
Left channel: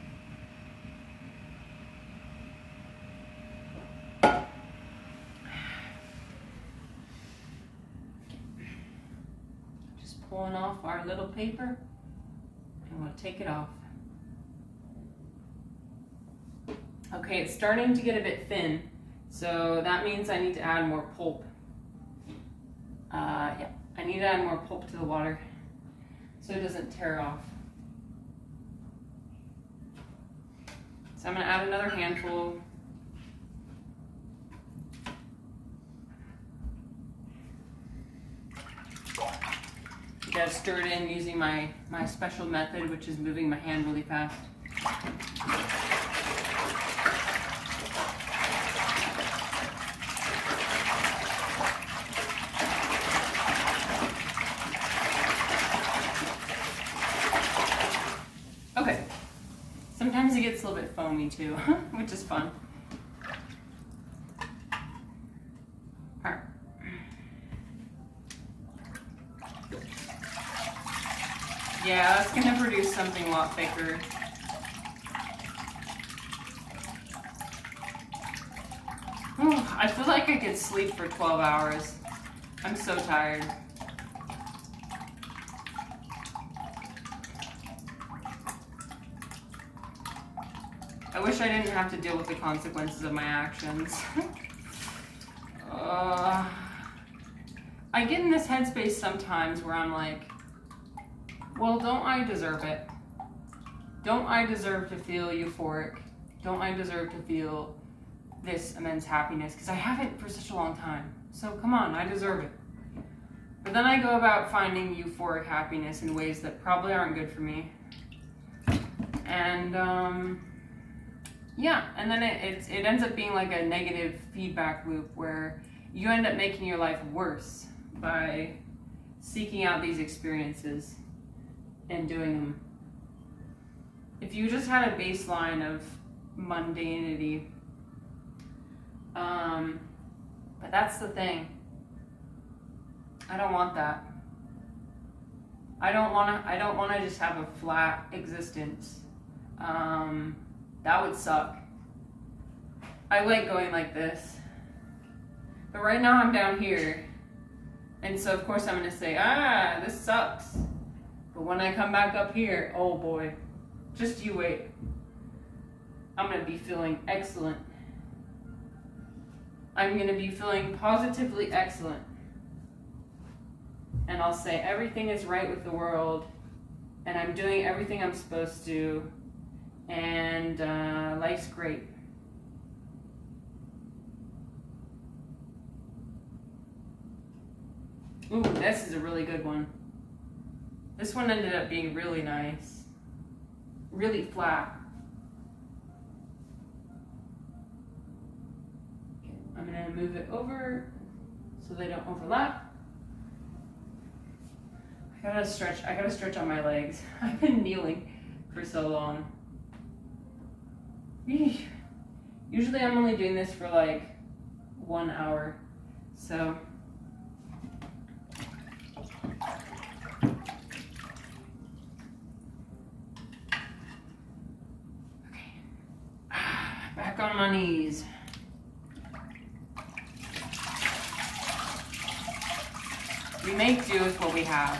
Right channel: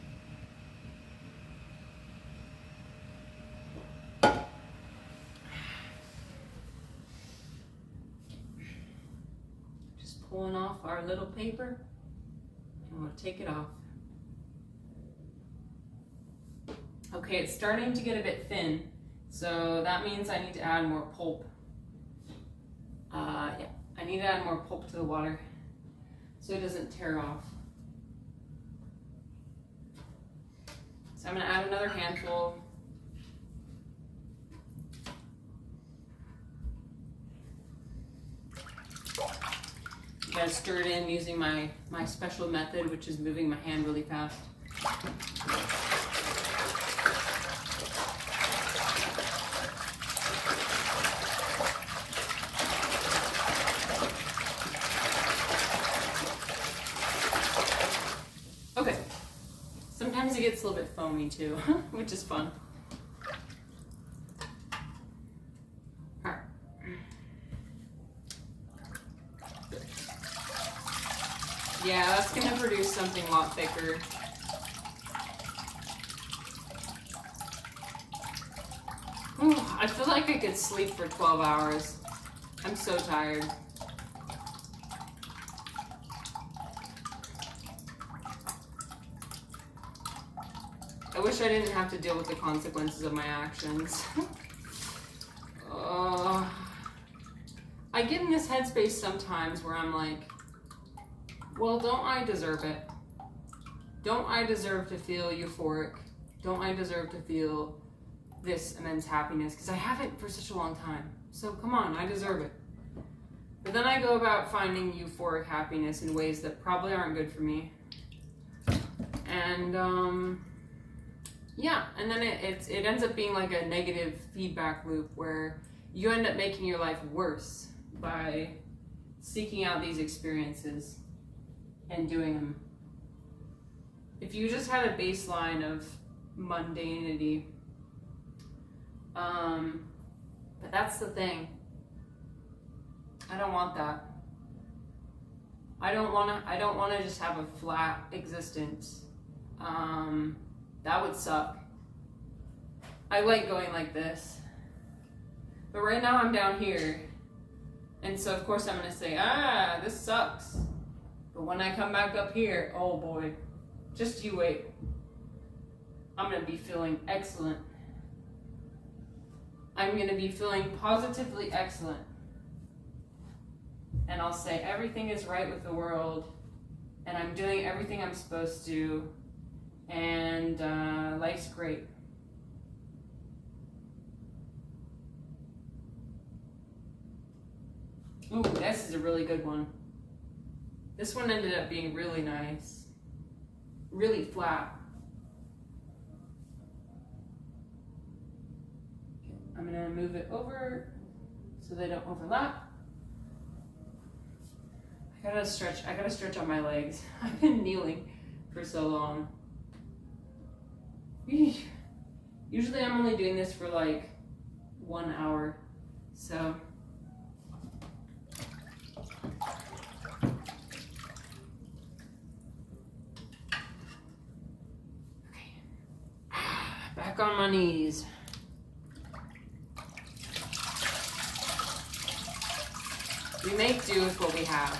Just pulling off our little paper, and we'll take it off. Okay, it's starting to get a bit thin, so that means I need to add more pulp. Yeah, I need to add more pulp to the water so it doesn't tear off. So I'm going to add another handful. You gotta stir it in using my special method, which is moving my hand really fast. Okay. Sometimes it gets a little bit foamy too, which is fun. Alright. Yeah, that's gonna produce something a lot thicker. Ooh, I feel like I could sleep for 12 hours. I'm so tired. I wish I didn't have to deal with the consequences of my actions. I get in this headspace sometimes where I'm like, well, don't I deserve it? Don't I deserve to feel euphoric? Don't I deserve to feel this immense happiness? Because I haven't for such a long time. So come on, I deserve it. But then I go about finding euphoric happiness in ways that probably aren't good for me. And yeah, and then it ends up being like a negative feedback loop where you end up making your life worse by seeking out these experiences and doing them. If you just had a baseline of mundanity, but that's the thing. I don't want that. I don't want to just have a flat existence. That would suck. I like going like this. But right now I'm down here. And so of course I'm going to say, this sucks. But when I come back up here, oh boy, just you wait. I'm going to be feeling excellent. I'm going to be feeling positively excellent. And I'll say everything is right with the world. And I'm doing everything I'm supposed to. And life's great. Ooh, this is a really good one. This one ended up being really nice. Really flat. Okay, I'm gonna move it over so they don't overlap. I gotta stretch on my legs. I've been kneeling for so long. Usually I'm only doing this for like 1 hour, so. Okay, back on my knees. We make do with what we have.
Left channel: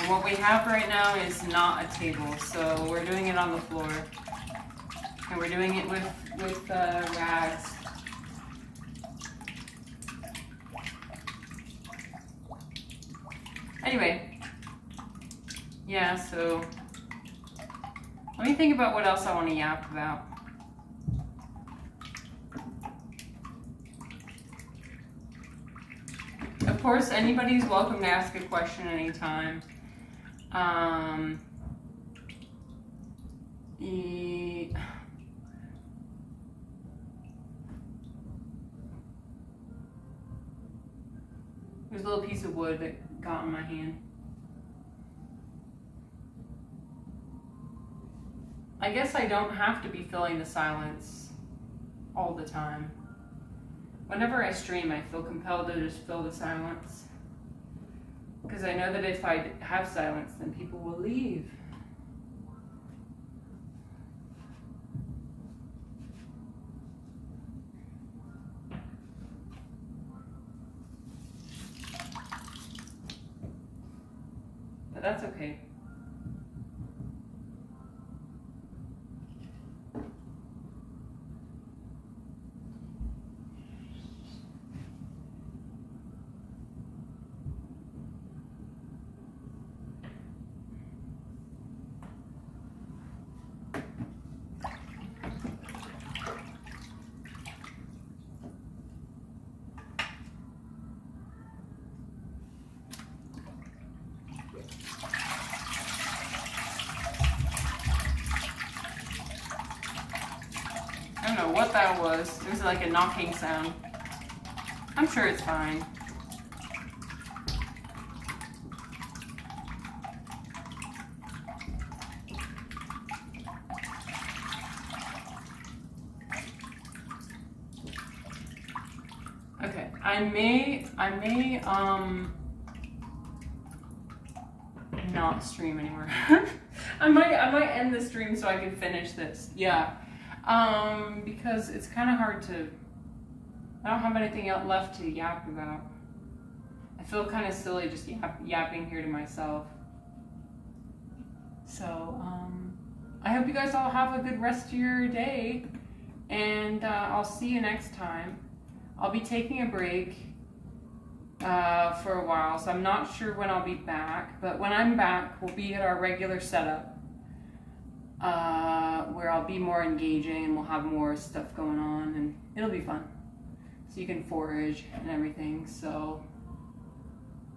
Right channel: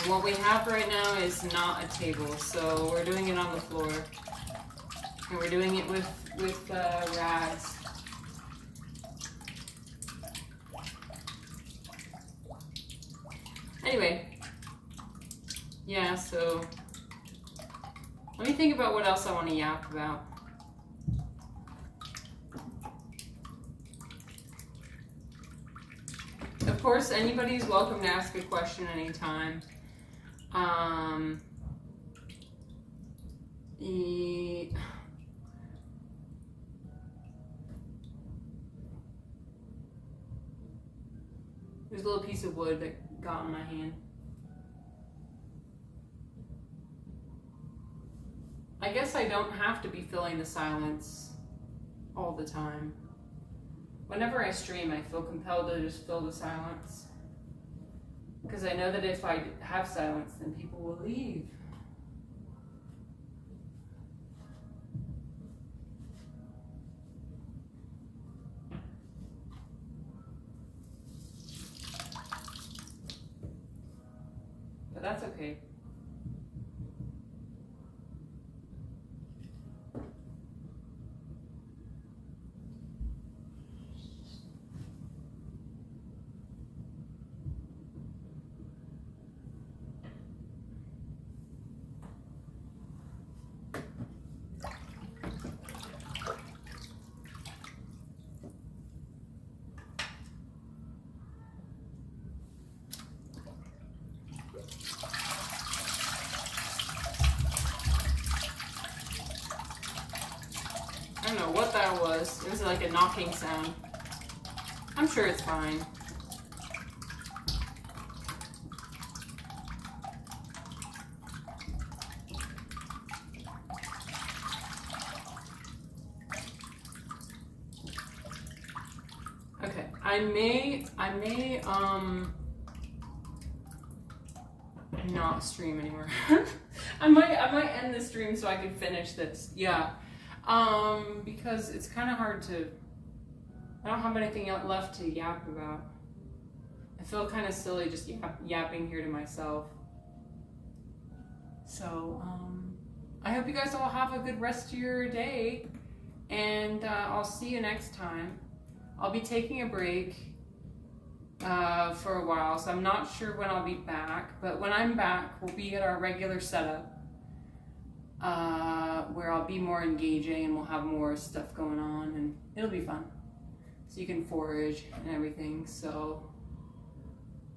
And what we have right now is not a table, so we're doing it on the floor. And we're doing it with rags. Anyway, yeah, so let me think about what else I want to yap about. Of course, anybody's welcome to ask a question anytime. There's a little piece of wood that got in my hand. I guess I don't have to be filling the silence all the time. Whenever I stream, I feel compelled to just fill the silence. Because I know that if I have silence, then people will leave. But that's okay. I don't know what that was. It was like a knocking sound. I'm sure it's fine. Okay, I may not stream anymore. I might end the stream so I can finish this. Yeah. Because it's kind of hard to, I don't have anything else left to yap about. I feel kind of silly just yapping here to myself. So, I hope you guys all have a good rest of your day, and I'll see you next time. I'll be taking a break for a while, so I'm not sure when I'll be back, but when I'm back, we'll be at our regular setup, where I'll be more engaging and we'll have more stuff going on, and it'll be fun. So you can forage and everything, so,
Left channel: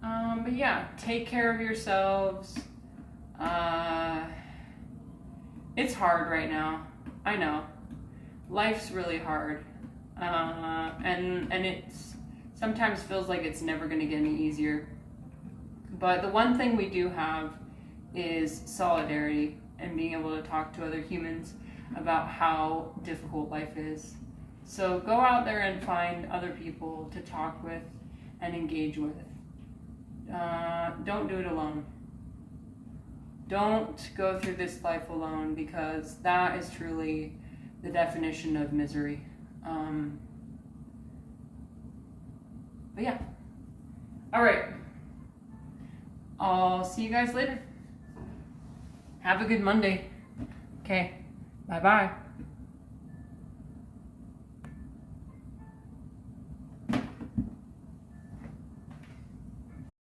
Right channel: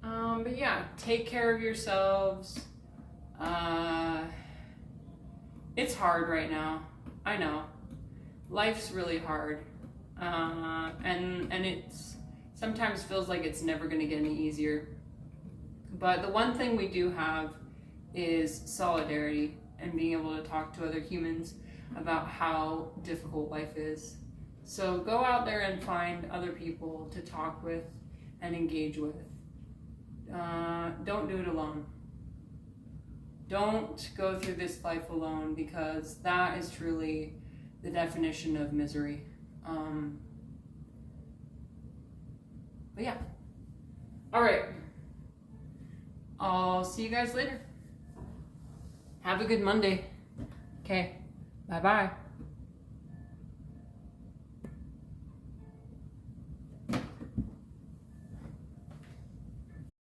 but yeah, take care of yourselves. It's hard right now, I know. Life's really hard, and it's sometimes feels like it's never going to get any easier. But the one thing we do have is solidarity and being able to talk to other humans about how difficult life is. So go out there and find other people to talk with and engage with. Don't do it alone. Don't go through this life alone, because that is truly the definition of misery. But yeah. All right. I'll see you guys later. Have a good Monday. Okay. Bye-bye.